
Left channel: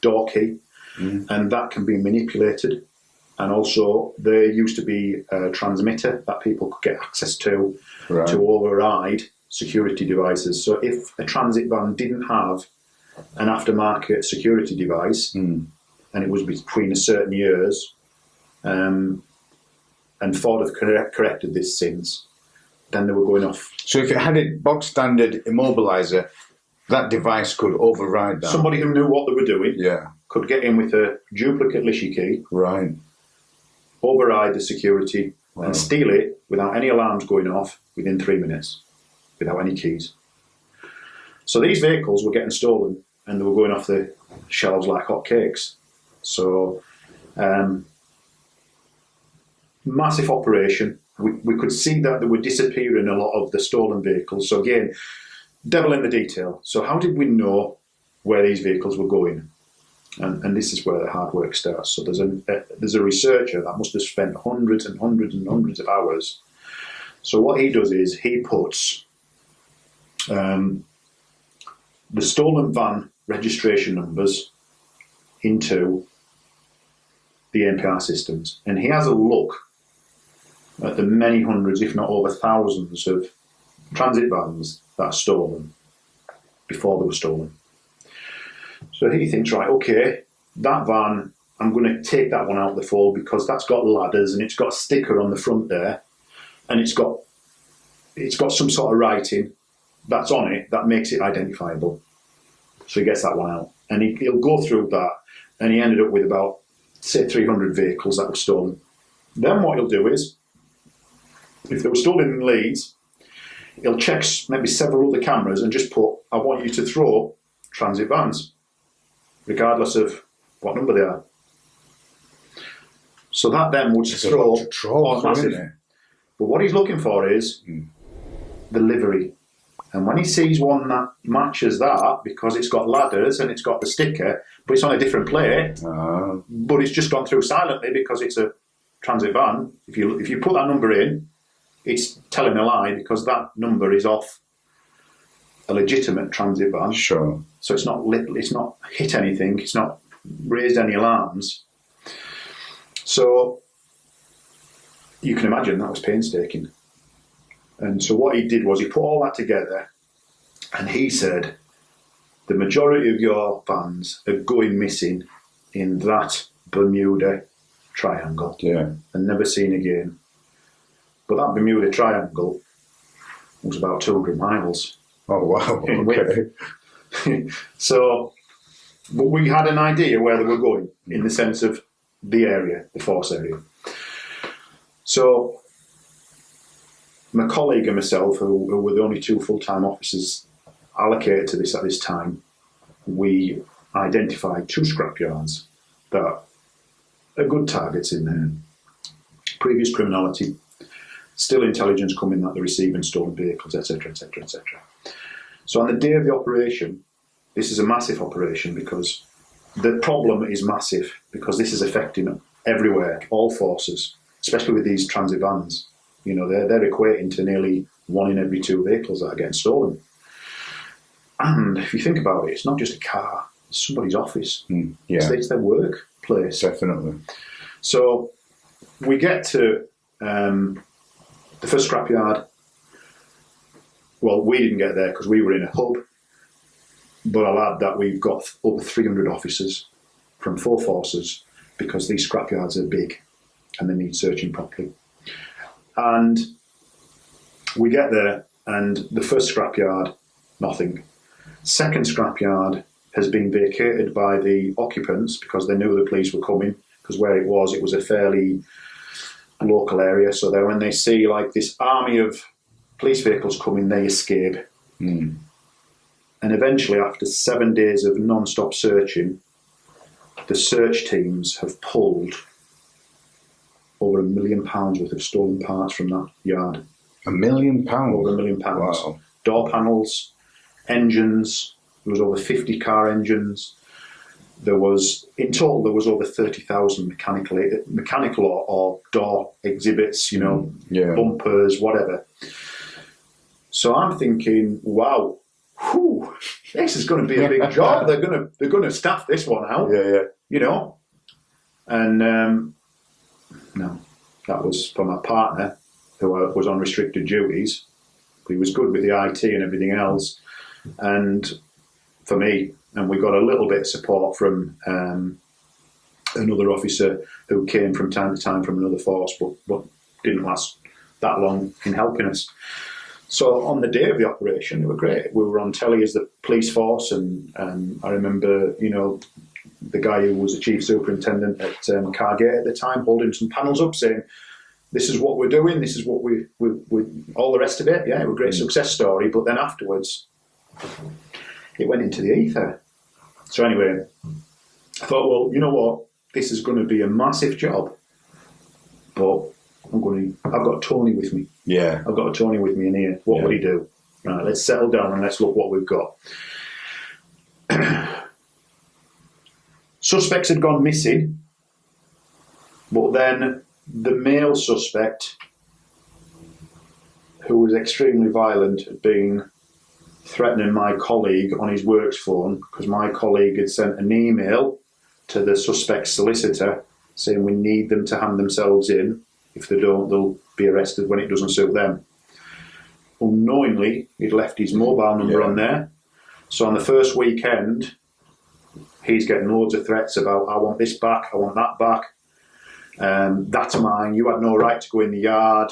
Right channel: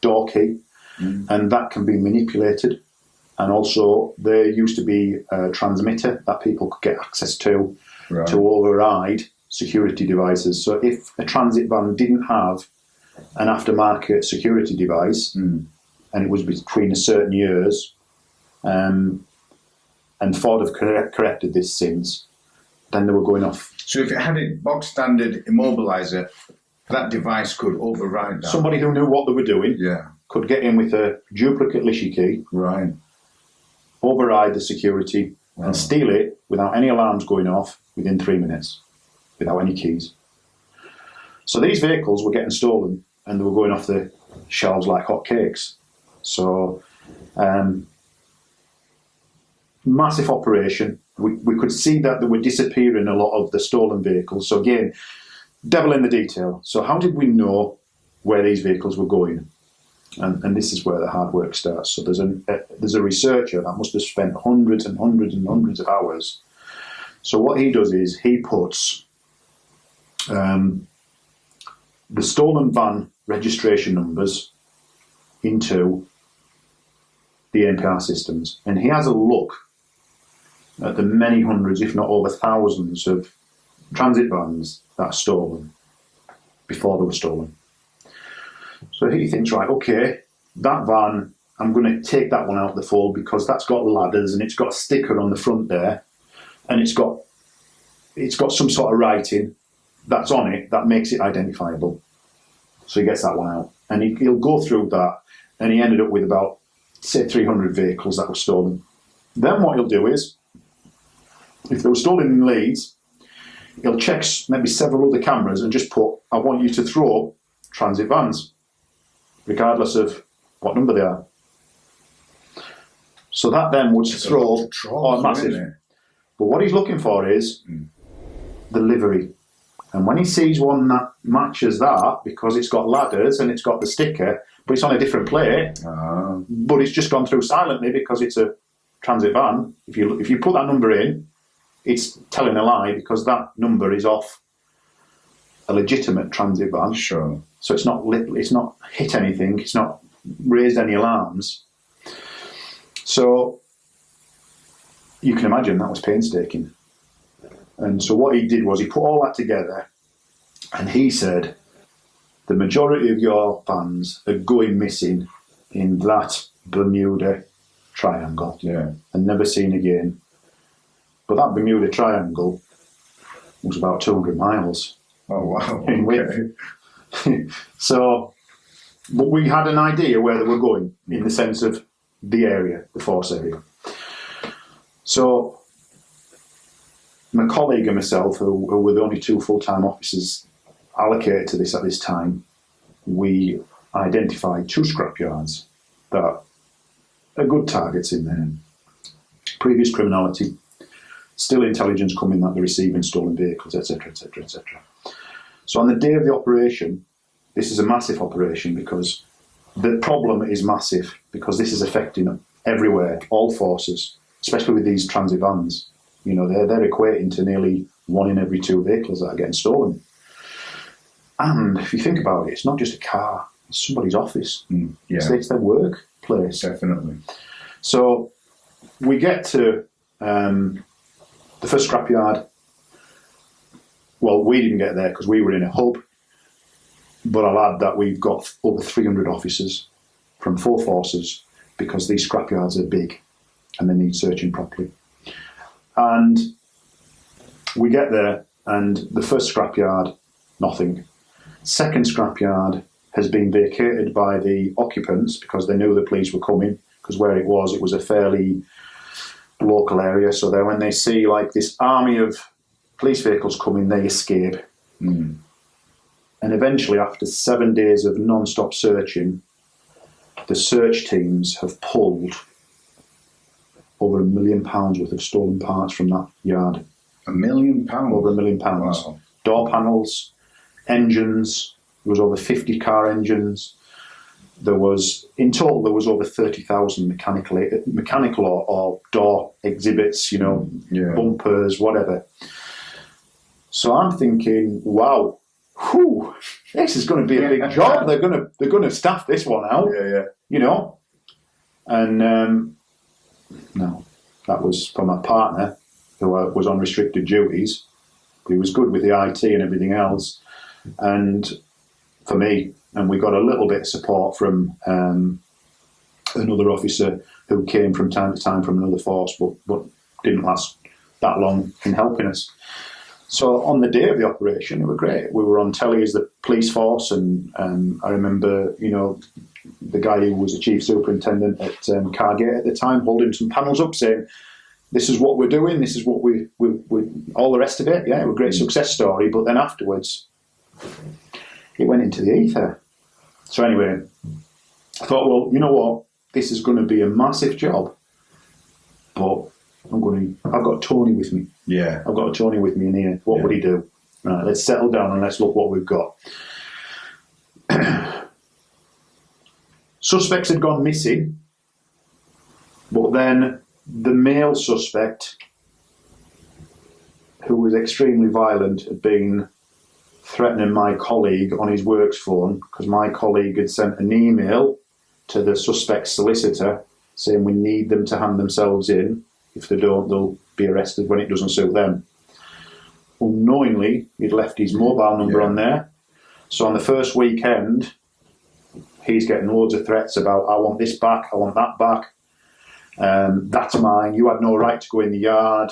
door key, and that can be manipulated. And also there used to be a transmitter that people could get access to override security devices. So if a transit van didn't have an aftermarket security device, and it was between a certain years, and Ford have corrected this since, then they were going off. So if it had a box standard immobiliser, that device could override that. Somebody who knew what they were doing could get in with a duplicate Lishi key, override the security, and steal it without any alarms going off within 3 minutes, without any keys. So these vehicles were getting stolen, and they were going off the shelves like hotcakes. So, massive operation. We could see that they were disappearing a lot of the stolen vehicles. So again, devil in the detail. So how did we know where these vehicles were going? And this is where the hard work starts. So there's a researcher that must have spent hundreds and hundreds and hundreds of hours. So what he does is he puts the stolen van registration numbers into the NPR systems, and he has a look at the many hundreds, if not over thousands, of transit vans that are stolen before they were stolen. So he thinks, right, okay, that van, I'm going to take that one out of the fold because that's got ladders and it's got a sticker on the front there, and it's got some sort of writing that's on it that makes it identifiable. So he gets that one out, and he'll go through that, and he ended up with about, say, 300 vehicles that were stolen. Then what he'll do is, if they were stolen in Leeds, he'll check maybe several other cameras and just put, I want you to throw transit vans, regardless of what number they are. So that then would throw massive. But what he's looking for is the livery. And when he sees one that matches that, because it's got ladders and it's got the sticker, but it's on a different plate, but it's just gone through silently because it's a transit van. If you put that number in, it's telling a lie because that number is off a legitimate transit van. Sure. So it's not hit anything. It's not raised any alarms. So you can imagine that was painstaking. And so what he did was he put all that together, and he said, the majority of your vans are going missing in that Bermuda Triangle. Yeah. And never seen again. But that Bermuda Triangle was about 200 miles. Oh, wow. In width. So, but we had an idea where they were going in the sense of the area, the force area. So, my colleague and myself, who were the only two full-time officers allocated to this at this time, we identified 2 scrapyards that are good targets in there. Previous criminality, still intelligence coming that they're receiving stolen vehicles, etc., etc., etc. So on the day of the operation, this is a massive operation because the problem is massive because this is affecting everywhere, all forces, especially with these transit vans. You know, they're equating to nearly 1 in every 2 vehicles that are getting stolen. And if you think about it, it's not just a car, it's somebody's office. Yeah. It's their workplace. Definitely. So we get to the first scrapyard. Well, we didn't get there because we were in a hub, but I'll add that we've got over 300 officers from 4 forces because these scrapyards are big and they need searching properly. And we get there, and the first scrapyard, nothing. Second scrapyard has been vacated by the occupants because they knew the police were coming, because where it was a fairly local area. So that when they see like this army of police vehicles coming, they escape. And eventually, after 7 days of non-stop searching, the search teams have pulled over £1 million worth of stolen parts from that yard. £1 million? Over £1 million. Wow. Door panels, engines. There was over 50 car engines. In total, there was over 30,000 mechanical or door exhibits, bumpers, whatever. So I'm thinking, wow, this is going to be a big job. They're going to staff this one out. Yeah. And no, that was for my partner, who was on restricted duties. He was good with the IT and everything else, and for me, and we got a little bit of support from another officer who came from time to time from another force, but didn't last that long in helping us. So on the day of the operation, it was great. We were on telly as the police force, and I remember, the guy who was the chief superintendent at Calderdale at the time holding some panels up saying, this is what we're doing, this is what we all the rest of it. Yeah, it was a great success story. But then afterwards, it went into the ether. So anyway, I thought, well, you know what? This is going to be a massive job, but I've got Tony with me. Yeah. I've got a Tony with me in here. What would he do? Right, let's settle down and let's look what we've got. Suspects had gone missing, but then the male suspect, who was extremely violent, had been threatening my colleague on his works phone because my colleague had sent an email to the suspect's solicitor saying we need them to hand themselves in. If they don't, they'll be arrested when it doesn't suit them. Unknowingly, he'd left his mobile number on there. So on the first weekend, he's getting loads of threats about, I want this back, I want that back. That's mine, you had no right to go in the yard.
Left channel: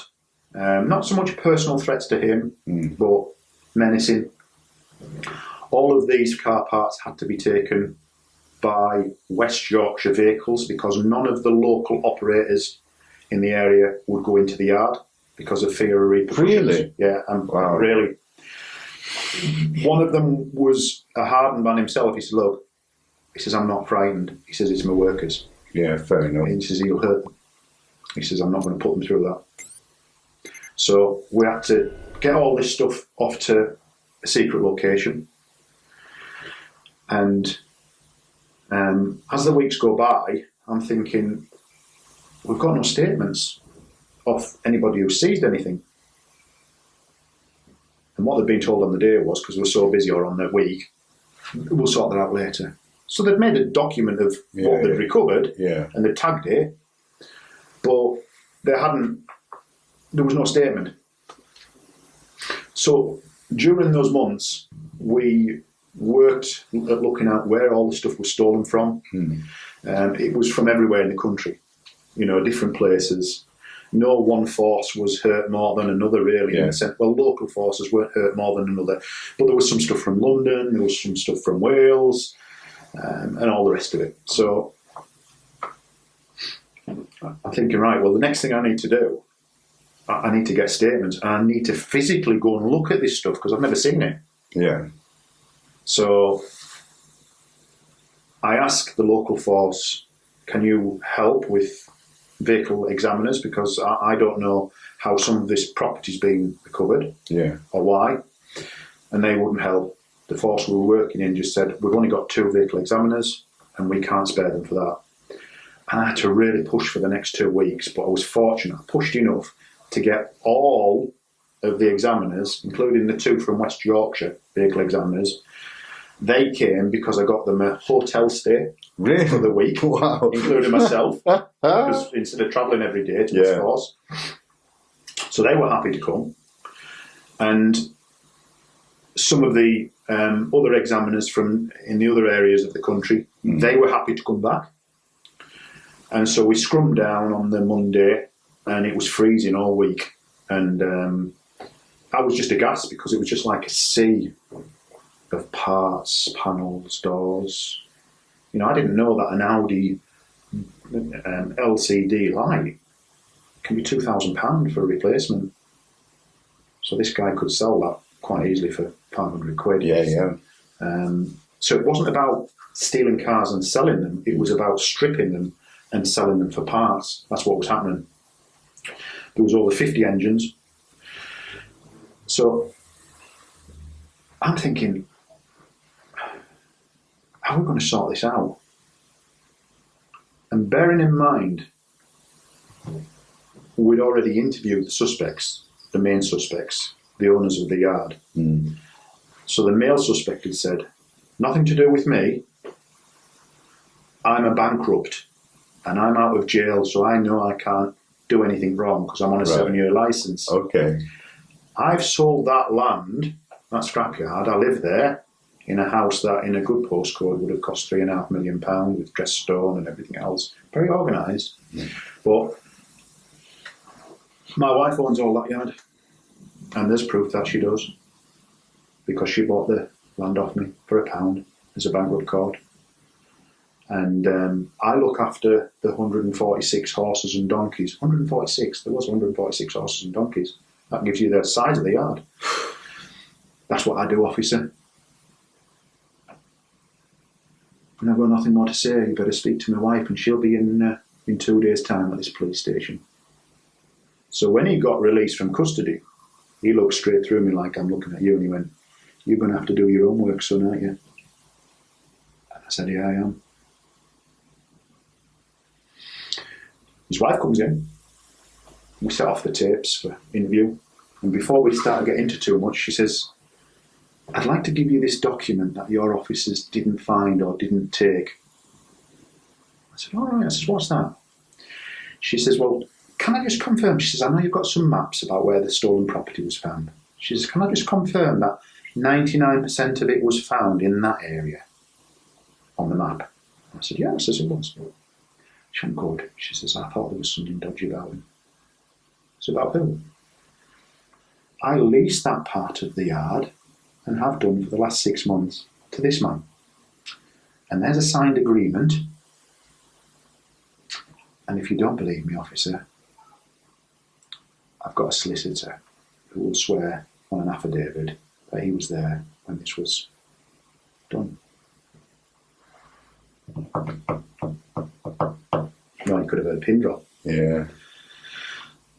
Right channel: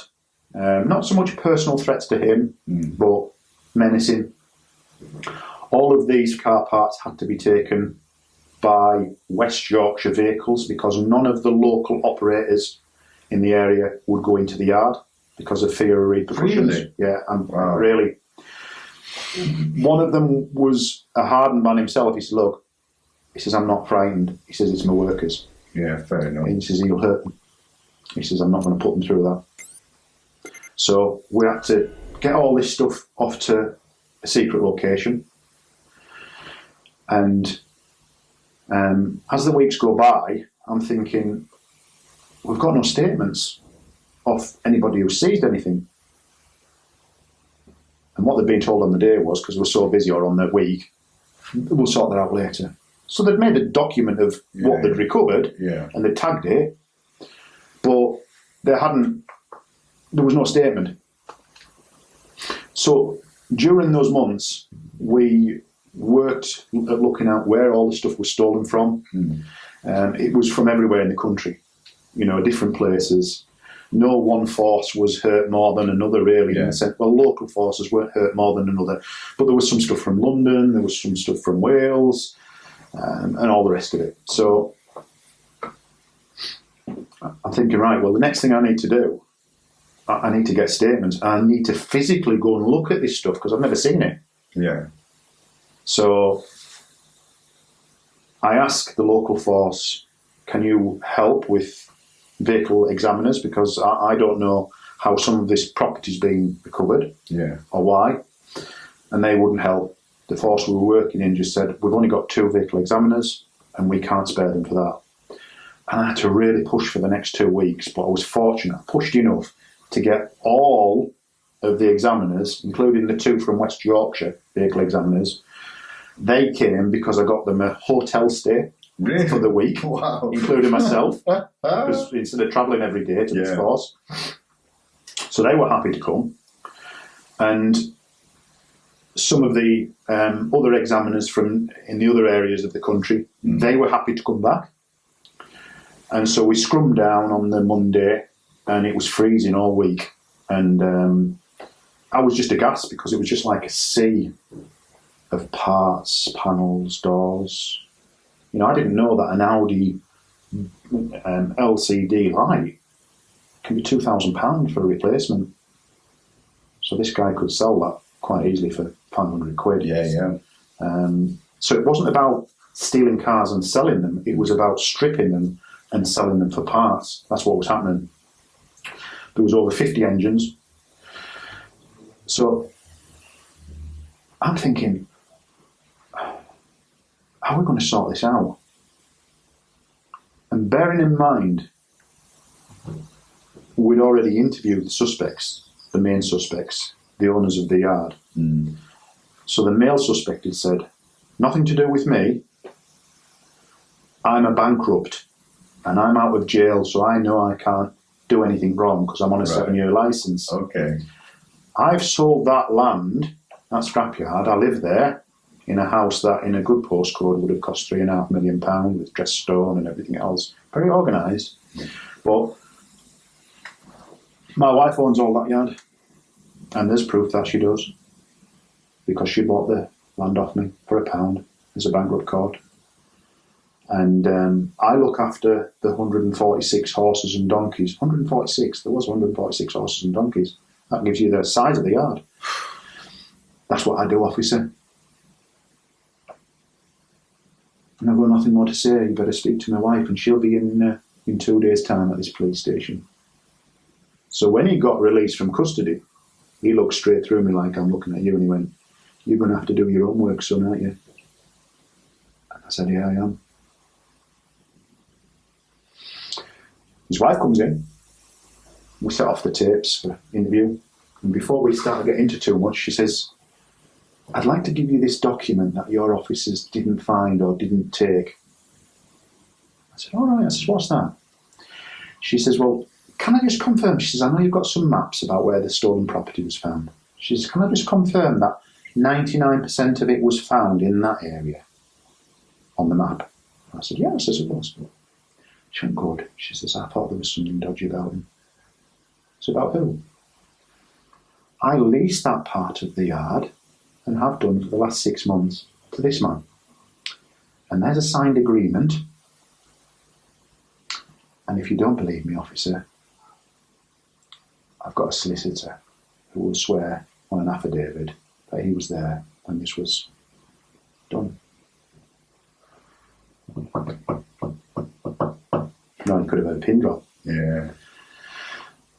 Not so much personal threats to him, but menacing. All of these car parts had to be taken by West Yorkshire vehicles because none of the local operators in the area would go into the yard because of fear of repercussions. Really? Yeah, Wow. really. One of them was a hardened man himself. He said, look, he says, I'm not frightened. He says, it's my workers. Yeah, fair enough. And he says, he'll hurt them. He says, I'm not going to put them through that. So we had to get all this stuff off to a secret location. And as the weeks go by, I'm thinking, we've got no statements of anybody who seized anything. And what they'd been told on the day was, because we're so busy or on the week, we'll sort that out later. So they'd made a document of what they'd recovered, and they tagged it, but there was no statement. So during those months, we worked at looking at where all the stuff was stolen from. It was from everywhere in the country, different places. No one force was hurt more than another, really. In the sense, well, local forces weren't hurt more than another, but there was some stuff from London, there was some stuff from Wales, and all the rest of it. So I'm thinking, right, well, the next thing I need to do, I need to get statements. I need to physically go and look at this stuff because I've never seen it. Yeah. So I asked the local force, can you help with vehicle examiners, because I don't know how some of this property's being recovered or why, and they wouldn't help. The force we were working in just said, we've only got 2 vehicle examiners and we can't spare them for that. And I had to really push for the next 2 weeks, but I was fortunate. I pushed enough to get all of the examiners, including the 2 from West Yorkshire vehicle examiners. They came because I got them a hotel stay for the week, including myself, because instead of travelling every day to this force. So they were happy to come. And some of the other examiners from in the other areas of the country, they were happy to come back. And so we scrummed down on the Monday, and it was freezing all week. And I was just aghast because it was just like a sea of parts, panels, doors. I didn't know that an Audi LCD light can be £2,000 for a replacement. So this guy could sell that quite easily for £500. Yeah. So it wasn't about stealing cars and selling them. It was about stripping them and selling them for parts. That's what was happening. There was over 50 engines. So I'm thinking, how are we going to sort this out? And bearing in mind, we'd already interviewed the suspects, the main suspects, the owners of the yard. So the male suspect had said, nothing to do with me. I'm a bankrupt and I'm out of jail, so I know I can't do anything wrong because I'm on a 7-year licence. Okay. I've sold that land, that scrapyard. I live there in a house that in a good postcode would have cost £3.5 million with dressed stone and everything else. Very organised. But my wife owns all that yard, and there's proof that she does, because she bought the land off me for £1 as a bankrupt court. And I look after the 146 horses and donkeys. 146, there was 146 horses and donkeys. That gives you the size of the yard. That's what I do, officer. And I've got nothing more to say. You better speak to my wife, and she'll be in 2 days' time at this police station. So when he got released from custody, he looked straight through me like I'm looking at you, and he went, "You're going to have to do your own work, son, aren't you?" And I said, "Yeah, I am." His wife comes in. We set off the tapes for interview. And before we started getting into too much, she says, "I'd like to give you this document that your officers didn't find or didn't take." I said, "All right." I said, "What's that?" She says, "Well, can I just confirm?" She says, "I know you've got some maps about where the stolen property was found." She says, "Can I just confirm that 99% of it was found in that area on the map?" I said, "Yeah." I says, "It was." She went, "Good." She says, "I thought there was something dodgy about him." I said, "About who?" "I leased that part of the yard and have done for the last 6 months to this man. And there's a signed agreement. And if you don't believe me, officer, I've got a solicitor who will swear on an affidavit that he was there when this was done. No, he could have had a pin drop. Yeah.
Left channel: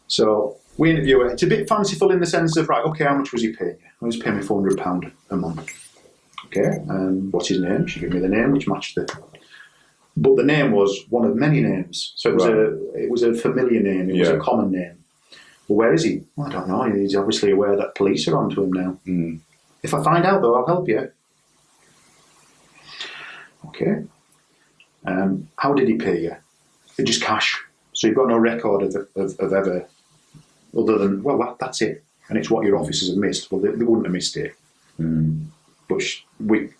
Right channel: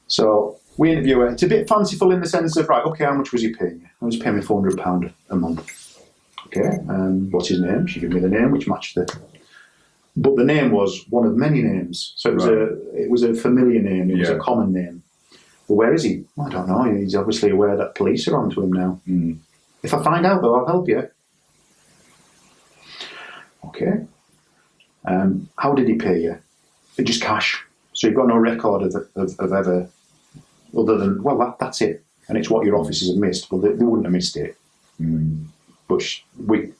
So we interview her. It's a bit fanciful in the sense of, right, okay, how much was he paying you? He was paying me £400 a month. Okay, and what's his name? She gave me the name, which matched the... But the name was one of many names. So it was a familiar name. It was a common name. But where is he? Well, I don't know. He's obviously aware that police are onto him now. Mm. If I find out, though, I'll help you. Okay. How did he pay you? Just cash. So you've got no record of ever, other than, well, that's it. And it's what your officers have missed. Well, they wouldn't have missed it. Mm. But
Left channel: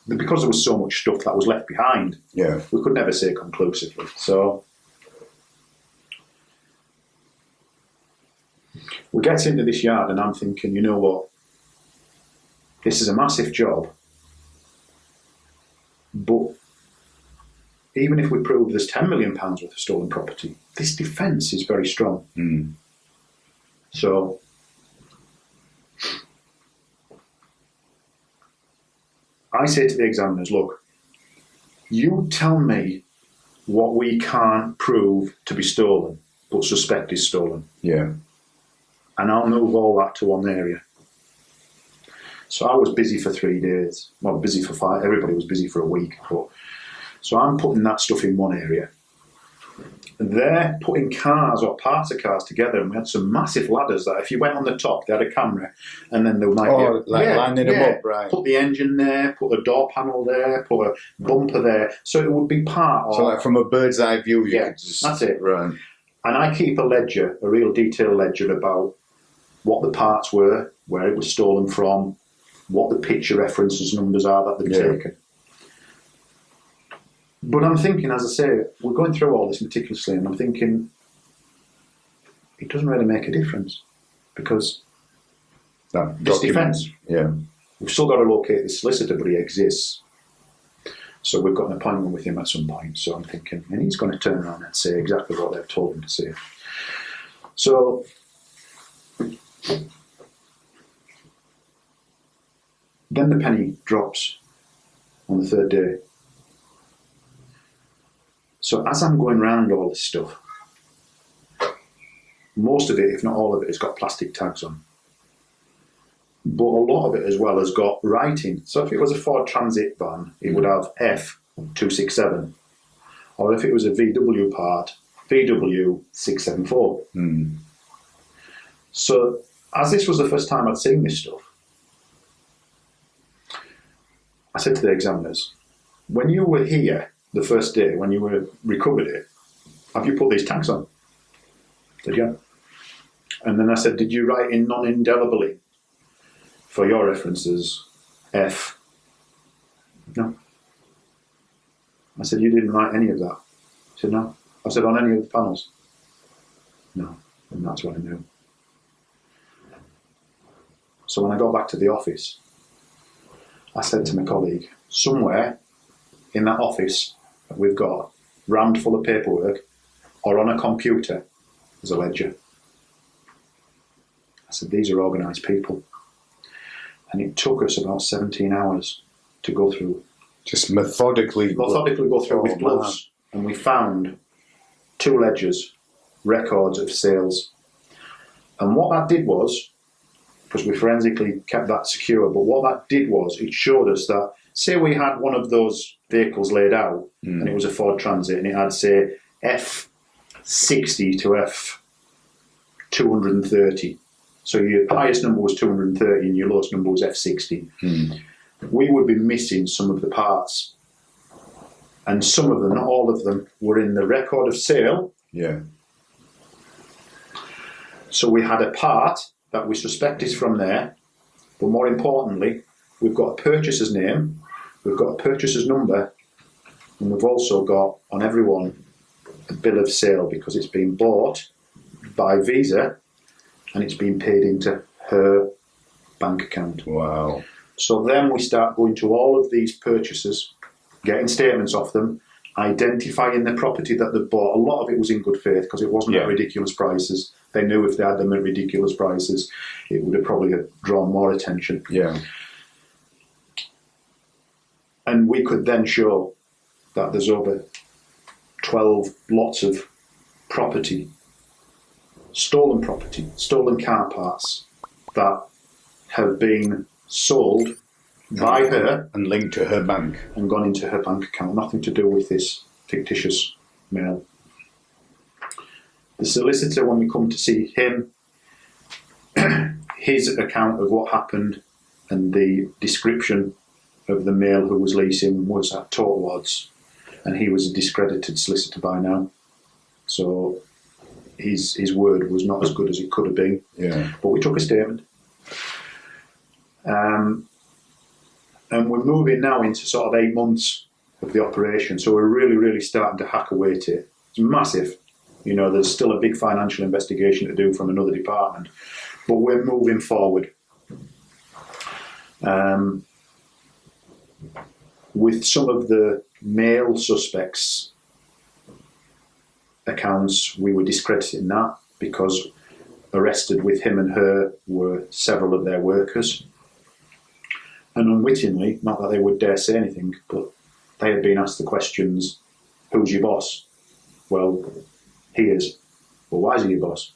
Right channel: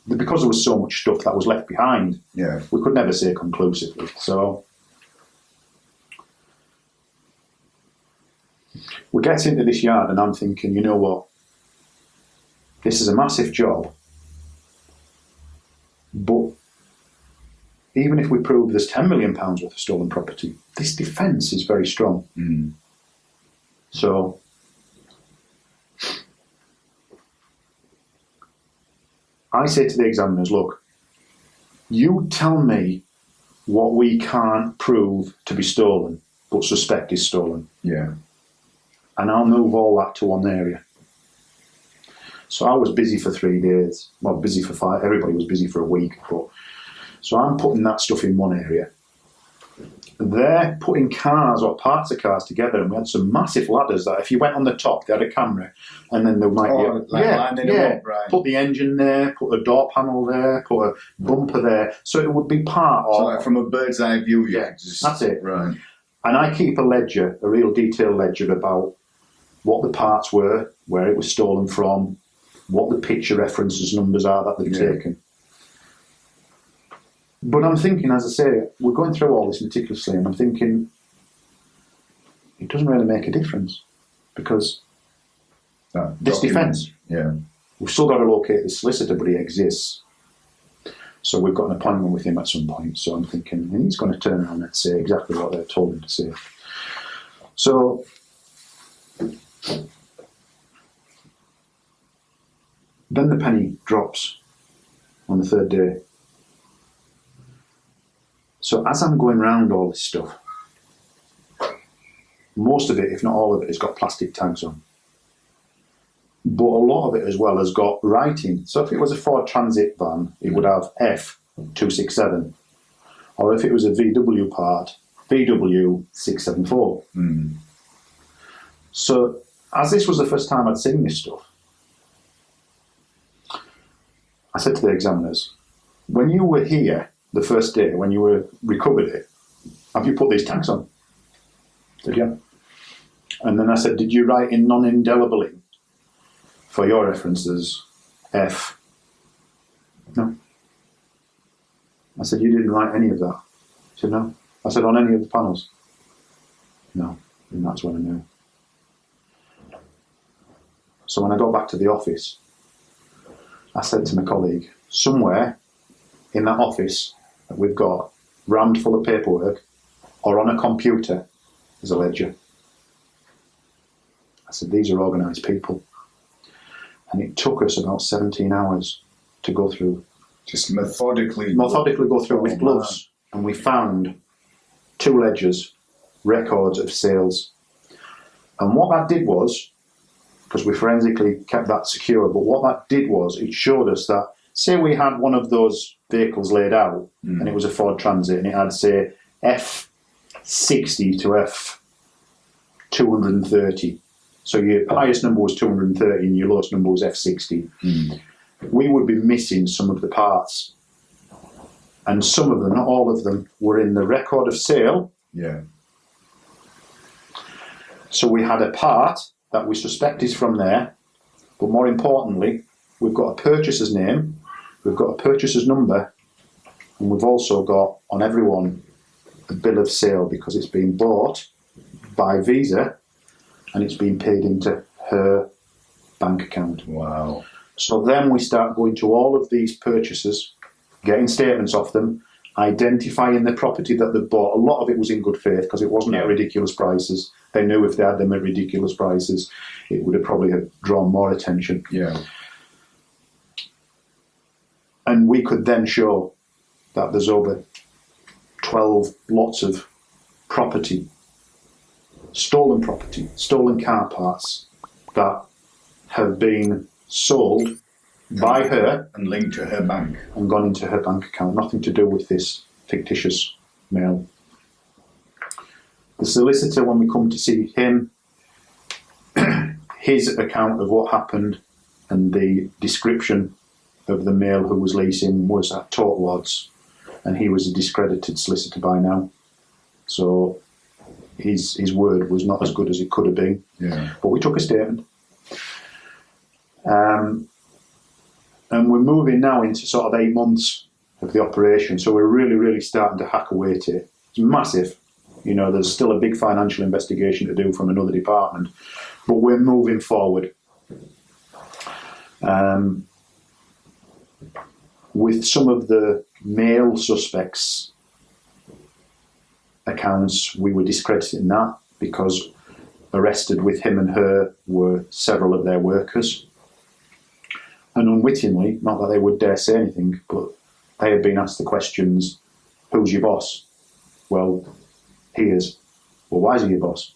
because there was so much stuff that was left behind, we could never say conclusively. So we get into this yard and I'm thinking, you know what? This is a massive job. But even if we prove there's £10 million worth of stolen property, this defence is very strong. Mm. So I say to the examiners, look, you tell me what we can't prove to be stolen, but suspect is stolen. Yeah. And I'll move all that to one area. So I was busy for 3 days. Well, busy for 5. Everybody was busy for a week. So I'm putting that stuff in one area. They're putting cars or parts of cars together, and we had some massive ladders that if you went on the top, they had a camera, and then there might be lining them up, right? Put the engine there, put a door panel there, put a bumper there, so it would be part of. So like from a bird's eye view, that's it, right? And I keep a ledger, a real detailed ledger about what the parts were, where it was stolen from, what the picture references numbers are that they've taken. But I'm thinking, as I say, we're going through all this meticulously, and I'm thinking, it doesn't really make a difference because this defence. Yeah. We've still got to locate this solicitor, but he exists. So we've got an appointment with him at some point. So I'm thinking, and he's going to turn around and say exactly what they've told him to say. So then the penny drops on the third day. So as I'm going round all this stuff, most of it, if not all of it, has got plastic tags on. But a lot of it as well has got writing. So if it was a Ford Transit van, it would have F267. Or if it was a VW part, VW674. Mm. So as this was the first time I'd seen this stuff, I said to the examiners, when you were here the first day, when you were recovered it, have you put these tags on? Said, yeah. And then I said, did you write in non-indelibly for your references F? No. I said, you didn't write any of that? He said, no. I said, on any of the panels? No. And that's when I knew. So when I got back to the office, I said to my colleague, somewhere in that office that we've got rammed full of paperwork or on a computer is a ledger. I said, these are organised people. And it took us about 17 hours to go through. Just methodically go through with gloves. Man. And we found 2 ledgers, records of sales. And what that did was, because we forensically kept that secure, but what that did was it showed us that, say we had one of those vehicles laid out and it was a Ford Transit and it had, say, F60 to F230. So your highest number was 230 and your lowest number was F60. Mm. We would be missing some of the parts. And some of them, not all of them, were in the record of sale. Yeah. So we had a part that we suspect is from there, but more importantly, we've got a purchaser's name, we've got a purchaser's number, and we've also got on everyone a bill of sale because it's been bought by Visa and it's been paid into her bank account. Wow. So then we start going to all of these purchasers, getting statements off them, identifying the property that they bought. A lot of it was in good faith because it wasn't at ridiculous prices. They knew if they had them at ridiculous prices, it would have probably drawn more attention. Yeah. And we could then show that there's over 12 lots of property, stolen car parts that have been sold by her and linked to her bank and gone into her bank account. Nothing to do with this fictitious mail. The solicitor, when we come to see him, his account of what happened and the description of the male who was leasing was at total odds, and he was a discredited solicitor by now. So his word was not as good as it could have been. Yeah. But we took a statement. And we're moving now into sort of 8 months of the operation. So we're really, really starting to hack away at it. It's massive. You know, there's still a big financial investigation to do from another department, but we're moving forward. With some of the male suspects' accounts, we were discrediting that because arrested with him and her were several of their workers. And unwittingly, not that they would dare say anything, but they had been asked the questions, who's your boss? Well, he is. Well, why is he your boss?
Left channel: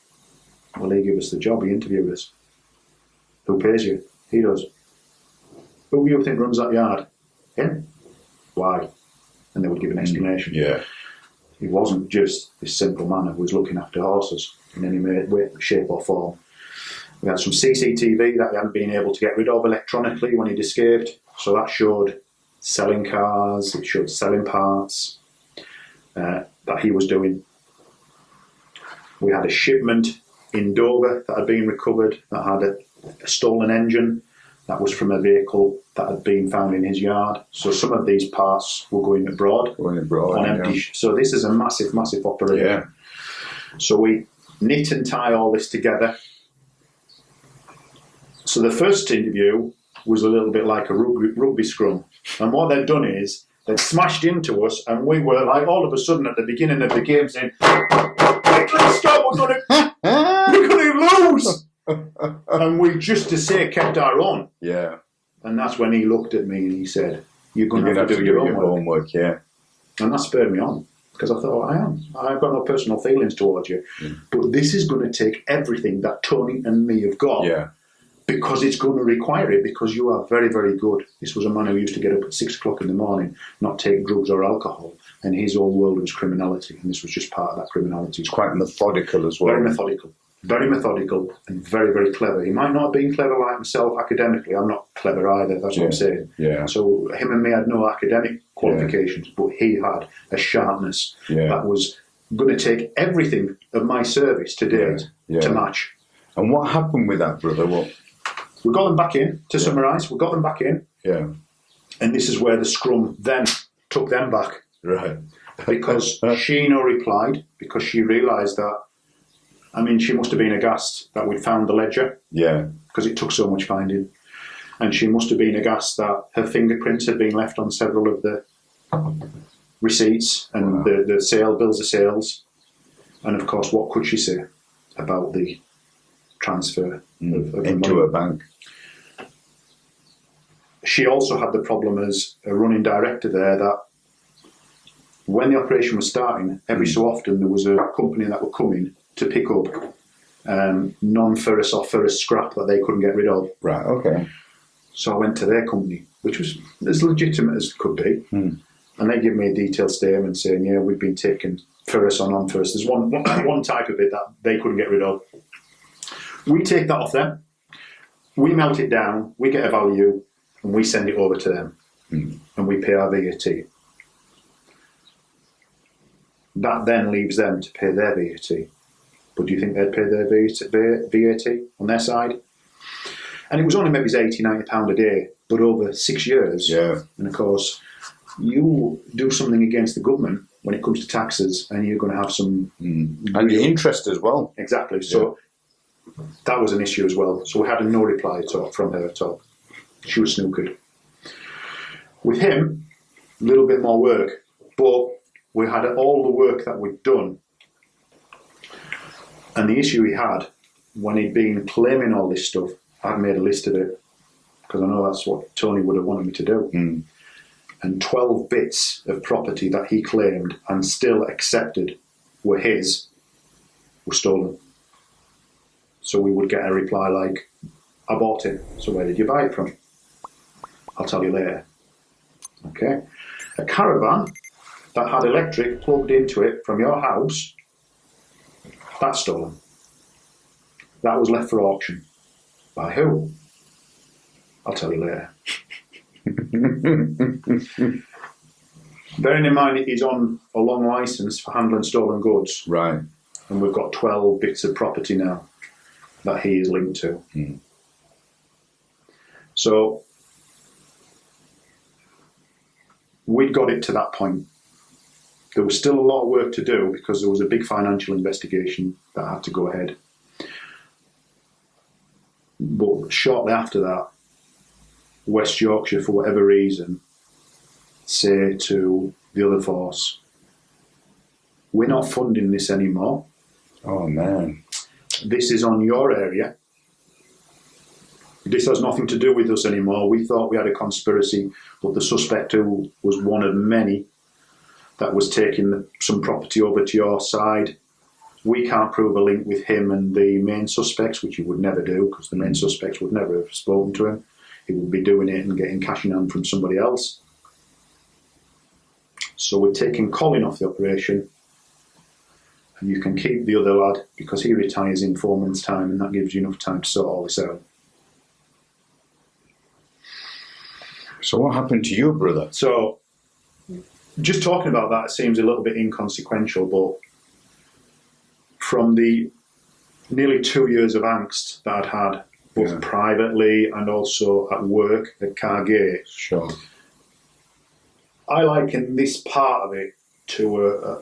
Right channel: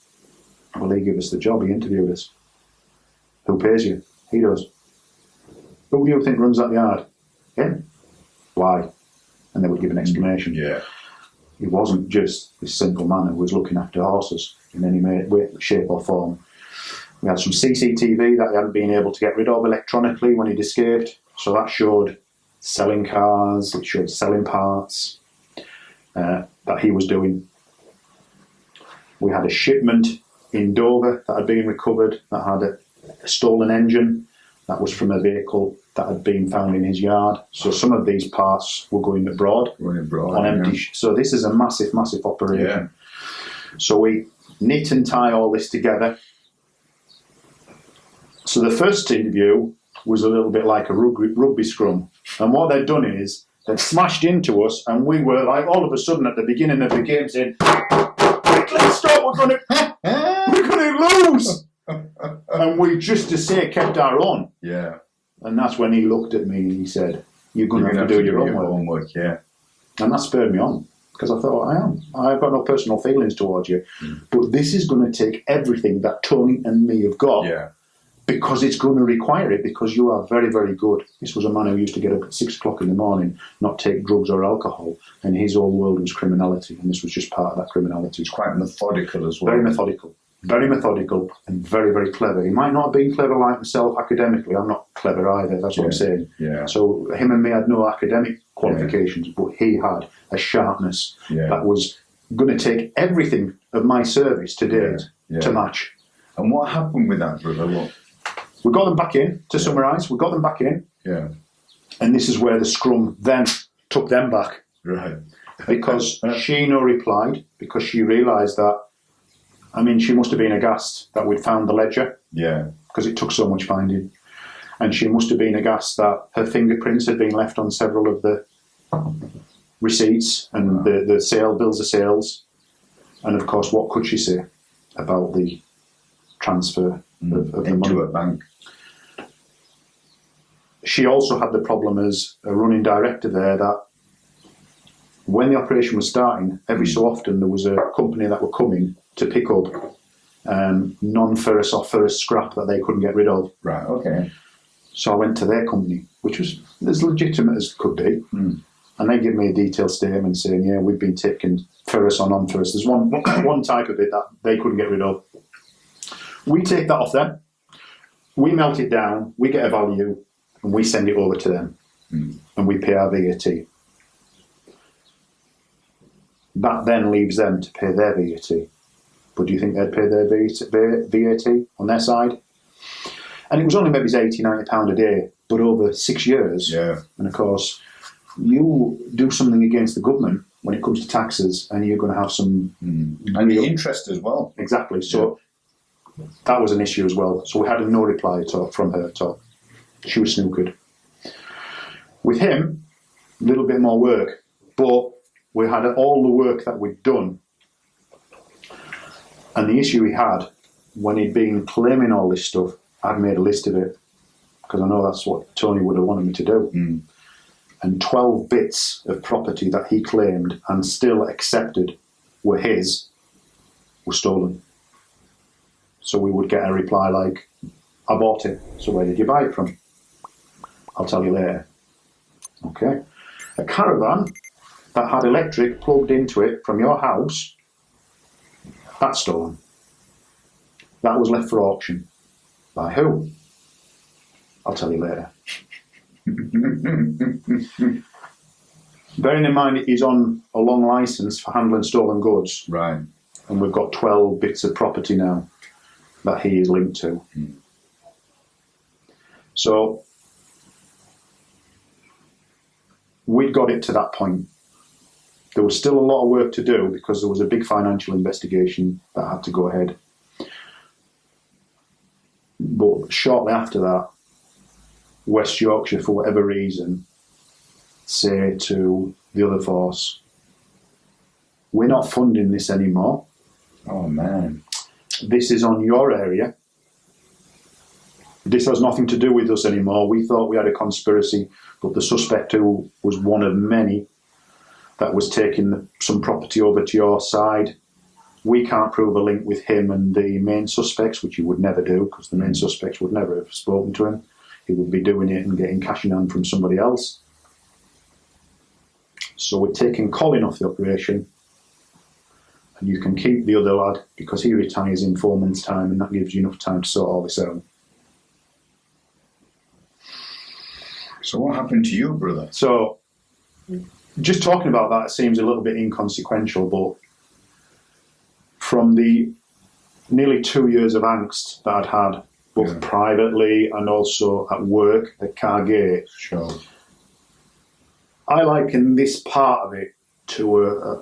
Well, he gave us the job, he interviewed us. Who pays you? He does. Who do you think runs that yard? Him. Why? And they would give an explanation. Yeah. He wasn't just this simple man who was looking after horses in any way, shape or form. We had some CCTV that he hadn't been able to get rid of electronically when he'd escaped. So that showed selling cars, it showed selling parts that he was doing. We had a shipment in Dover that had been recovered that had a stolen engine that was from a vehicle that had been found in his yard. So some of these parts were going abroad. On empty. So this is a massive, massive operation. Yeah. So we knit and tie all this together. So the first interview was a little bit like a rugby scrum. And what they'd done is they'd smashed into us, and we were like all of a sudden at the beginning of the game saying, let's stop, we're gonna lose. And we just to say kept our own. Yeah. And that's when he looked at me and he said, you're going to have to do your own homework. Yeah. And that spurred me on, because I thought, I've got no personal feelings towards you, but this is going to take everything that Tony and me have got. Yeah. Because it's going to require it, because you are very, very good. This was a man who used to get up at 6 o'clock in the morning, not take drugs or alcohol, and his whole world was criminality, and this was just part of that criminality. It's quite methodical as well. Very methodical, and very, very clever. He might not have been clever like myself academically. I'm not clever either, that's what I'm saying. Yeah. So him and me had no academic qualifications, but he had a sharpness that was going to take everything of my service to date to match. And what happened with that, brother? Well, we got them back in, to summarise, we got them back in. Yeah. And this is where the scrum then took them back. Right. Because she replied, because she realised that, I mean, she must have been aghast that we'd found the ledger. Yeah. Because it took so much finding. And she must have been aghast that her fingerprints had been left on several of the receipts and the bills of sales. And of course, what could she say about the transfer of the into money? a bank? She also had the problem as a running director there that when the operation was starting, every so often there was a company that would come in to pick up non-ferrous or ferrous scrap that they couldn't get rid of. Right, okay. So I went to their company, which was as legitimate as could be, and they gave me a detailed statement saying, yeah, we've been taking ferrous or non-ferrous. There's one type of it that they couldn't get rid of. We take that off them, we melt it down, we get a value, and we send it over to them, and we pay our VAT. That then leaves them to pay their VAT. But do you think they'd pay their VAT on their side? And it was only maybe £80, £90 a day, but over 6 years. Yeah. And of course, you do something against the government when it comes to taxes, and you're going to have some... And the interest as well. Exactly. So that was an issue as well. So we had a no reply from her at all. She was snookered. With him, a little bit more work, but we had all the work that we'd done, and the issue he had, when he'd been claiming all this stuff, I'd made a list of it, because I know that's what Tony would have wanted me to do. And 12 bits of property that he claimed and still accepted were his, were stolen. So we would get a reply like, I bought it. So where did you buy it from? I'll tell you later. Okay. A caravan that had electric plugged into it from your house, that's stolen. That was left for auction. By who? I'll tell you later. Bearing in mind he's on a long licence for handling stolen goods. Right. And we've got 12 bits of property now that he is linked to. So we'd got it to that point. There was still a lot of work to do because there was a big financial investigation that had to go ahead. But shortly after that, West Yorkshire, for whatever reason, say to the other force, we're not funding this anymore. Oh, man. This is on your area. This has nothing to do with us anymore. We thought we had a conspiracy, but the suspect who was one of many that was taking some property over to your side, we can't prove a link with him and the main suspects, which he would never do, because the main suspects would never have spoken to him. He would be doing it and getting cash in hand from somebody else. So we're taking Colin off the operation, and you can keep the other lad because he retires in 4 months' time, and that gives you enough time to sort all this out. So what happened to you, brother? So just talking about that seems a little bit inconsequential, but from the nearly 2 years of angst that I'd had, both privately and also at work at Cargate, Sure. I liken this part of it to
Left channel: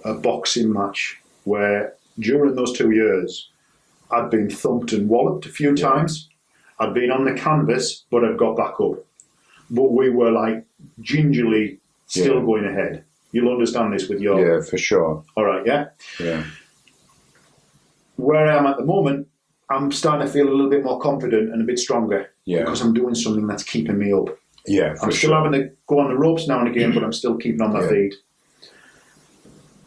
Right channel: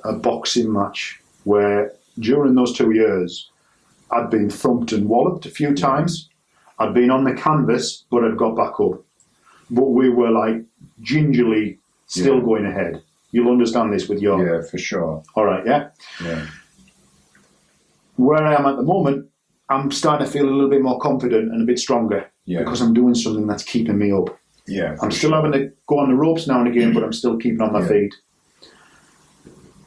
a boxing match where during those 2 years I'd been thumped and walloped a few times. I'd been on the canvas, but I'd got back up. But we were like gingerly still going ahead. You'll understand this with your... Yeah, for sure. All right, yeah? Yeah. Where I am at the moment, I'm starting to feel a little bit more confident and a bit stronger because I'm doing something that's keeping me up. Yeah, I'm still having to go on the ropes now and again, but I'm still keeping on my feet.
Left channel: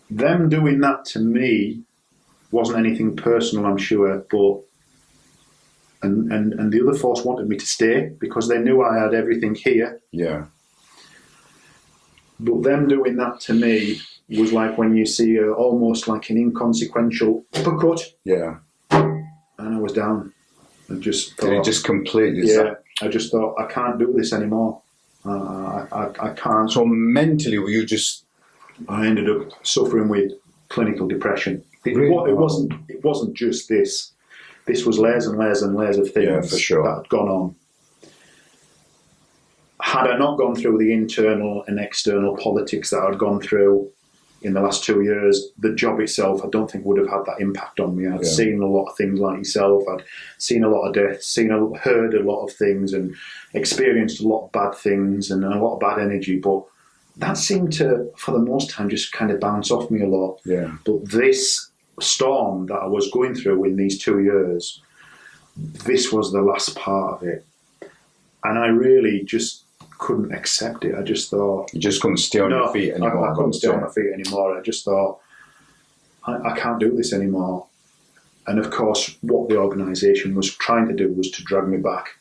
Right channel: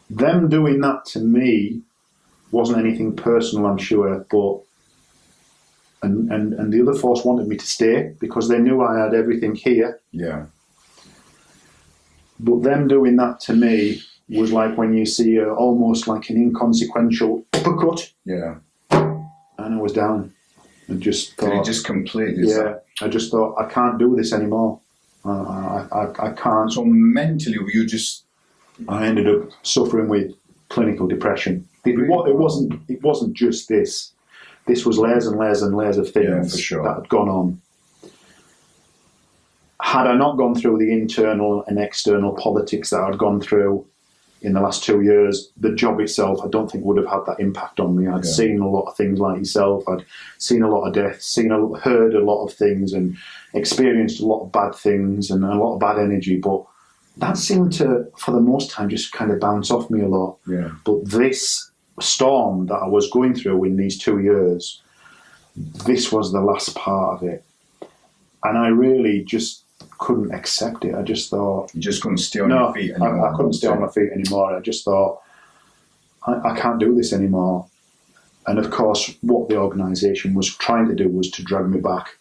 Them doing that to me wasn't anything personal, I'm sure, but and the other force wanted me to stay because they knew I had everything here. Yeah. But them doing that to me was like when you see almost like an inconsequential uppercut. Yeah. And I was down. And just thought, Did it just completely... I just thought, I can't do this anymore. I can't. So mentally, were you just... I ended up suffering with clinical depression. Really? It wasn't just this. This was layers and layers and layers of things that had gone on. Had I not gone through the internal and external politics that I'd gone through in the last 2 years, the job itself, I don't think would have had that impact on me. I'd seen a lot of things like yourself. I'd seen a lot of deaths, heard a lot of things and experienced a lot of bad things and a lot of bad energy. But that seemed to, for the most time, just kind of bounce off me a lot. Yeah. But this storm that I was going through in these 2 years, this was the last part of it. And I really just couldn't accept it. I just thought... You just couldn't stay on your feet anymore. I couldn't stay on my feet anymore. I just thought, I can't do this anymore. And of course, what the organisation was trying to do was to drag me back.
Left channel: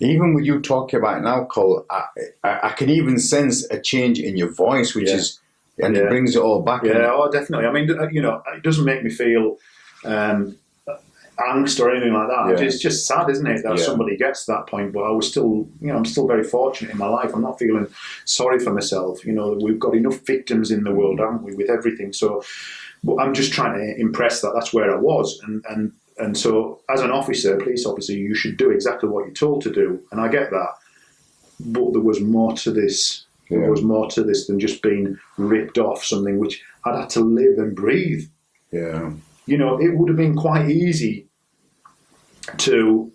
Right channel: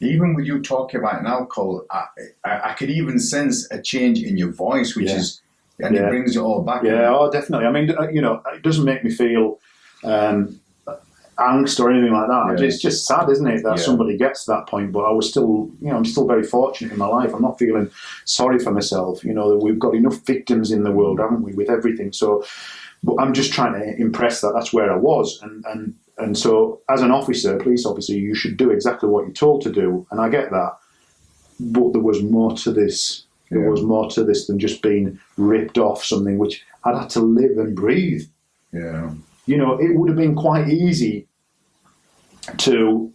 Even with you talking about it now, Cole, I can even sense a change in your voice, which is... And it brings it all back. Yeah, oh, definitely. I mean, it doesn't make me feel angst or anything like that. Yeah. It's just sad, isn't it, that somebody gets to that point. But I was still, I'm still very fortunate in my life. I'm not feeling sorry for myself. We've got enough victims in the world, haven't we, with everything. So, but I'm just trying to impress that that's where I was. And so, as an officer, police officer, you should do exactly what you're told to do. And I get that. But there was more to this. There was more to this than just being ripped off something which I'd had to live and breathe. Yeah. It would have been quite easy to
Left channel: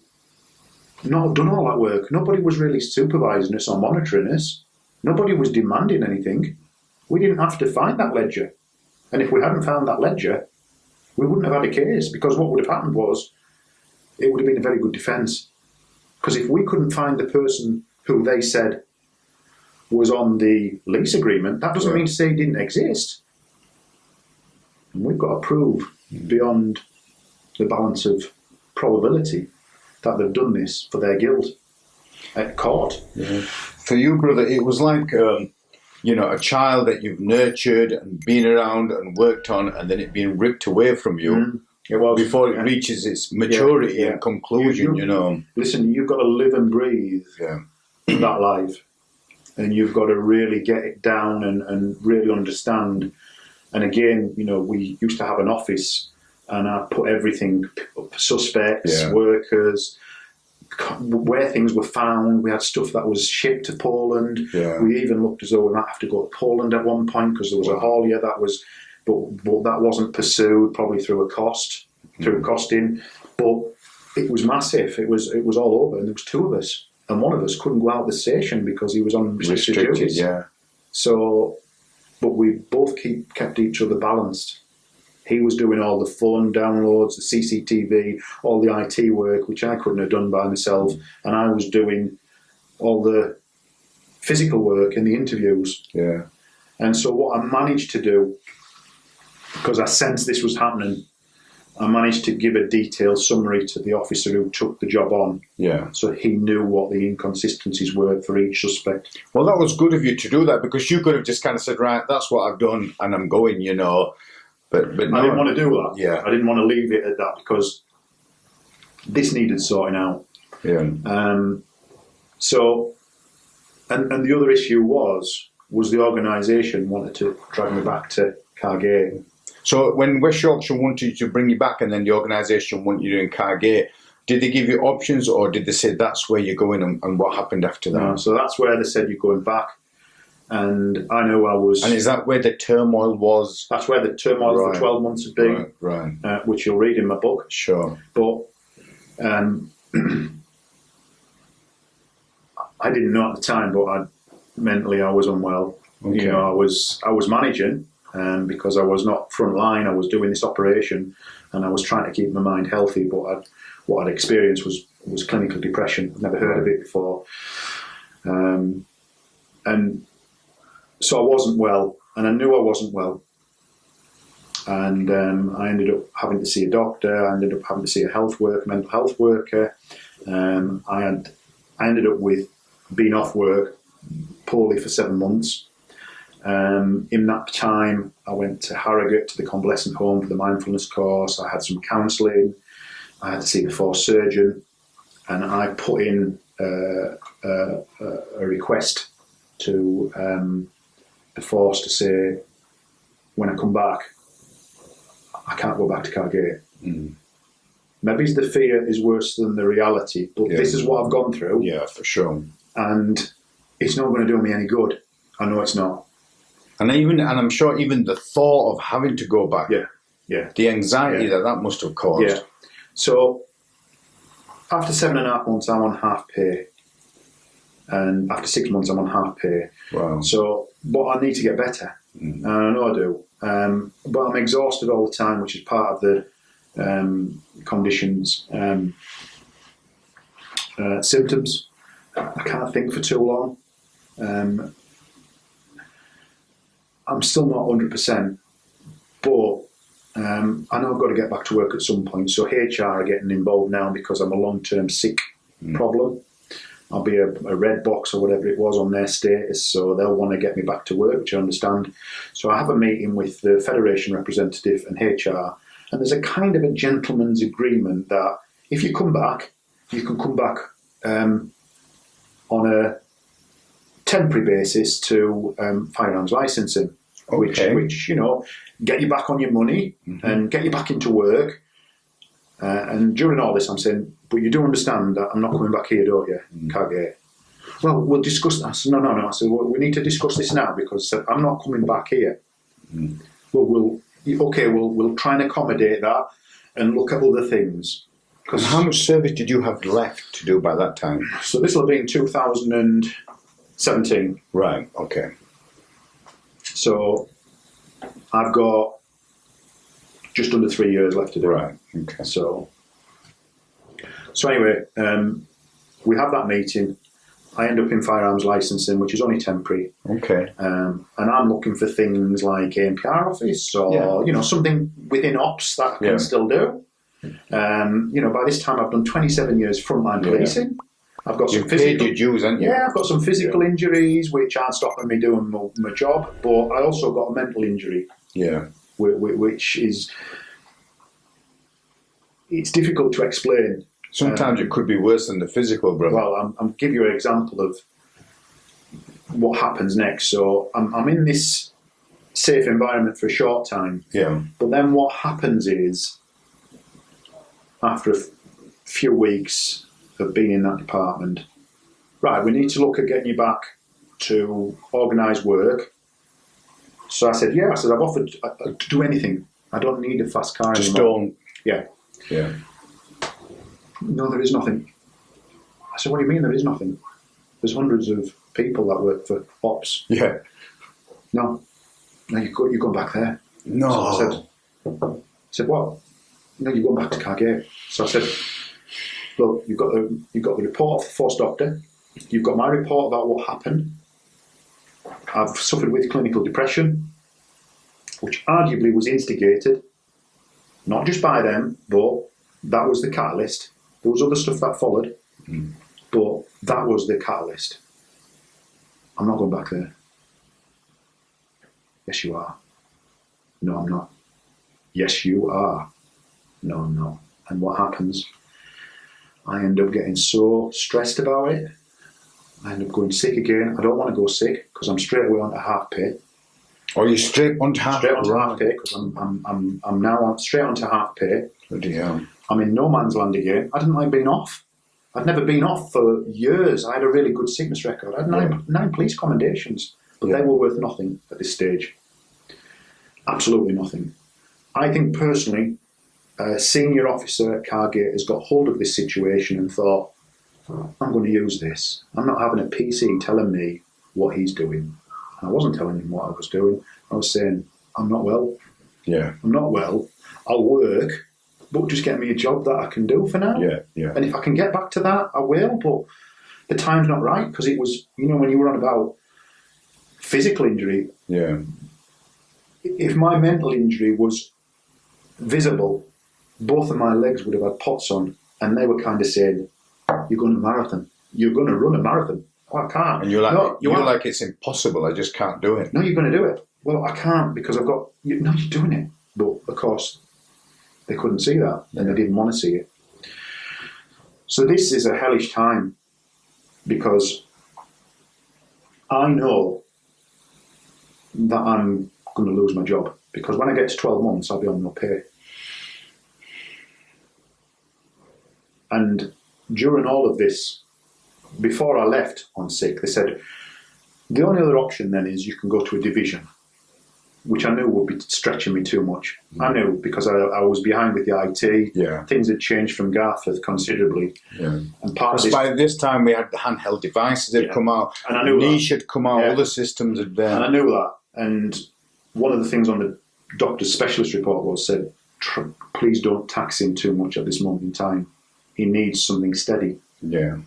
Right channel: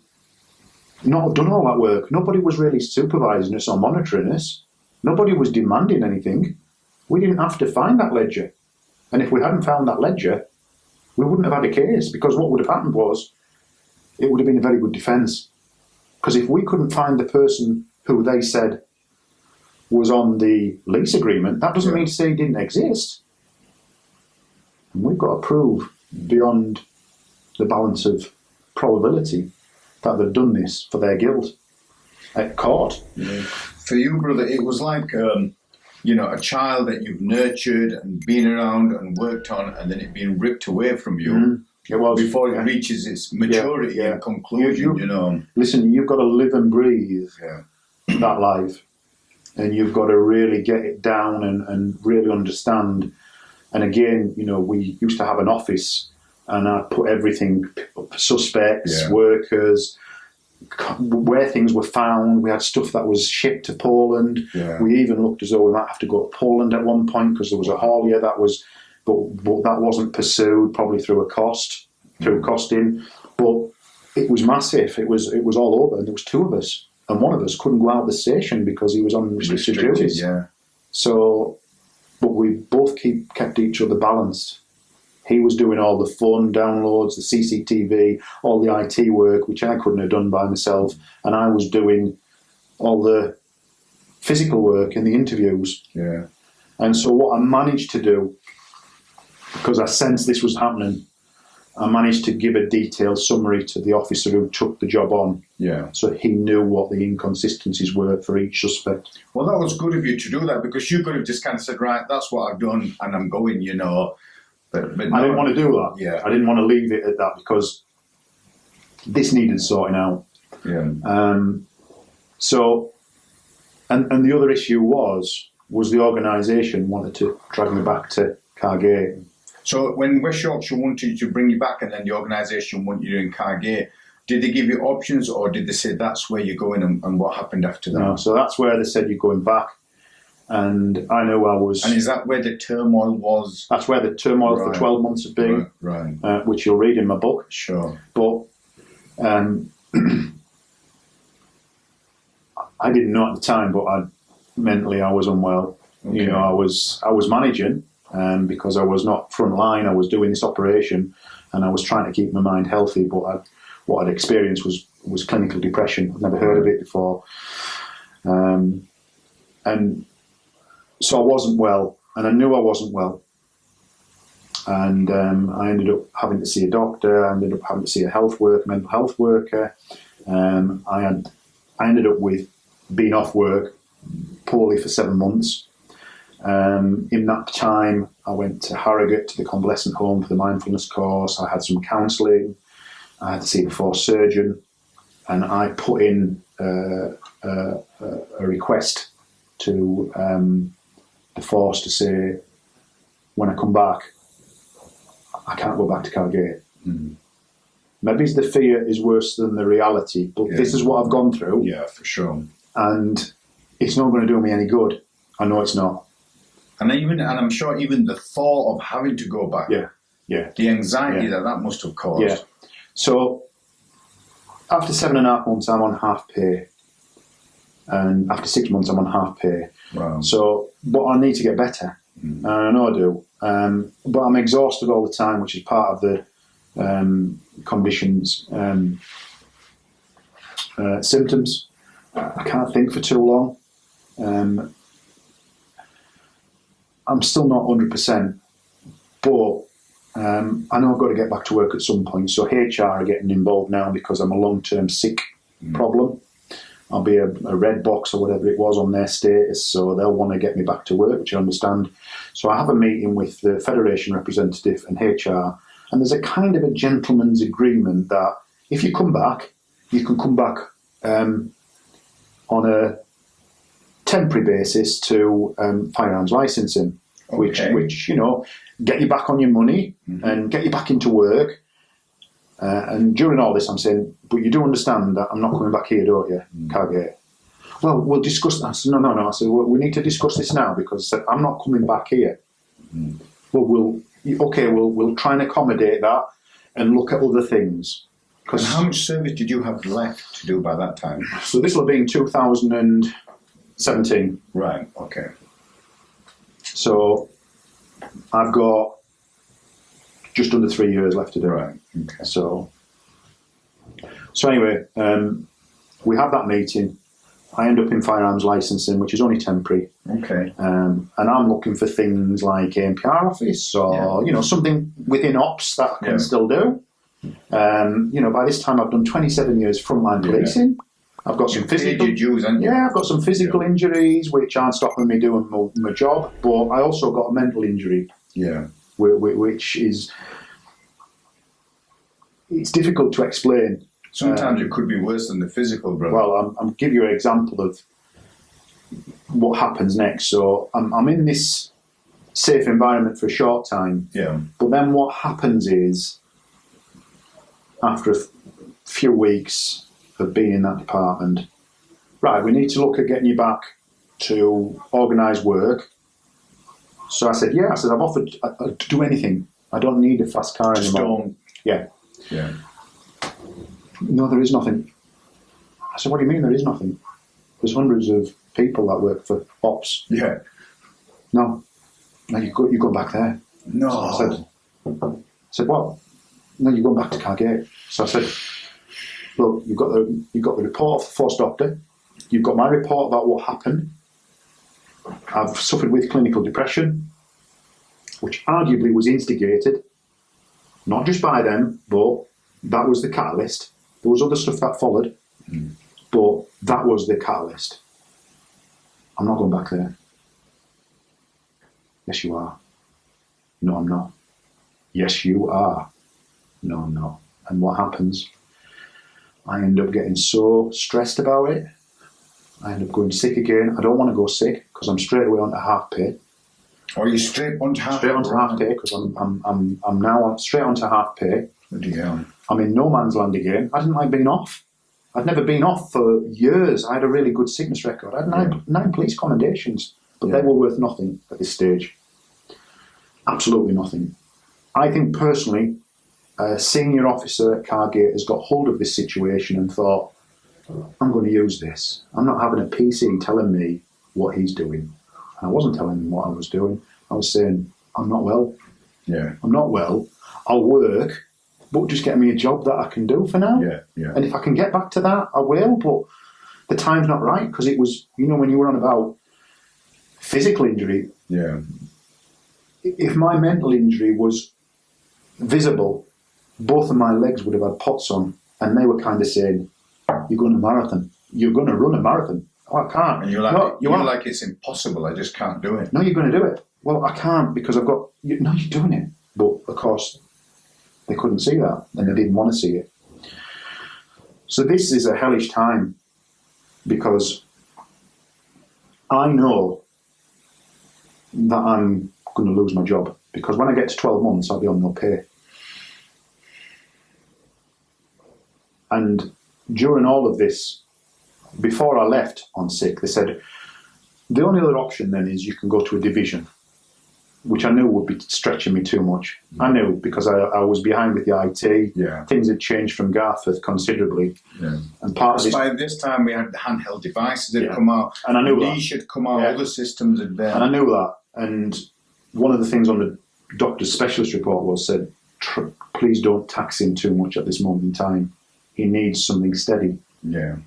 not have done all that work. Nobody was really supervising us or monitoring us. Nobody was demanding anything. We didn't have to find that ledger. And if we hadn't found that ledger, we wouldn't have had a case, because what would have happened was it would have been a very good defence. Because if we couldn't find the person who they said was on the lease agreement, that doesn't mean to say he didn't exist. And we've got to prove beyond the balance of probability that they've done this for their guilt at court. For you, brother, it was like, you know, a child that you've nurtured and been around and worked on, and then it being ripped away from you before it reaches its maturity and conclusion, you know. Listen, you've got to live and breathe that life. And you've got to really get it down and really understand. And again, you know, we used to have an office, and I put everything, suspects, workers, where things were found. We had stuff that was shipped to Poland. We even looked as though we might have to go to Poland at one point, because there was a haulier that was, but that wasn't pursued, probably through costing. But it was massive. It was all over, and there was two of us, and one of us couldn't go out of the station because he was on restricted duties. So, but we both kept each other balanced. He was doing all the phone downloads, the CCTV, all the IT work, which I couldn't have done by myself. And I was doing all the physical work in the interviews. And so what I managed to do, because I sensed this was happening, I managed to give a detailed summary to the officer who took the job on. So he knew what the inconsistencies were for each suspect. Well, that was good of you to do that, because you could have just kind of said, right, that's what I've done and I'm going, you know. But no, I didn't want to do that. I didn't want to leave it at that, because this needed sorting out. So, and the other issue was the organisation wanted to drag me back to Cargate. So when West Yorkshire wanted to bring you back, and then the organisation wanted you in Cargate, did they give you options, or did they say that's where you're going, and what happened after that? No, so that's where they said you're going back. And I know I was... And is that where the turmoil was? That's where the turmoil for 12 months had been, which you'll read in my book. But I didn't know at the time, but mentally I was unwell. You know, I was managing, because I was not frontline. I was doing this operation, and I was trying to keep my mind healthy. But what I'd experienced was clinical depression. I'd never heard of it before, and so I wasn't well, and I knew I wasn't well. And I ended up having to see a doctor. I ended up having to see a mental health worker. I ended up with being off work poorly for 7 months. In that time, I went to Harrogate, to the convalescent home for the mindfulness course. I had some counselling. I had to see the force surgeon, and I put in a request to the force to say, when I come back, I can't go back to Calderdale. Maybe the fear is worse than the reality, but this is what I've gone through. For sure. And it's not going to do me any good. I know it's not. And I'm sure even the thought of having to go back, the anxiety that must have caused. So after 7.5 months, I'm on half pay. And after 6 months, I'm on half pay. So, but I need to get better. And I know I do. But I'm exhausted all the time, which is part of the condition's symptoms. I can't think for too long. I'm still not 100%, but I know I've got to get back to work at some point. So HR are getting involved now because I'm a long-term sick problem. I'll be a red box or whatever it was on their status, so they'll want to get me back to work, which I understand. So I have a meeting with the Federation representative and HR, and there's a kind of a gentleman's agreement that if you come back, you can come back on a temporary basis to firearms licensing, which you know, get you back on your money and get you back into work. And during all this, I'm saying, but you do understand that I'm not coming back here, don't you, Calderdale? Well, we'll discuss that. I said, no. I said, well, we need to discuss this now because I'm not coming back here. Well, we'll try and accommodate that and look at other things. And how much service did you have left to do by that time? So this will be in 2017. Right, okay. So I've got just under 3 years left to do. Right. Okay. So anyway, we have that meeting. I end up in firearms licensing, which is only temporary. Okay. And I'm looking for things like ANPR office or, something within ops that I can still do. By this time I've done 27 years frontline policing. I've got some physical dues, haven't you? Yeah, I've got some physical injuries which aren't stopping me doing my job, but I also got a mental injury. Yeah. Which is, it's difficult to explain. Sometimes it could be worse than the physical, brother. Well, I'll give you an example of what happens next. So I'm in this safe environment for a short time. Yeah. But then what happens is, after a few weeks of being in that department, right, we need to look at getting you back to organised work. So I said, I've offered to do anything. I don't need a fast car Just anymore. don't. Yeah. Yeah. No, there is nothing. I said, what do you mean there is nothing? There's hundreds of people that work for ops. Yeah. No, you go back there. No. So I said, what? No, you go back to Calderdale. So I said, look, you've got the report of the force doctor. You've got my report about what happened. I've suffered with clinical depression, which arguably was instigated, not just by them, but that was the catalyst. There was other stuff that followed, but that was the catalyst. I'm not going back there. Yes, you are. No, I'm not. Yes, you are. No, I'm not. And what happens? I end up getting so stressed about it. I end up going sick again. I don't want to go sick because I'm straight away onto half pay. Or you straight onto half pay? Straight onto half pay because I'm now straight onto half pay. Bloody hell. I'm in no man's land again. I didn't like being off. I'd never been off for years. I had a really good sickness record. I had nine police commendations, but they were worth nothing at this stage. Absolutely nothing. I think personally, a senior officer at Calderdale has got hold of this situation and thought, I'm going to use this. I'm not having a PC telling me what he's doing. I wasn't telling him what I was doing. I was saying, I'm not well. Yeah. I'm not well. I'll work, but just get me a job that I can do for now. Yeah, yeah. And if I can get back to that, I will. But the time's not right because it was, when you were on about physical injury. Yeah. If my mental injury was visible, both of my legs would have had pots on, and they were kind of saying, "You're going to marathon. You're going to run a marathon." Oh, I can't. And you're like, no, you're like, it's impossible. I just can't do it. No, you're going to do it. Well, I can't because I've got. No, you're doing it. But of course, they couldn't see that, and they didn't want to see it. So this is a hellish time because I know that I'm going to lose my job because when I get to 12 months, I'll be on no pay. And during all of this, before I left on sick, they said, the only other option then is you can go to a division, which I knew would be stretching me too much. I knew because I was behind with the IT. Yeah. Things had changed from Garforth considerably. Yeah. And part of this, by this time we had the handheld devices had come out. And I knew Niche had come out, other systems had been. And I knew that. And one of the things on the doctor's specialist report was said, please don't tax him too much at this moment in time. He needs something steady. Yeah.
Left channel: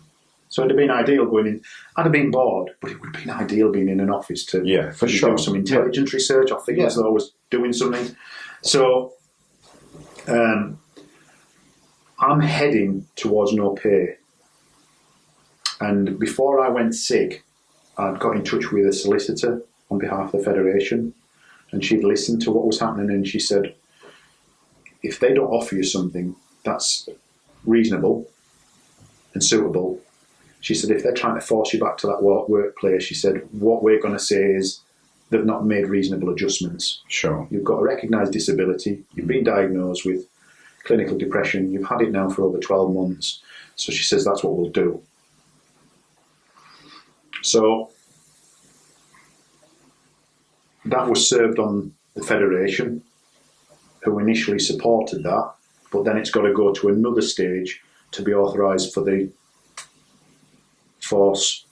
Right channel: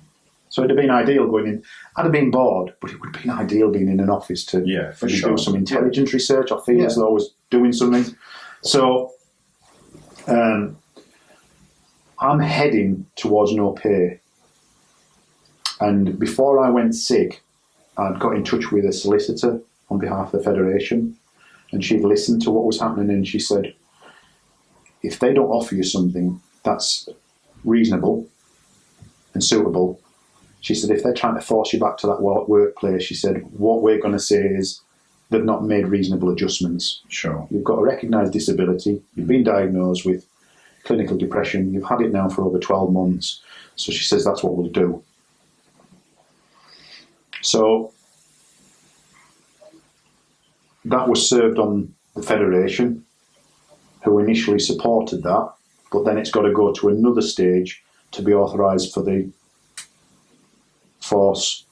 So it'd have been ideal going in. I'd have been bored, but it would have been ideal being in an office to do some intelligence research or think as though I was doing something. So I'm heading towards no pay. And before I went sick, I'd got in touch with a solicitor on behalf of the Federation, and she'd listened to what was happening, and she said, if they don't offer you something that's reasonable and suitable, she said, if they're trying to force you back to that workplace, she said, what we're going to say is they've not made reasonable adjustments. Sure. You've got a recognised disability, you've been diagnosed with clinical depression, you've had it now for over 12 months. So she says, that's what we'll do. So that was served on the Federation, who initially supported that, but then it's got to go to another stage to be authorised for the force,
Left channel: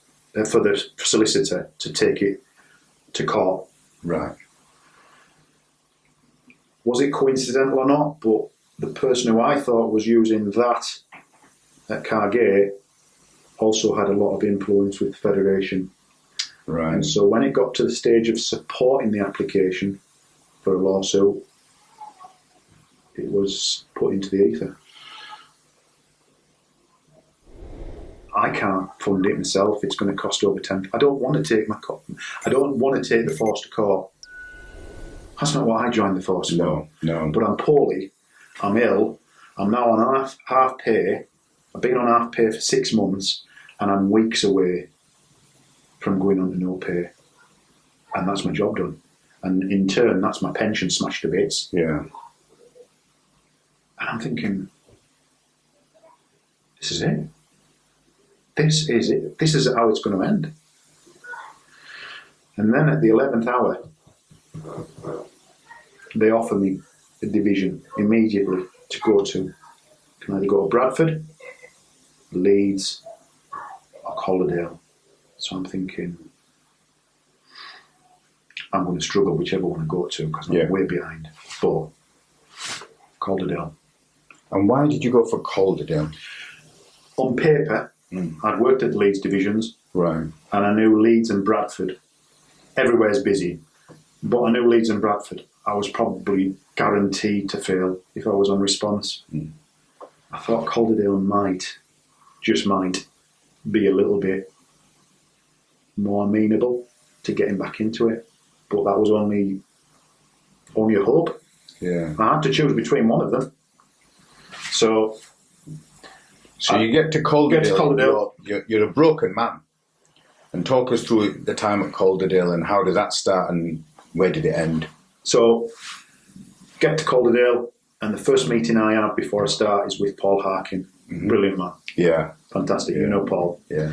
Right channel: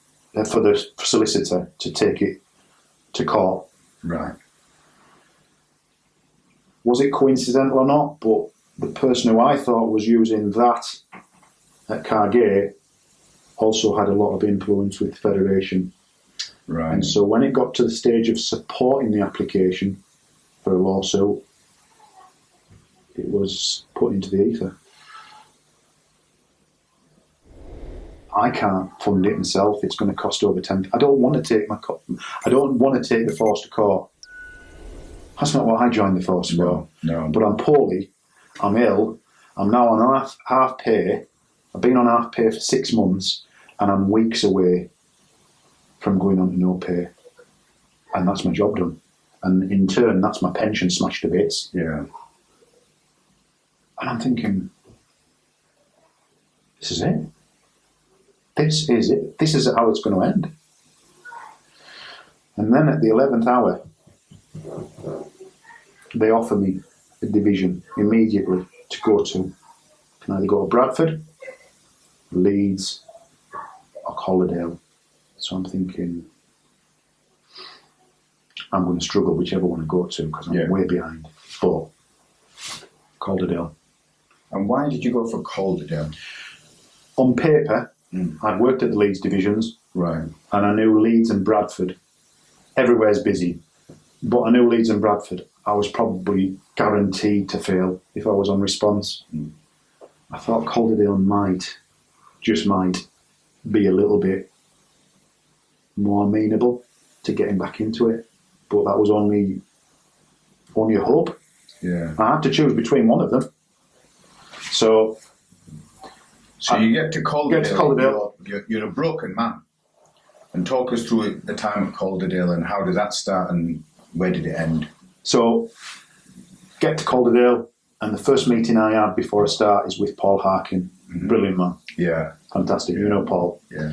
for the solicitor to take it to court. Right. Was it coincidental or not? But the person who I thought was using that at Cargate also had a lot of influence with the Federation. Right. And so when it got to the stage of supporting the application for a lawsuit, it was put into the ether. I can't fund it myself. It's going to cost over 10. I don't want to take the force to court. That's not what I joined the force for. No. But I'm poorly. I'm ill. I'm now on half pay. I've been on half pay for 6 months, and I'm weeks away from going on to no pay. And that's my job done. And in turn, that's my pension smashed to bits. Yeah. And I'm thinking, this is it. This is it. This is how it's going to end. And then at the 11th hour, they offer me a division immediately to go to. Can either go to Bradford, Leeds, or Calderdale. So I'm thinking, I'm going to struggle whichever one I go to because I'm way behind. But Calderdale. And why did you go for Calderdale? On paper, I'd worked at the Leeds divisions. Right. And I knew Leeds and Bradford. Everywhere's busy. But I knew Leeds and Bradford. I was probably guaranteed to fail if I was on response. I thought Calderdale might, just might, be a little bit more amenable to getting back into it. But that was only a hope. Yeah. I had to choose between one of them. So you get to Calderdale. You're a broken man. And talk us through the time at Calderdale and how did that start and where did it end? So, get to Calderdale, and the first meeting I had before I start is with Paul Harkin. Brilliant man. Yeah. Fantastic. Yeah. You know Paul. Yeah.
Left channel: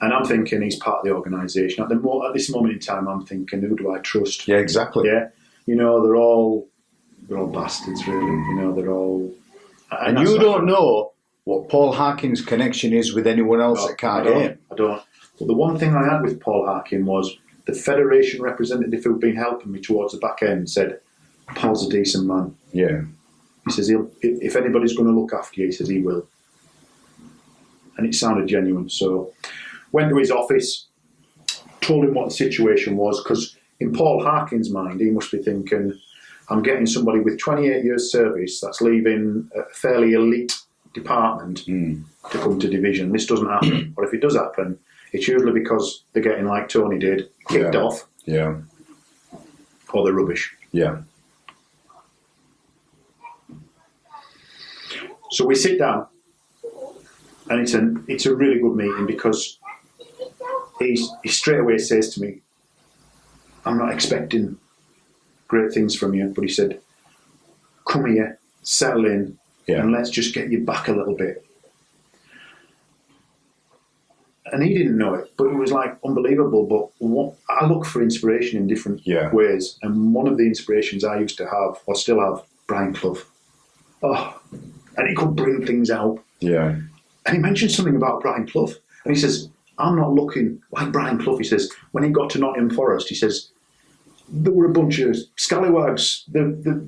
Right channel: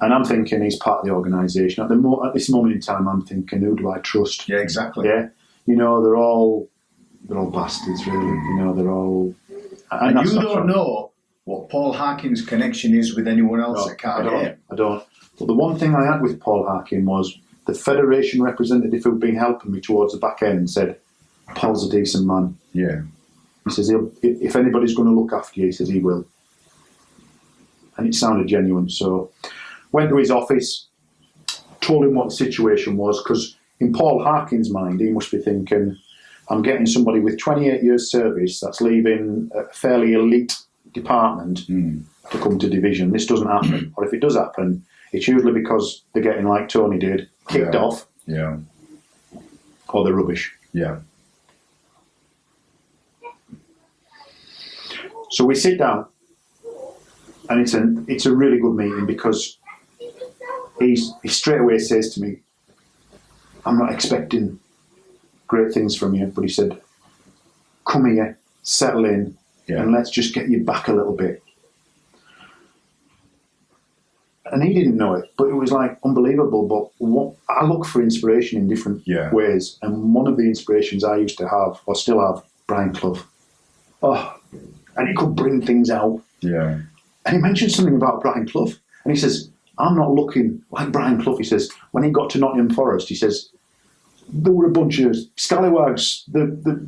And I'm thinking he's part of the organisation. At this moment in time, I'm thinking, who do I trust? Yeah, exactly. Yeah. You know, they're all bastards, really. You know, they're all... And you don't know what Paul Harkin's connection is with anyone else at Calderdale. I don't. But the one thing I had with Paul Harkin was the Federation representative who'd been helping me towards the back end said, Paul's a decent man. Yeah. He says, if anybody's going to look after you, he says he will. And it sounded genuine. So went to his office, told him what the situation was, because in Paul Harkin's mind, he must be thinking, I'm getting somebody with 28 years service that's leaving a fairly elite department to come to division. This doesn't happen. Or if it does happen, it's usually because they're getting like Tony did, kicked off. Yeah. Or they're rubbish. Yeah. So we sit down, and it's a really good meeting because he straight away says to me, I'm not expecting great things from you, but he said, come here, settle in, and let's just get you back a little bit. And he didn't know it, but it was like unbelievable. But I look for inspiration in different ways, and one of the inspirations I used to have, or still have, Brian Clough. Oh, and he could bring things out. Yeah. And he mentioned something about Brian Clough, and he says, I'm not looking like Brian Clough. He says, when he got to Nottingham Forest, he says, there were a bunch of scallywags.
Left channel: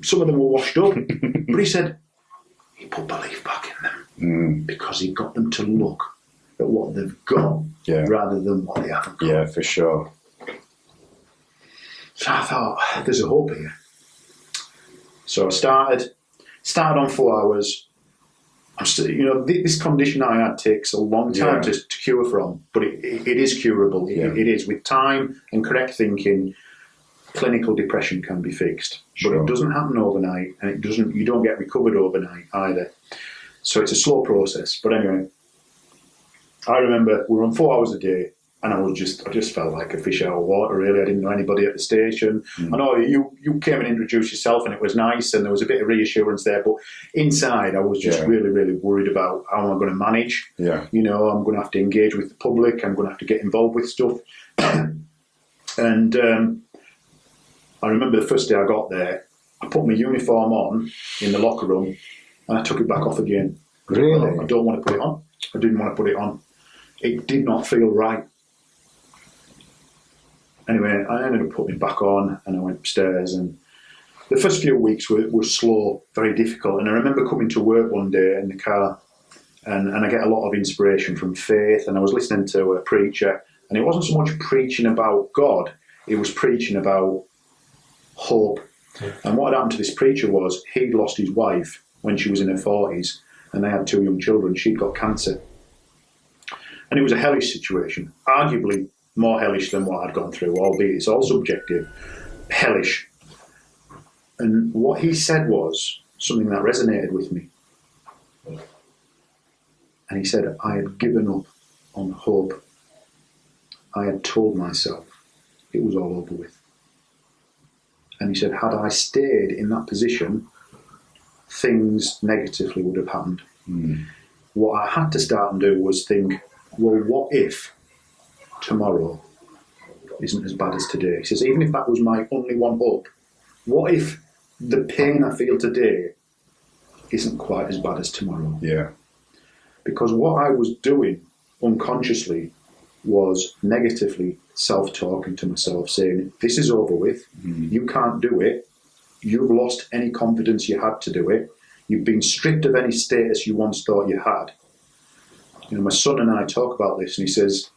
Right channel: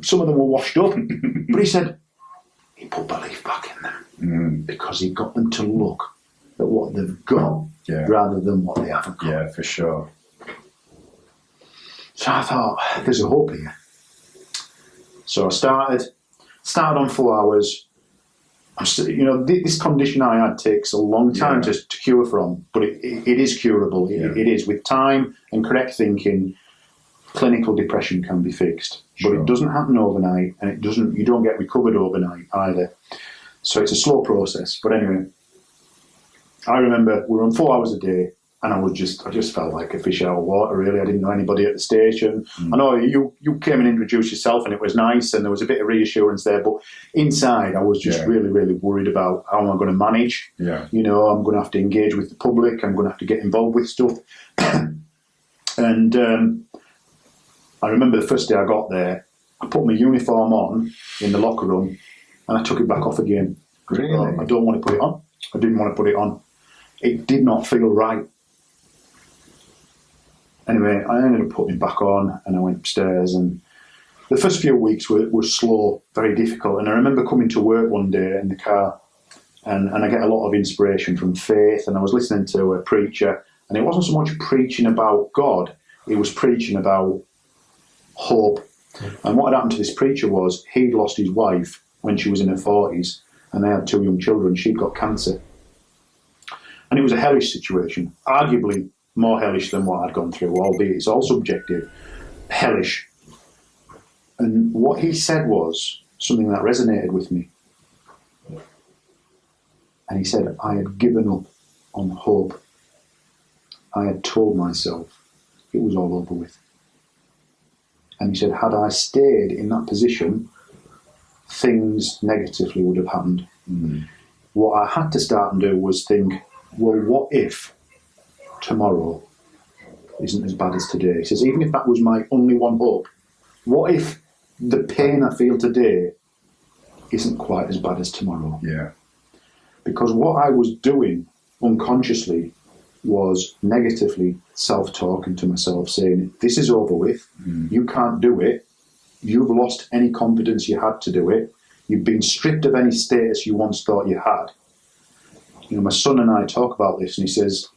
Some of them were washed up. But he said, he put belief back in them because he got them to look at what they've got rather than what they haven't got. Yeah, for sure. So I thought, there's a hope here. So I started on 4 hours. This condition I had takes a long time to cure from, but it is curable. It is. With time and correct thinking, clinical depression can be fixed. But it doesn't happen overnight, and you don't get recovered overnight either. So it's a slow process. But anyway, I remember we were on 4 hours a day, and I just felt like a fish out of water, really. I didn't know anybody at the station. I know you came and introduced yourself, and it was nice, and there was a bit of reassurance there. But inside, I was just really, really worried about how am I going to manage. Yeah. You know, I'm going to have to engage with the public. I'm going to have to get involved with stuff. And I remember the first day I got there, I put my uniform on in the locker room, and I took it back off again. Really? I don't want to put it on. I didn't want to put it on. It did not feel right. Anyway, I ended up putting it back on, and I went upstairs, and the first few weeks were slow, very difficult. And I remember coming to work one day in the car, and I get a lot of inspiration from faith, and I was listening to a preacher, and it wasn't so much preaching about God, it was preaching about hope. And what had happened to this preacher was he'd lost his wife when she was in her 40s, and they had 2 young children. She'd got cancer. And it was a hellish situation, arguably more hellish than what I'd gone through, albeit it's all subjective. Hellish. And what he said was something that resonated with me. And he said, I had given up on hope. I had told myself it was all over with. And he said, had I stayed in that position, things negatively would have happened. What I had to start and do was think, well, what if tomorrow isn't as bad as today? He says, even if that was my only one hope, what if the pain I feel today isn't quite as bad as tomorrow? Yeah. Because what I was doing unconsciously was negatively self-talking to myself, saying, this is over with, you can't do it, you've lost any confidence you had to do it, you've been stripped of any status you once thought you had. You know, my son and I talk about this, and he says,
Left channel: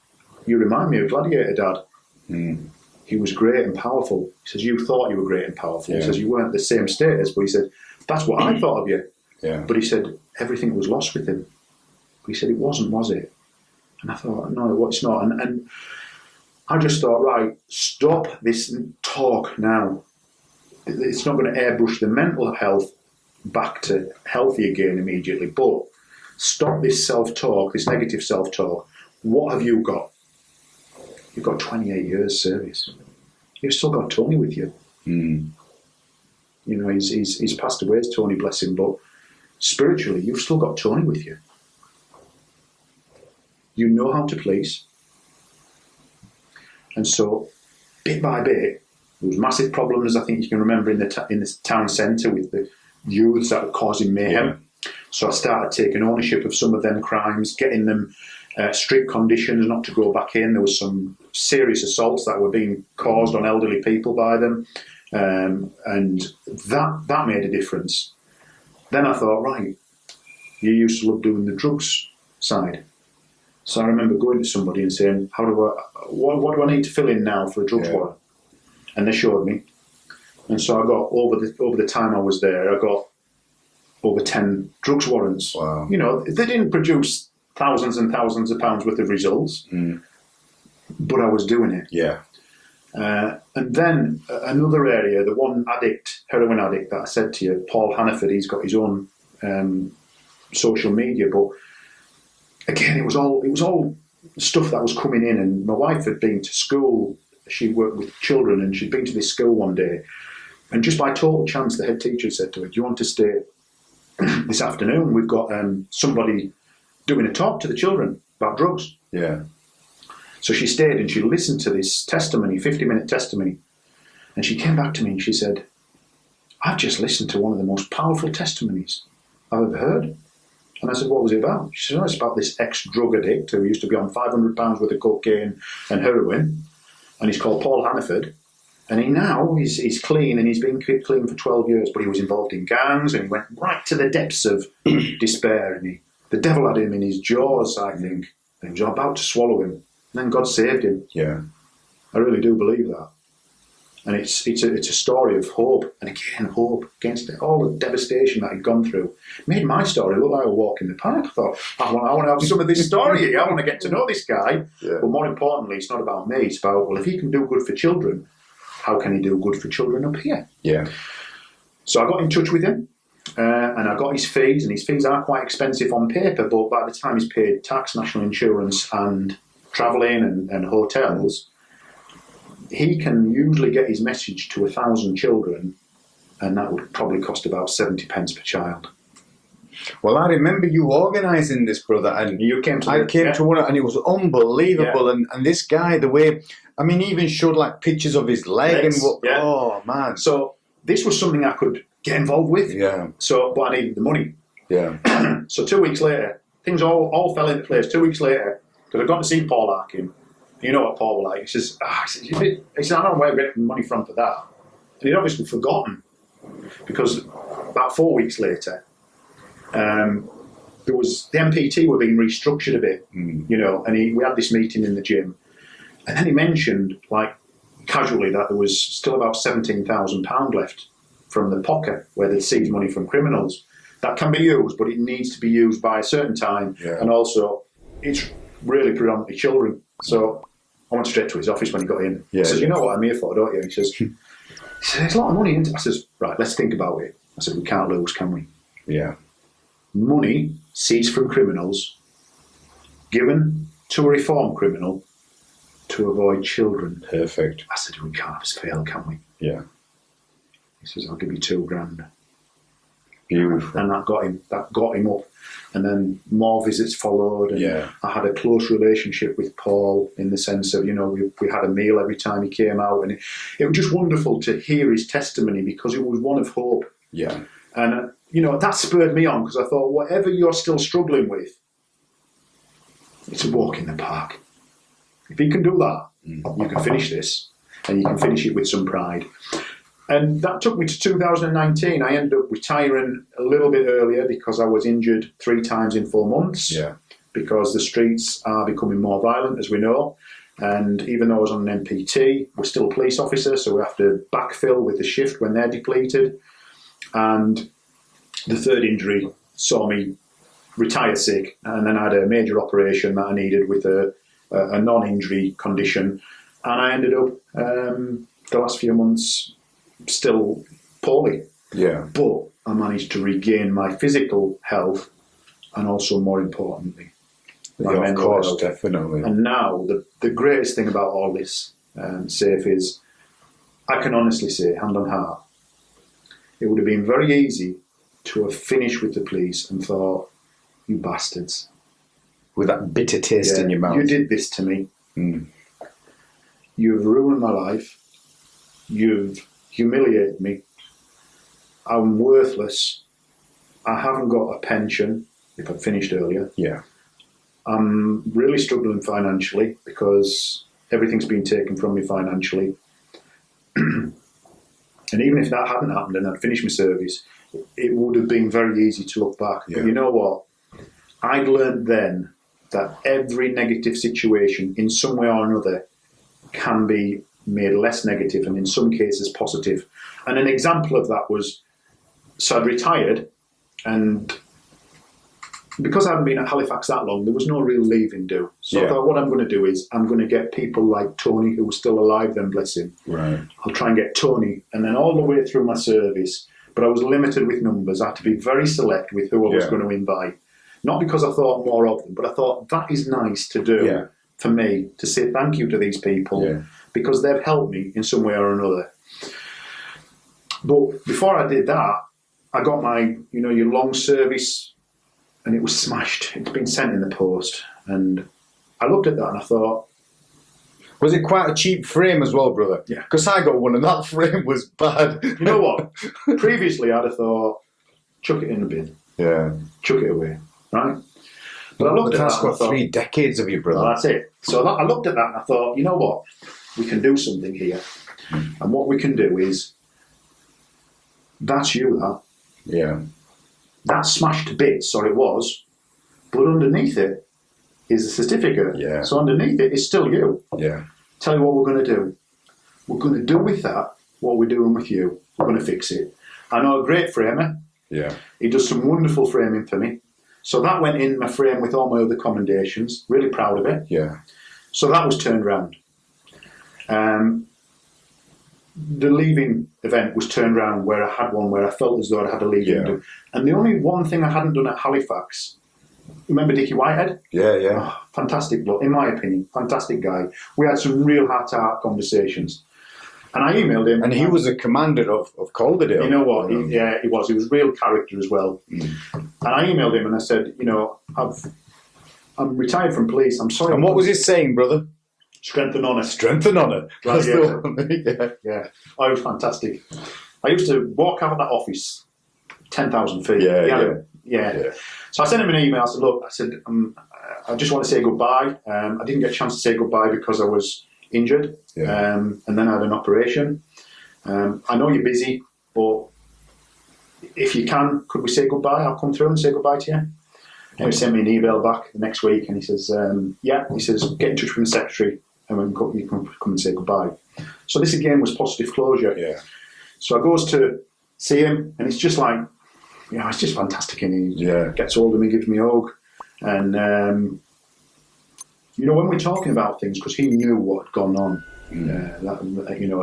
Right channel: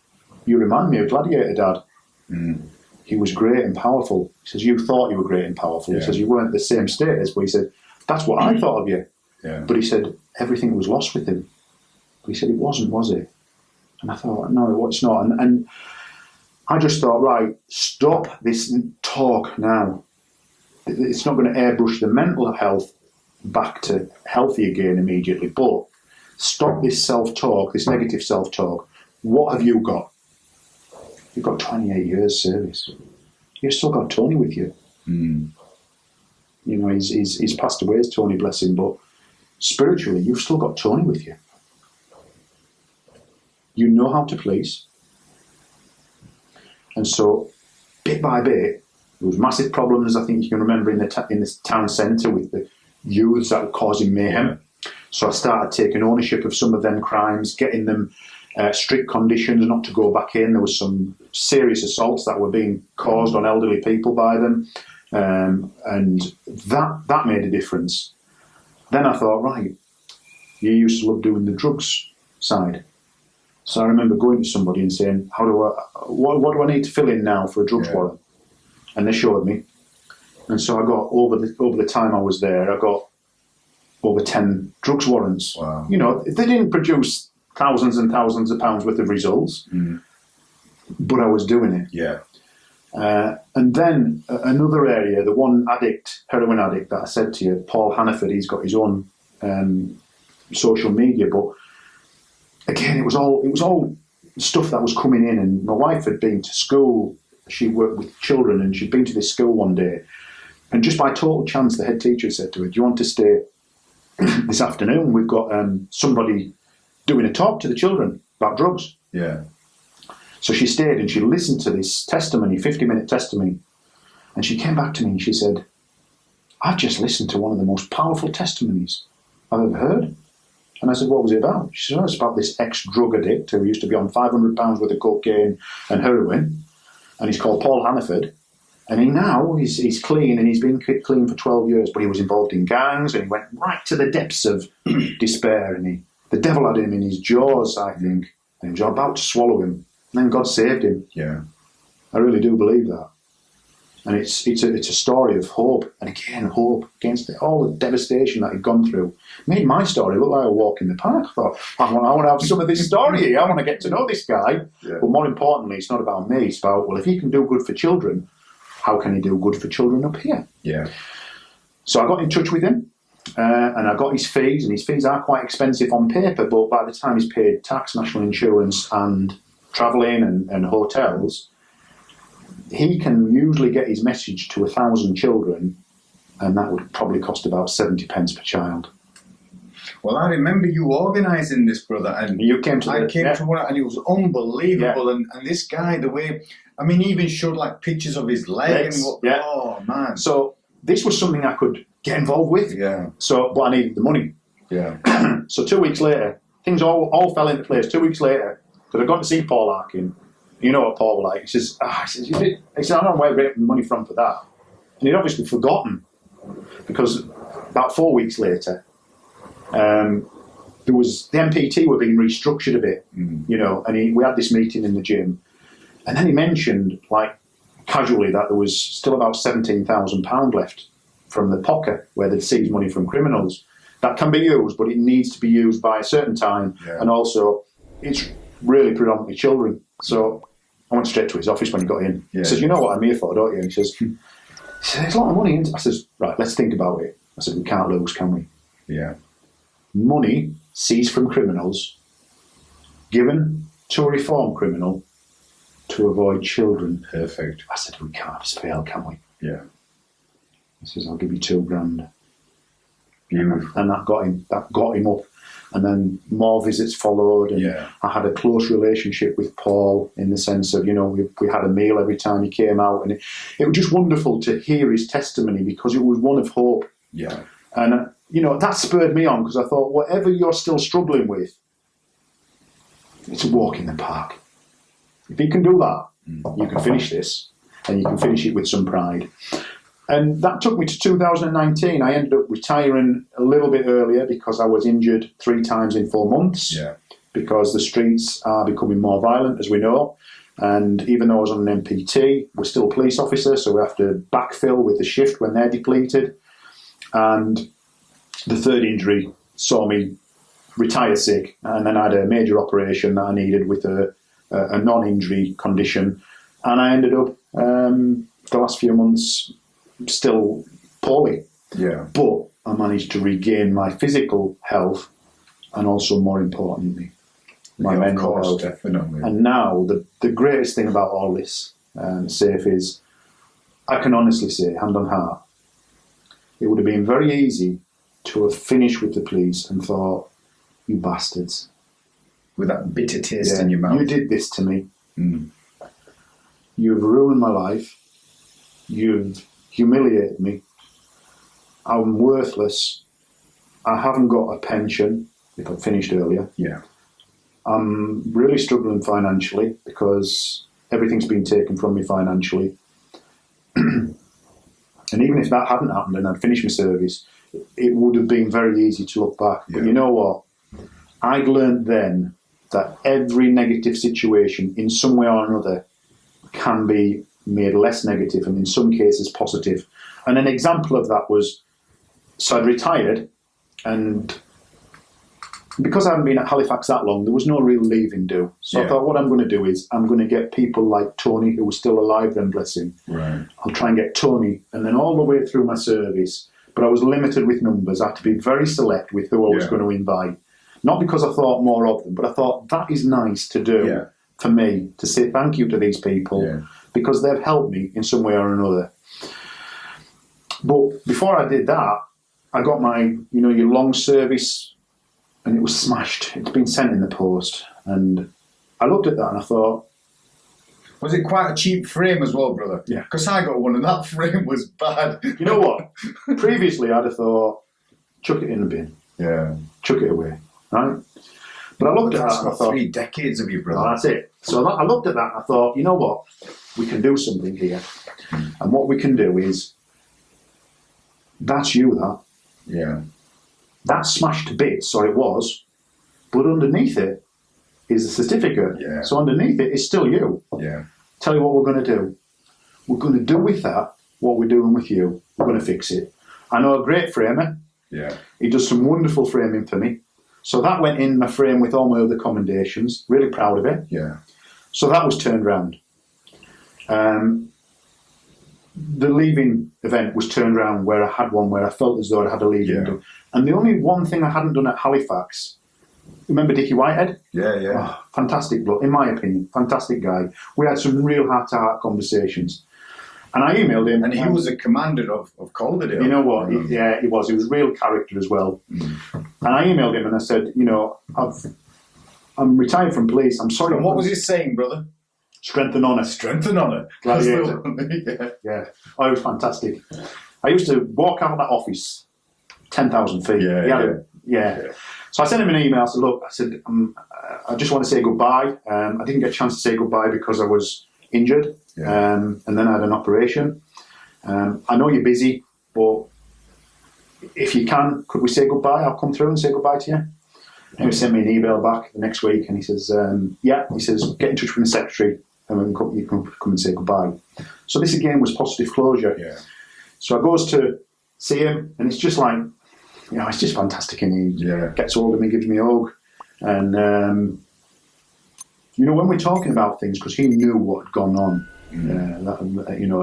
you remind me of Gladiator, Dad. He was great and powerful. He says, you thought you were great and powerful. Yeah. He says, you weren't the same status, but he said, that's what I thought of you. Yeah. But he said, everything was lost with him. But he said, it wasn't, was it? And I thought, no, it's not. And I just thought, right, stop this talk now. It's not going to airbrush the mental health back to healthy again immediately, but stop this self-talk, this negative self-talk. What have you got? You've got 28 years service. You've still got Tony with you. You know, he's passed away, Tony, bless him, but spiritually, you've still got Tony with you. You know how to police. And so, bit by bit, there was massive problems, I think you can remember, in the town centre with the youths that were causing mayhem. So I started taking ownership of some of them crimes, getting them strict conditions not to go back in. There was some serious assaults that were being caused on elderly people by them. And that made a difference. Then I thought, right, you used to love doing the drugs side. So I remember going to somebody and saying, what do I need to fill in now for a drugs warrant? And they showed me. And so I got, over the time I was there, I got over 10 drugs warrants. Wow. You know, they didn't produce thousands and thousands of pounds worth of results, but I was doing it. Yeah. And then another area, the one heroin addict that I said to you, Paul Hannaford, he's got his own social media, but again, it was all stuff that was coming in. And my wife had been to school. She worked with children, and she'd been to this school one day. And just by total chance, the head teacher said to her, do you want to stay this afternoon? We've got somebody doing a talk to the children about drugs. Yeah. So she stayed and she listened to this testimony, 50-minute testimony. And she came back to me and she said, I've just listened to one of the most powerful testimonies I've ever heard. And I said, what was it about? She said, it's about this ex-drug addict who used to be on £500 worth of cocaine and heroin. And he's called Paul Hannaford. And he's clean, and he's been clean for 12 years, but he was involved in gangs, and he went right to the depths of despair, and the devil had him in his jaws, I think, and he was about to swallow him. And then God saved him. Yeah. I really do believe that. And it's a story of hope, and again, hope against all the devastation that he'd gone through. Made my story look like a walk in the park. I thought, I want to have some of this story here. I want to get to know this guy. Yeah. But more importantly, it's not about me. It's about, well, if he can do good for children, how can he do good for children up here? Yeah. So I got in touch with him, and I got his fees, and his fees are quite expensive on paper, but by the time he's paid tax, national insurance, and travelling and hotels, he can usually get his message to 1,000 children, and that would probably cost about 70 pence per child. Well, I remember you organising this, brother, and you came to to one, and it was unbelievable. Yeah. And this guy, the way, I mean, he even showed like pictures of his leg and what. Yeah. Oh man! So this was something I could get involved with. Yeah. So, but I needed the money. Yeah. So 2 weeks later, things all fell into place. 2 weeks later, because I'd gone to see Paul Arkin, You know what Paul was like? He says, I don't know where we're getting money from for that. And he'd obviously forgotten, because about 4 weeks later, there was the MPT were being restructured a bit, you know, and we had this meeting in the gym, and then he mentioned, like, casually, that there was still about £17,000 left from the pocket where they'd seized money from criminals. That can be used, but it needs to be used by a certain time, and also it's really predominantly children. So I went straight to his office when he got in. He says, you know what I'm here for, don't you? And he says, there's a lot of money in it. I says, right, let's think about it. I said, we can't lose, can we? Yeah. Money seized from criminals, given to a reformed criminal to avoid children. Perfect. I said, we can't fail, can we? Yeah. He says, I'll give you £2,000. Beautiful. And that got him up. And then more visits followed. And I had a close relationship with Paul in the sense of, you know, we had a meal every time he came out. And it was just wonderful to hear his testimony, because it was one of hope. Yeah. And, you know, that spurred me on, because I thought, whatever you're still struggling with, it's a walk in the park. If you can do that, you can finish this, and you can finish it with some pride. And that took me to 2019. I ended up retiring a little bit earlier because I was injured 3 times in 4 months. Yeah. Because the streets are becoming more violent, as we know. And even though I was on an MPT, we're still a police officer, so we have to backfill with the shift when they're depleted. And the 3rd injury saw me retire sick, and then I had a major operation that I needed with a non-injury condition. And I ended up, the last few months, still poorly. Yeah. But I managed to regain my physical health, and also, more importantly, my mental health. Definitely. And now the greatest thing about all this, Safe, is I can honestly say, hand on heart, it would have been very easy to have finished with the police and thought, you bastards. With that bitter taste in your mouth. You did this to me. You've ruined my life. You've humiliated me. I'm worthless. I haven't got a pension, if I'd finished earlier. Yeah. I'm really struggling financially, because everything's been taken from me financially. And even if that hadn't happened and I'd finished my service, it would have been very easy to look back. Yeah. But you know what? I'd learned then that every negative situation, in some way or another, can be made less negative, and in some cases positive. And an example of that was, so I'd retired, and because I hadn't been at Halifax that long, there was no real leaving do. So I thought, what I'm going to do is I'm going to get people like Tony, who was still alive then, bless him. Right. I'll try and get Tony, and then all the way through my service, but I was limited with numbers. I had to be very select with who I was going to invite. Not because I thought more of them, but I thought that is nice to do for me, to say thank you to these people, because they've helped me in some way or another. But before I did that, I got my, you know, your long service, and it was smashed. It's been sent in the post. And I looked at that and I thought... Was it quite a cheap frame as well, brother? Yeah. Because I got one and that frame was bad. You know what? Previously I'd have thought, chuck it in the bin. Yeah. Chuck it away. Right? But I looked at that and I thought... 3 decades of you, brother. Well, that's it. So I looked at that and I thought, you know what? We can do something here. And what we can do is... That's you, that. Yeah. That's smashed to bits, or it was, but underneath it is a certificate. Yeah. So underneath it is still you. Yeah. Tell you what we're going to do. We're going to do with that what we're doing with you. We're going to fix it. I know a great framer. Yeah. He does some wonderful framing for me. So that went in my frame with all my other commendations. Really proud of it. Yeah. So that was turned round. The leaving event was turned around, where I had one where I felt as though I had a leaving do. And the only one thing I hadn't done at Halifax, remember Dickie Whitehead? Yeah, yeah. Oh, fantastic bloke, in my opinion, fantastic guy. We had some real heart-to-heart conversations. And I emailed him. And he was a commander of Calderdale. You know what? Yeah, he was. He was real character as well. And I emailed him and I said, you know, I'm retired from police. I'm sorry. And what was he saying, brother? Strength and honour. Strength and honour. Yeah. Oh, it was fantastic. I used to walk out of that office 10,000 feet. Yeah. So I sent him an email. I said, look, I just want to say goodbye. I didn't get a chance to say goodbye because I was injured, and then I had an operation. I know you're busy, but if you can, could we say goodbye? I'll come through and say goodbye to you. And he sent me an email back the next week, and he says, he says, get in touch with the secretary, and you can come and say goodbye. So this again was positive closure. Yeah. So I goes to see him, and it's just like, it's just fantastic. And he gets hold of me, gives me a hug, and when we're talking about things, because he knew what had gone on,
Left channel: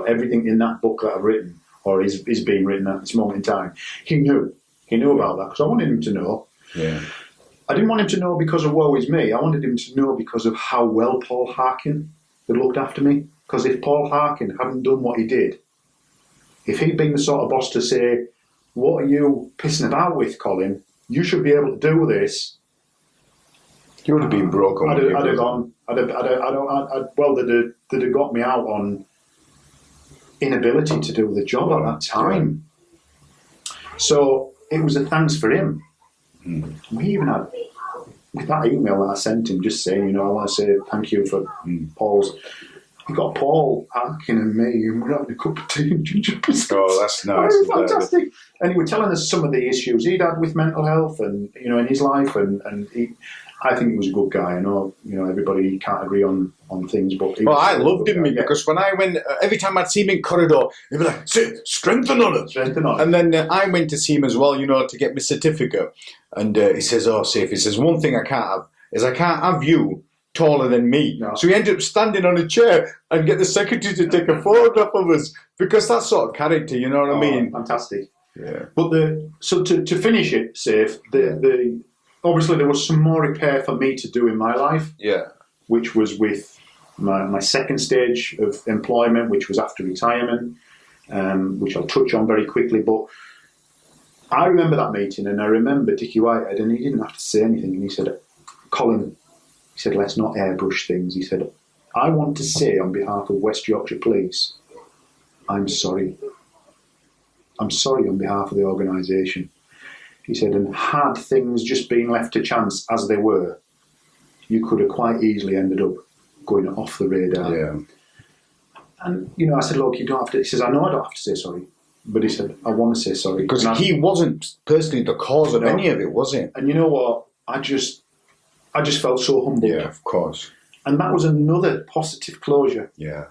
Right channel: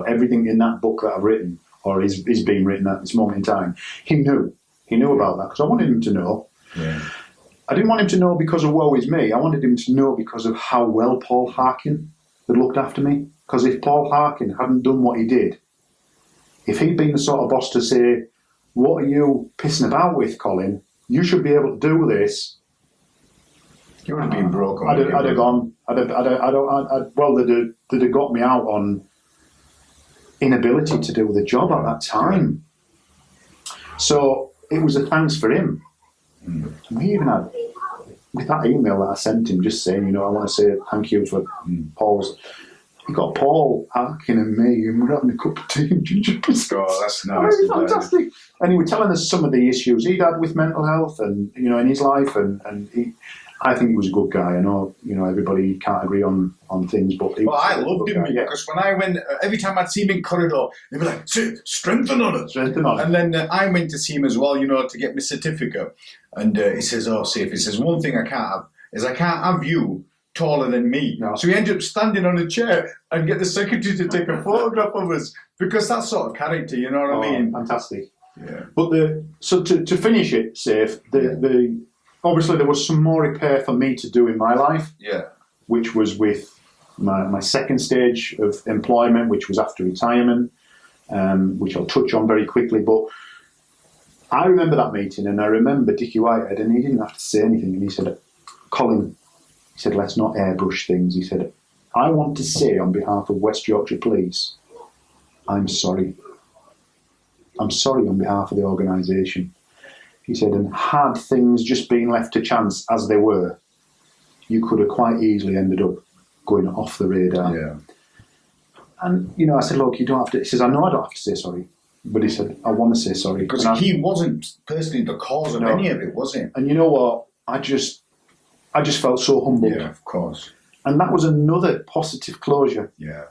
everything in that book that I've written or is being written at this moment in time, he knew about that because I wanted him to know. Yeah. I didn't want him to know because of woe is me. I wanted him to know because of how well Paul Harkin had looked after me. Because if Paul Harkin hadn't done what he did, if he'd been the sort of boss to say, what are you pissing about with, Colin? You should be able to do this. You would have been broken. I'd have gone. They'd have got me out on inability to do the job at that time. So it was a thanks for him. We even had, with that email that I sent him, just saying, I want to say thank you for Paul's. He got Paul Harkin and me, and we're having a cup of tea and ginger biscuits. Oh, that's nice. It was fantastic. And he was telling us some of the issues he'd had with mental health and in his life, and I think he was a good guy. I know everybody can't agree on things, but I loved him because when I went, every time I'd see him in corridor, he'd be like, strengthen on it. And then I went to see him as well, to get my certificate. And he says, Safe, he says, one thing I can't have is I can't have you taller than me. No. So we ended up standing on a chair and get the secretary to take a photograph of us because that sort of character, you know what I mean? Fantastic. Yeah. But to finish it, Safe, obviously there was some more repair for me to do in my life. Yeah. Which was with my second stage of employment, which was after retirement, which I'll touch on very quickly. But I remember that meeting, and I remember Dickie Whitehead, and he didn't have to say anything, and he said, Colin, he said, let's not airbrush things. He said, I want to say on behalf of West Yorkshire Police, I'm sorry. I'm sorry on behalf of the organisation. He said, and had things just been left to chance as they were, you could have quite easily ended up going off the radar. Yeah. And, I said, look, you don't have to. He says, I know I don't have to say sorry. But he said, I want to say sorry. Because he wasn't personally the cause of any of it, was he? And you know what? I just felt so humbled. Yeah, of course. And that was another positive closure. Yeah.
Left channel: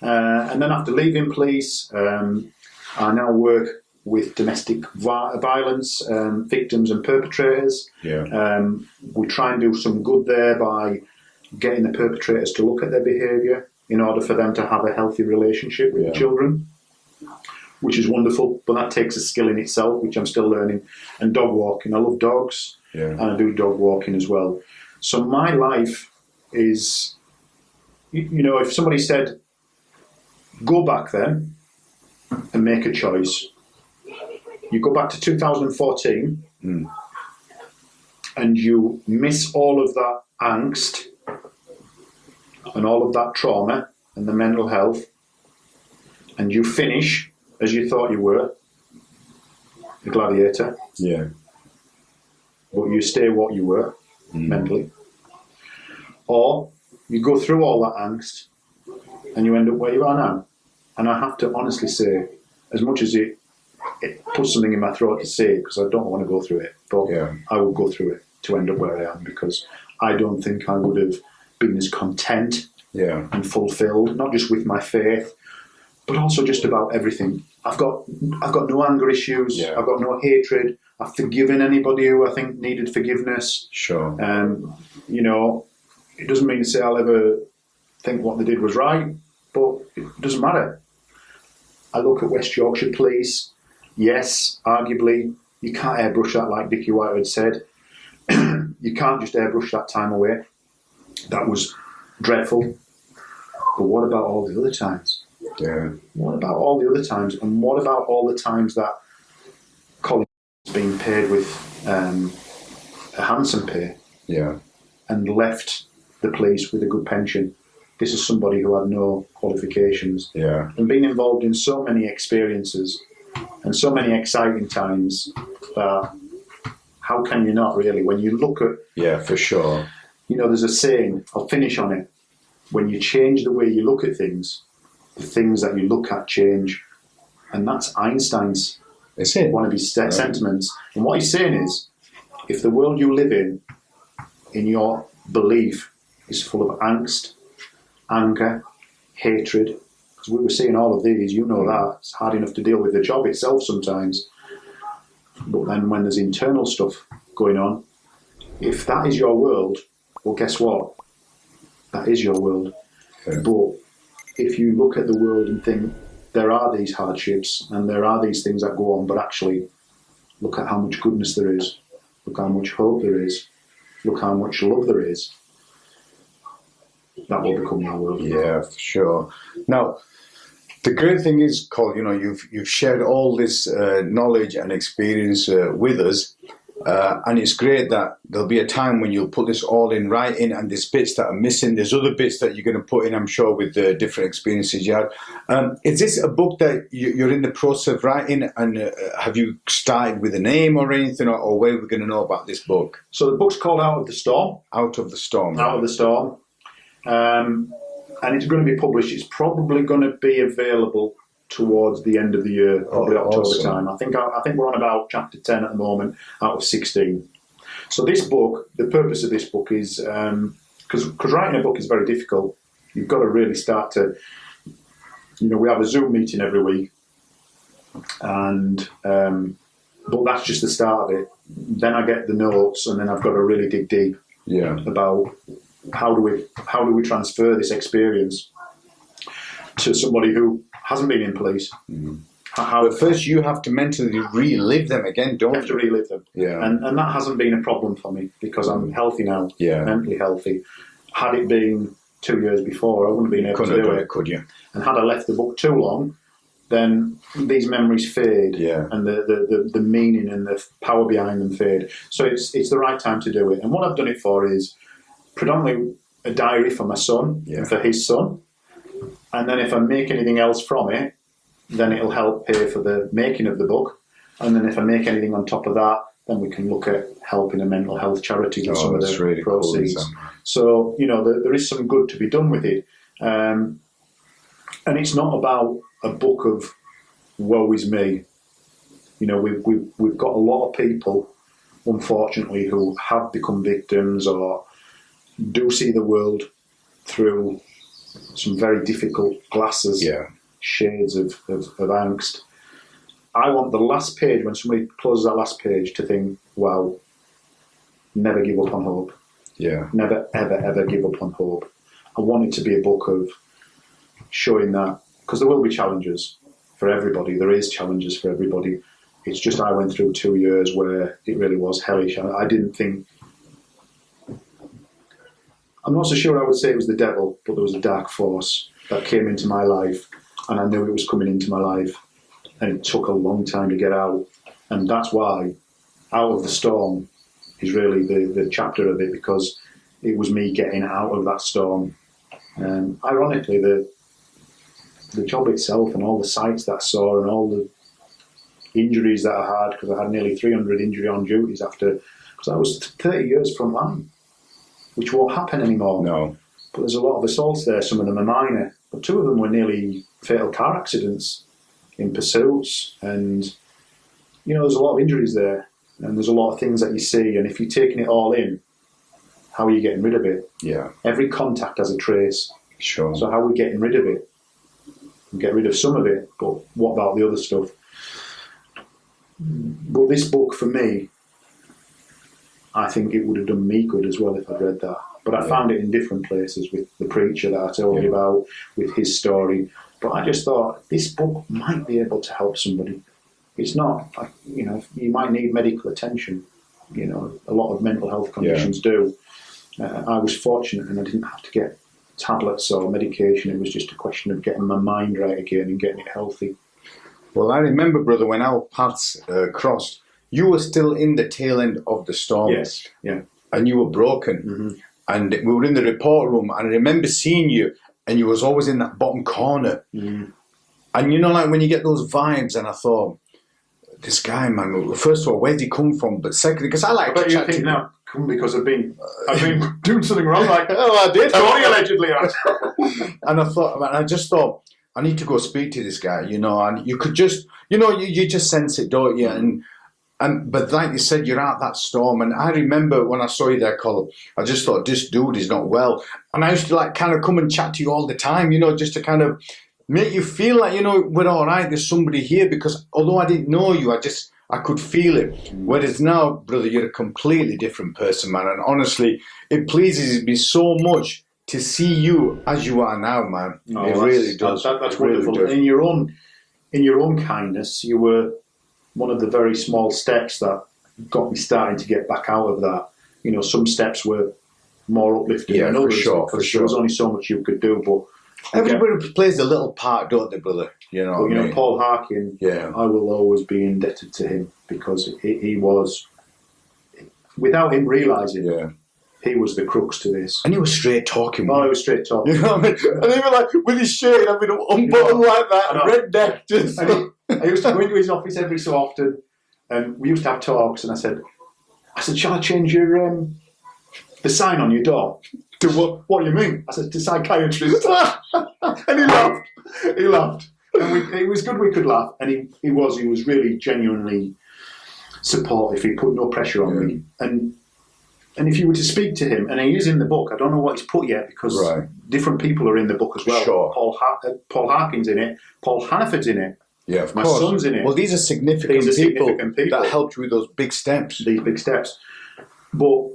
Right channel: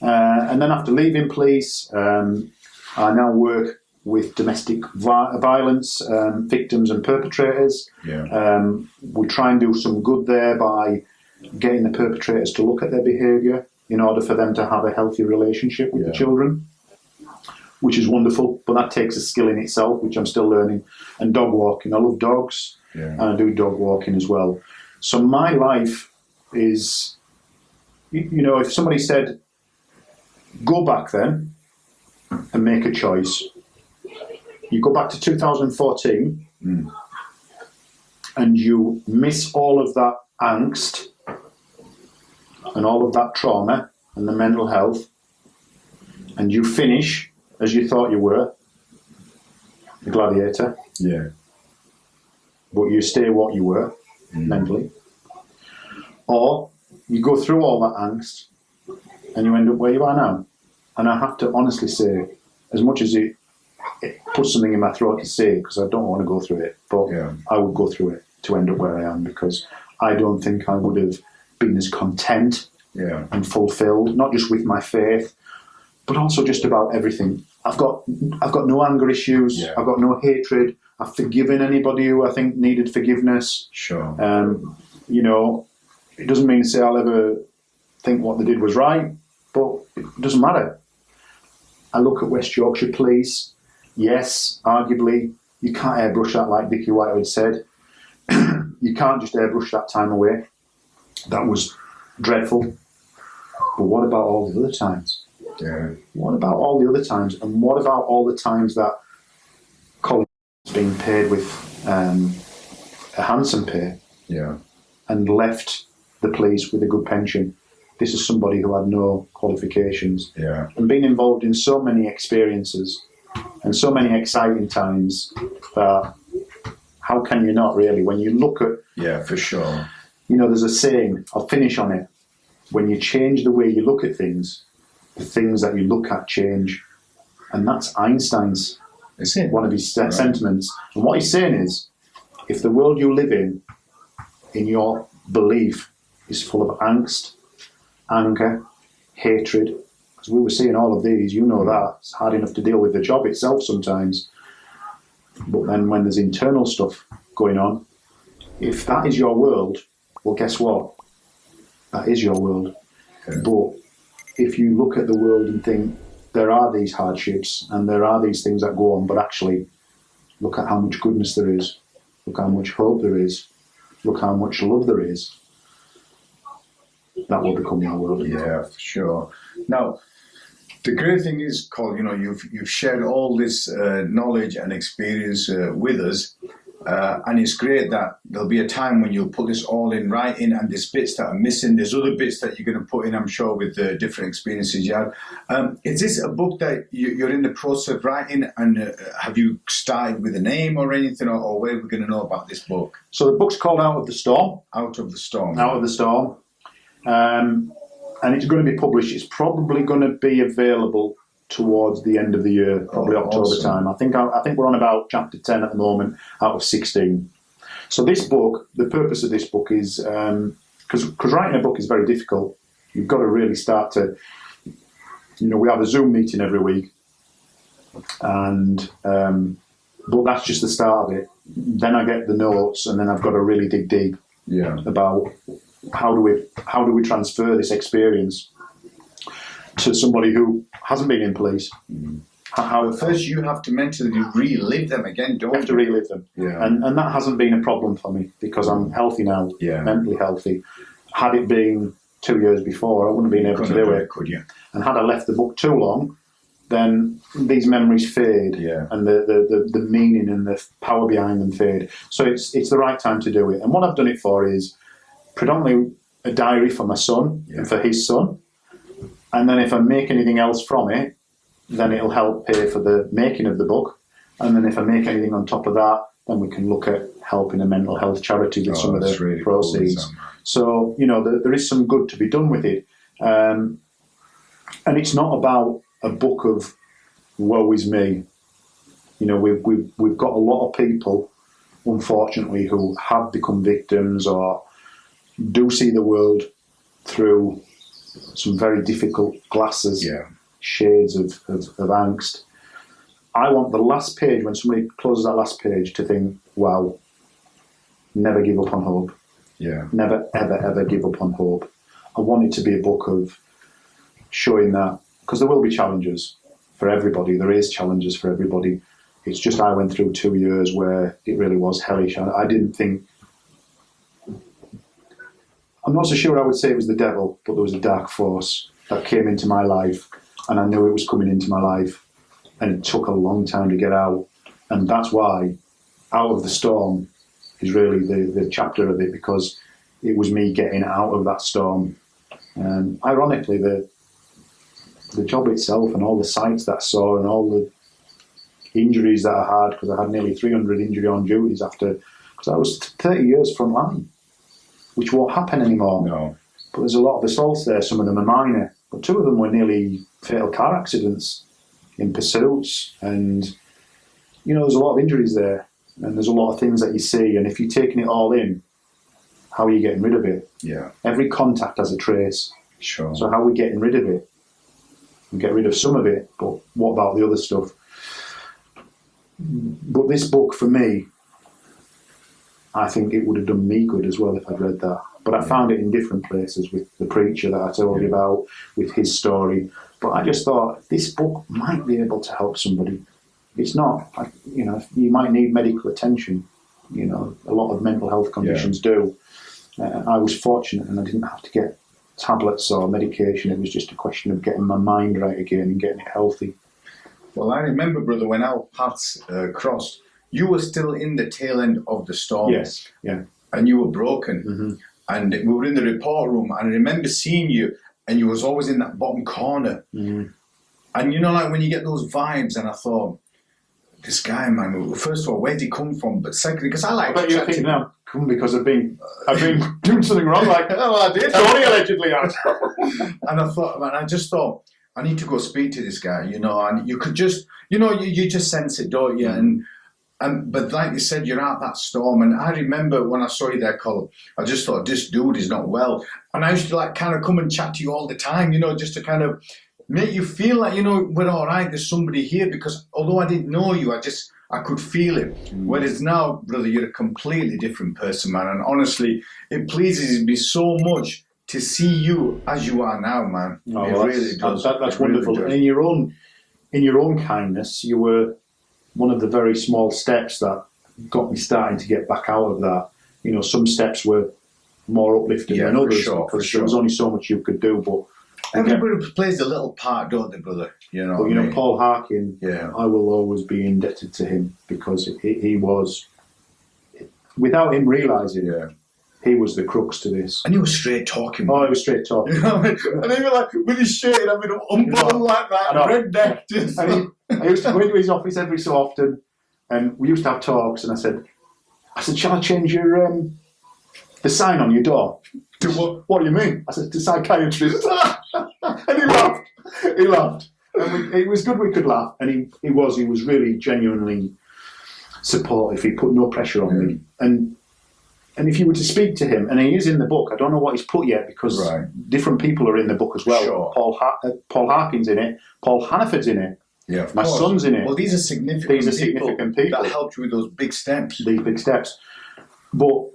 And then after leaving police, I now work with domestic violence victims and perpetrators. Yeah. We try and do some good there by getting the perpetrators to look at their behaviour in order for them to have a healthy relationship with the children, which is wonderful. But that takes a skill in itself, which I'm still learning. And dog walking. I love dogs, and I do dog walking as well. So my life is, if somebody said, go back then and make a choice, you go back to 2014 and you miss all of that angst and all of that trauma and the mental health, and you finish as you thought you were, a gladiator. Yeah. But you stay what you were mentally. Or you go through all that angst and you end up where you are now. And I have to honestly say, as much as it puts something in my throat to say, because I don't want to go through it, but I would go through it to end up where I am, because I don't think I would have been as content and fulfilled, not just with my faith, but also just about everything. I've got no anger issues. I've got no hatred. I've forgiven anybody who I think needed forgiveness. Sure. It doesn't mean to say I'll ever think what they did was right, but it doesn't matter. I look at West Yorkshire Police. Yes, arguably, you can't airbrush that like Dickie Whitehead said. You can't just airbrush that time away. That was dreadful. But what about all the other times? Yeah. What about all the other times? And what about all the times that Colin was being paid with a handsome pay and left the police with a good pension? This is somebody who had no qualifications and been involved in so many experiences and so many exciting times that how can you not really? When you look at, Yeah, for sure. you know, there's a saying, I'll finish on it. When you change the way you look at things, the things that you look at change. And that's Einstein's That's it. one of his sentiments. And what he's saying is, if the world you live in your belief, is full of angst, anger, hatred, because we were seeing all of these, you know that. It's hard enough to deal with the job itself sometimes. But then when there's internal stuff going on, if that is your world, well, guess what? That is your world. Yeah. But if you look at the world and think, there are these hardships and there are these things that go on, but actually look at how much goodness there is, look how much hope there is, look how much love there is, that will become your world. Yeah, for sure. Now, the great thing is, Colin, you know, you've shared all this knowledge and experience with us, and it's great that there'll be a time when you'll put this all in writing, and there's bits that are missing. There's other bits that you're going to put in, I'm sure, with the different experiences you had. Is this a book that you're in the process of writing, and have you started with a name or anything, or where are we going to know about this book? So the book's called Out of the Storm. Out of the Storm. Out of the Storm. And it's going to be published. It's probably going to be available towards the end of the year, probably October awesome. time. I think we're on about chapter 10 at the moment out of 16. So this book, the purpose of this book is, because writing a book is very difficult. You've got to really start to, you know, we have a Zoom meeting every week, and but that's just the start of it. Then I get the notes, and then I've got to really dig deep about how do we transfer this experience to somebody who hasn't been in police. But first you have to mentally relive them again, don't you? Have to relive them. Yeah. And that hasn't been a problem for me because I'm healthy now, mentally healthy. Had it been 2 years before, I wouldn't have been able to do it. Could you? And had I left the book too long, then these memories fade, and the meaning and the power behind them fade. So it's the right time to do it. And what I've done it for is predominantly a diary for my son and for his son. And then if I make anything else from it, then it'll help pay for the making of the book. And then if I make anything on top of that, then we can look at helping a mental health charity with some of the really proceeds. Cool, so, you know, there is some good to be done with it. And it's not about a book of woe is me. You know, we've got a lot of people, unfortunately, who have become victims or do see the world through some very difficult glasses, shades of angst. I want the last page, when somebody closes that last page, to think, wow, never give up on hope. Yeah. Never, ever, ever give up on hope. I want it to be a book of showing that, because there will be challenges for everybody. There is challenges for everybody. It's just I went through 2 years where it really was hellish. I didn't think, I'm not so sure I would say it was the devil, but there was a dark force that came into my life, and I knew it was coming into my life, and it took a long time to get out. And that's why Out of the Storm is really the chapter of it, because it was me getting out of that storm. And ironically, the job itself and all the sights that I saw and all the injuries that I had, because I had nearly 300 injury on duties after, because I was 30 years frontline, which won't happen anymore. No. But there's a lot of assaults there. Some of them are minor, but 2 of them were nearly fatal car accidents in pursuits. And, you know, there's a lot of injuries there, and there's a lot of things that you see. And if you're taking it all in, how are you getting rid of it? Yeah. Every contact has a trace. Sure. So how are we getting rid of it? We get rid of some of it, but what about the other stuff? But this book, for me, I think it would have done me good as well if I'd read that. But I found it in different places, with the preacher that I told you about, with his story. But I just thought, this book might be able to help somebody. It's not, like, you know, you might need medical attention. You know, a lot of mental health conditions do. I was fortunate and I didn't have to get tablets or medication. It was just a question of getting my mind right again and getting it healthy. Well, I remember, brother, when our paths crossed, you were still in the tail end of the storm. Yes, yeah. And you were broken. And we were in the report room, and I remember seeing you, and you was always in that bottom corner. And you know, like when you get those vibes, and I thought, this guy, man, first of all, where'd he come from? But secondly, because I like But to you chat think to now, come because I've been doing something wrong, like oh, I did. Tony allegedly has. And I thought, man, I just thought, I need to go speak to this guy, you know, and you could just, you know, you just sense it, don't you? But like you said, you're out that storm. And I remember when I saw you there, Colin, I just thought, this dude is not well. And I used to like kind of come and chat to you all the time, you know, just to kind of make you feel like, you know, we're all right, there's somebody here. Because although I didn't know you, I could feel it. Whereas now, brother, you're a completely different person, man. And honestly, it pleases me so much to see you as you are now, man. No, it really does. That's It really wonderful. does. In your own kindness, you were one of the very small steps that got me starting to get back out of that. You know, some steps were more uplifting than others because there was only so much you could do. But everybody plays a little part, don't they, brother? You know, but, you know, Paul Harkin, yeah, I will always be indebted to him because he was, without him realising it, he was the crux to this. And he was straight talking. Oh, he was straight talking. You know what I mean? And even like with his shirt, I mean, unbuttoned like that, redneck. Just I used to go into his office every so often, and we used to have talks. And I said, shall I change your the sign on your door? To what? What do you mean? I said, to psychiatrist. And he laughed. He laughed. And it was good we could laugh. And he was really genuinely supportive. He put no pressure on me. And if you were to speak to him, and he is in the book, I don't know what he's put yet because different people are in the book as well. Sure. Paul Harkin's in it. Paul Hannaford's in it. Yeah, of My course. son's in it. Well, these are significant people that helped you with those big steps. These big steps. But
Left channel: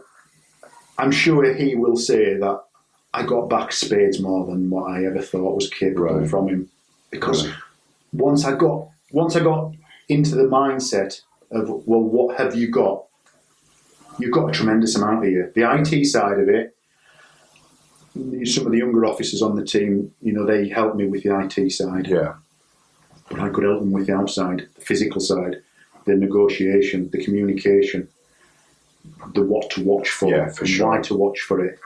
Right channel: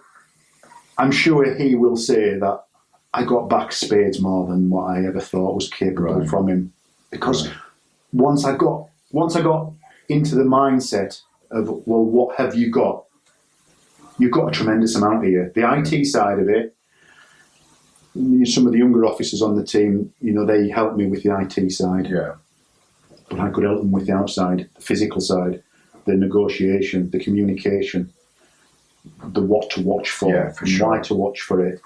I'm sure he will say that I got back spades more than what I ever thought was capable from him. Because once I got into the mindset of, well, what have you got? You've got a tremendous amount here. The IT side of it, some of the younger officers on the team, you know, they helped me with the IT side. Yeah. But I could help them with the outside, the physical side, the negotiation, the communication, the what to watch for, why to watch for it.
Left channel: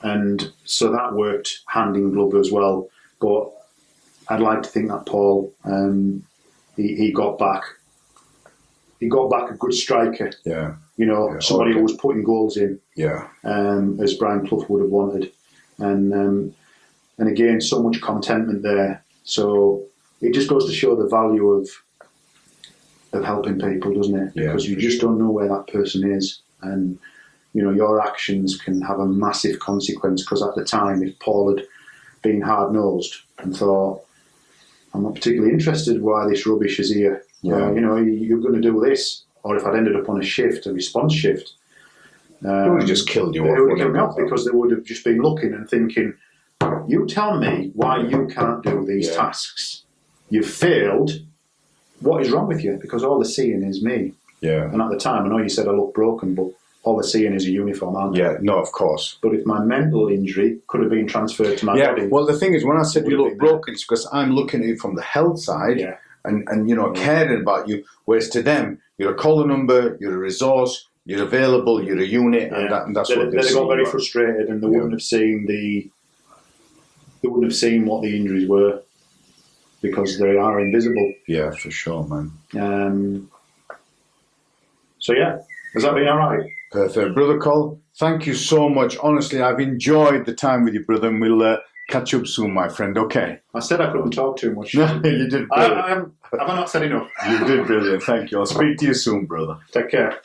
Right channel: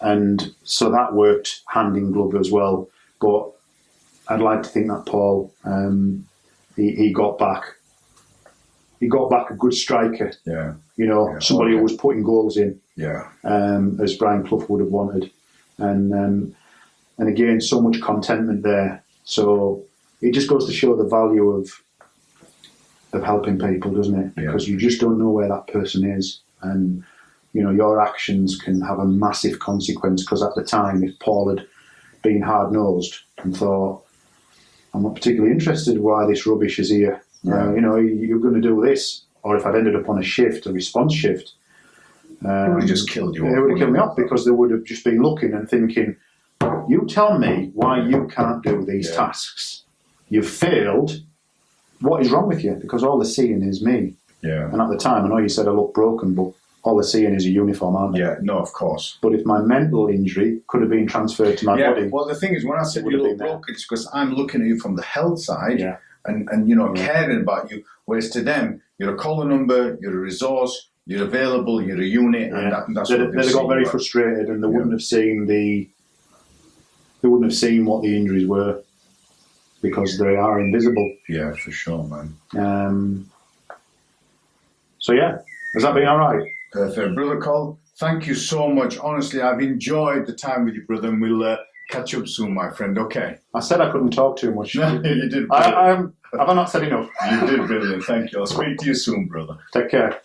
And so that worked hand in glove as well. But I'd like to think that Paul, he got back a good striker. Yeah. You know, somebody who was putting goals in. Yeah. As Brian Clough would have wanted. And again, so much contentment there. So it just goes to show the value of helping people, doesn't it? Because you just don't know where that person is. And, you know, your actions can have a massive consequence because at the time, if Paul had been hard-nosed and thought, I'm not particularly interested in why this rubbish is here. You know, you're going to do this. Or if I'd ended up on a response shift. They would have just killed you. They would have killed me off because they would have just been looking and thinking, you tell me why you can't do these tasks. You've failed. What is wrong with you? Because all they're seeing is me. Yeah. And at the time, I know you said I look broken, but all they're seeing is a uniform, aren't they? Yeah, no, of course. But if my mental injury could have been transferred to my body. Well, the thing is, when I said you look broken, it's because I'm looking at you from the health side and you know, caring about you. Whereas to them, you're a caller number, you're a resource, you're available, you're a unit, and that's what they got very frustrated, and they wouldn't have seen what the injuries were because they are invisible. Yeah, for sure, man. So has that been all right? Perfect, brother Col. Thank you so much. Honestly, I've enjoyed the time with you, brother, and we'll catch up soon, my friend. Okay. I said I couldn't talk too much. No, you did. Have I not said enough? You did brilliant. Thank you. I'll speak to you soon, brother. Take care.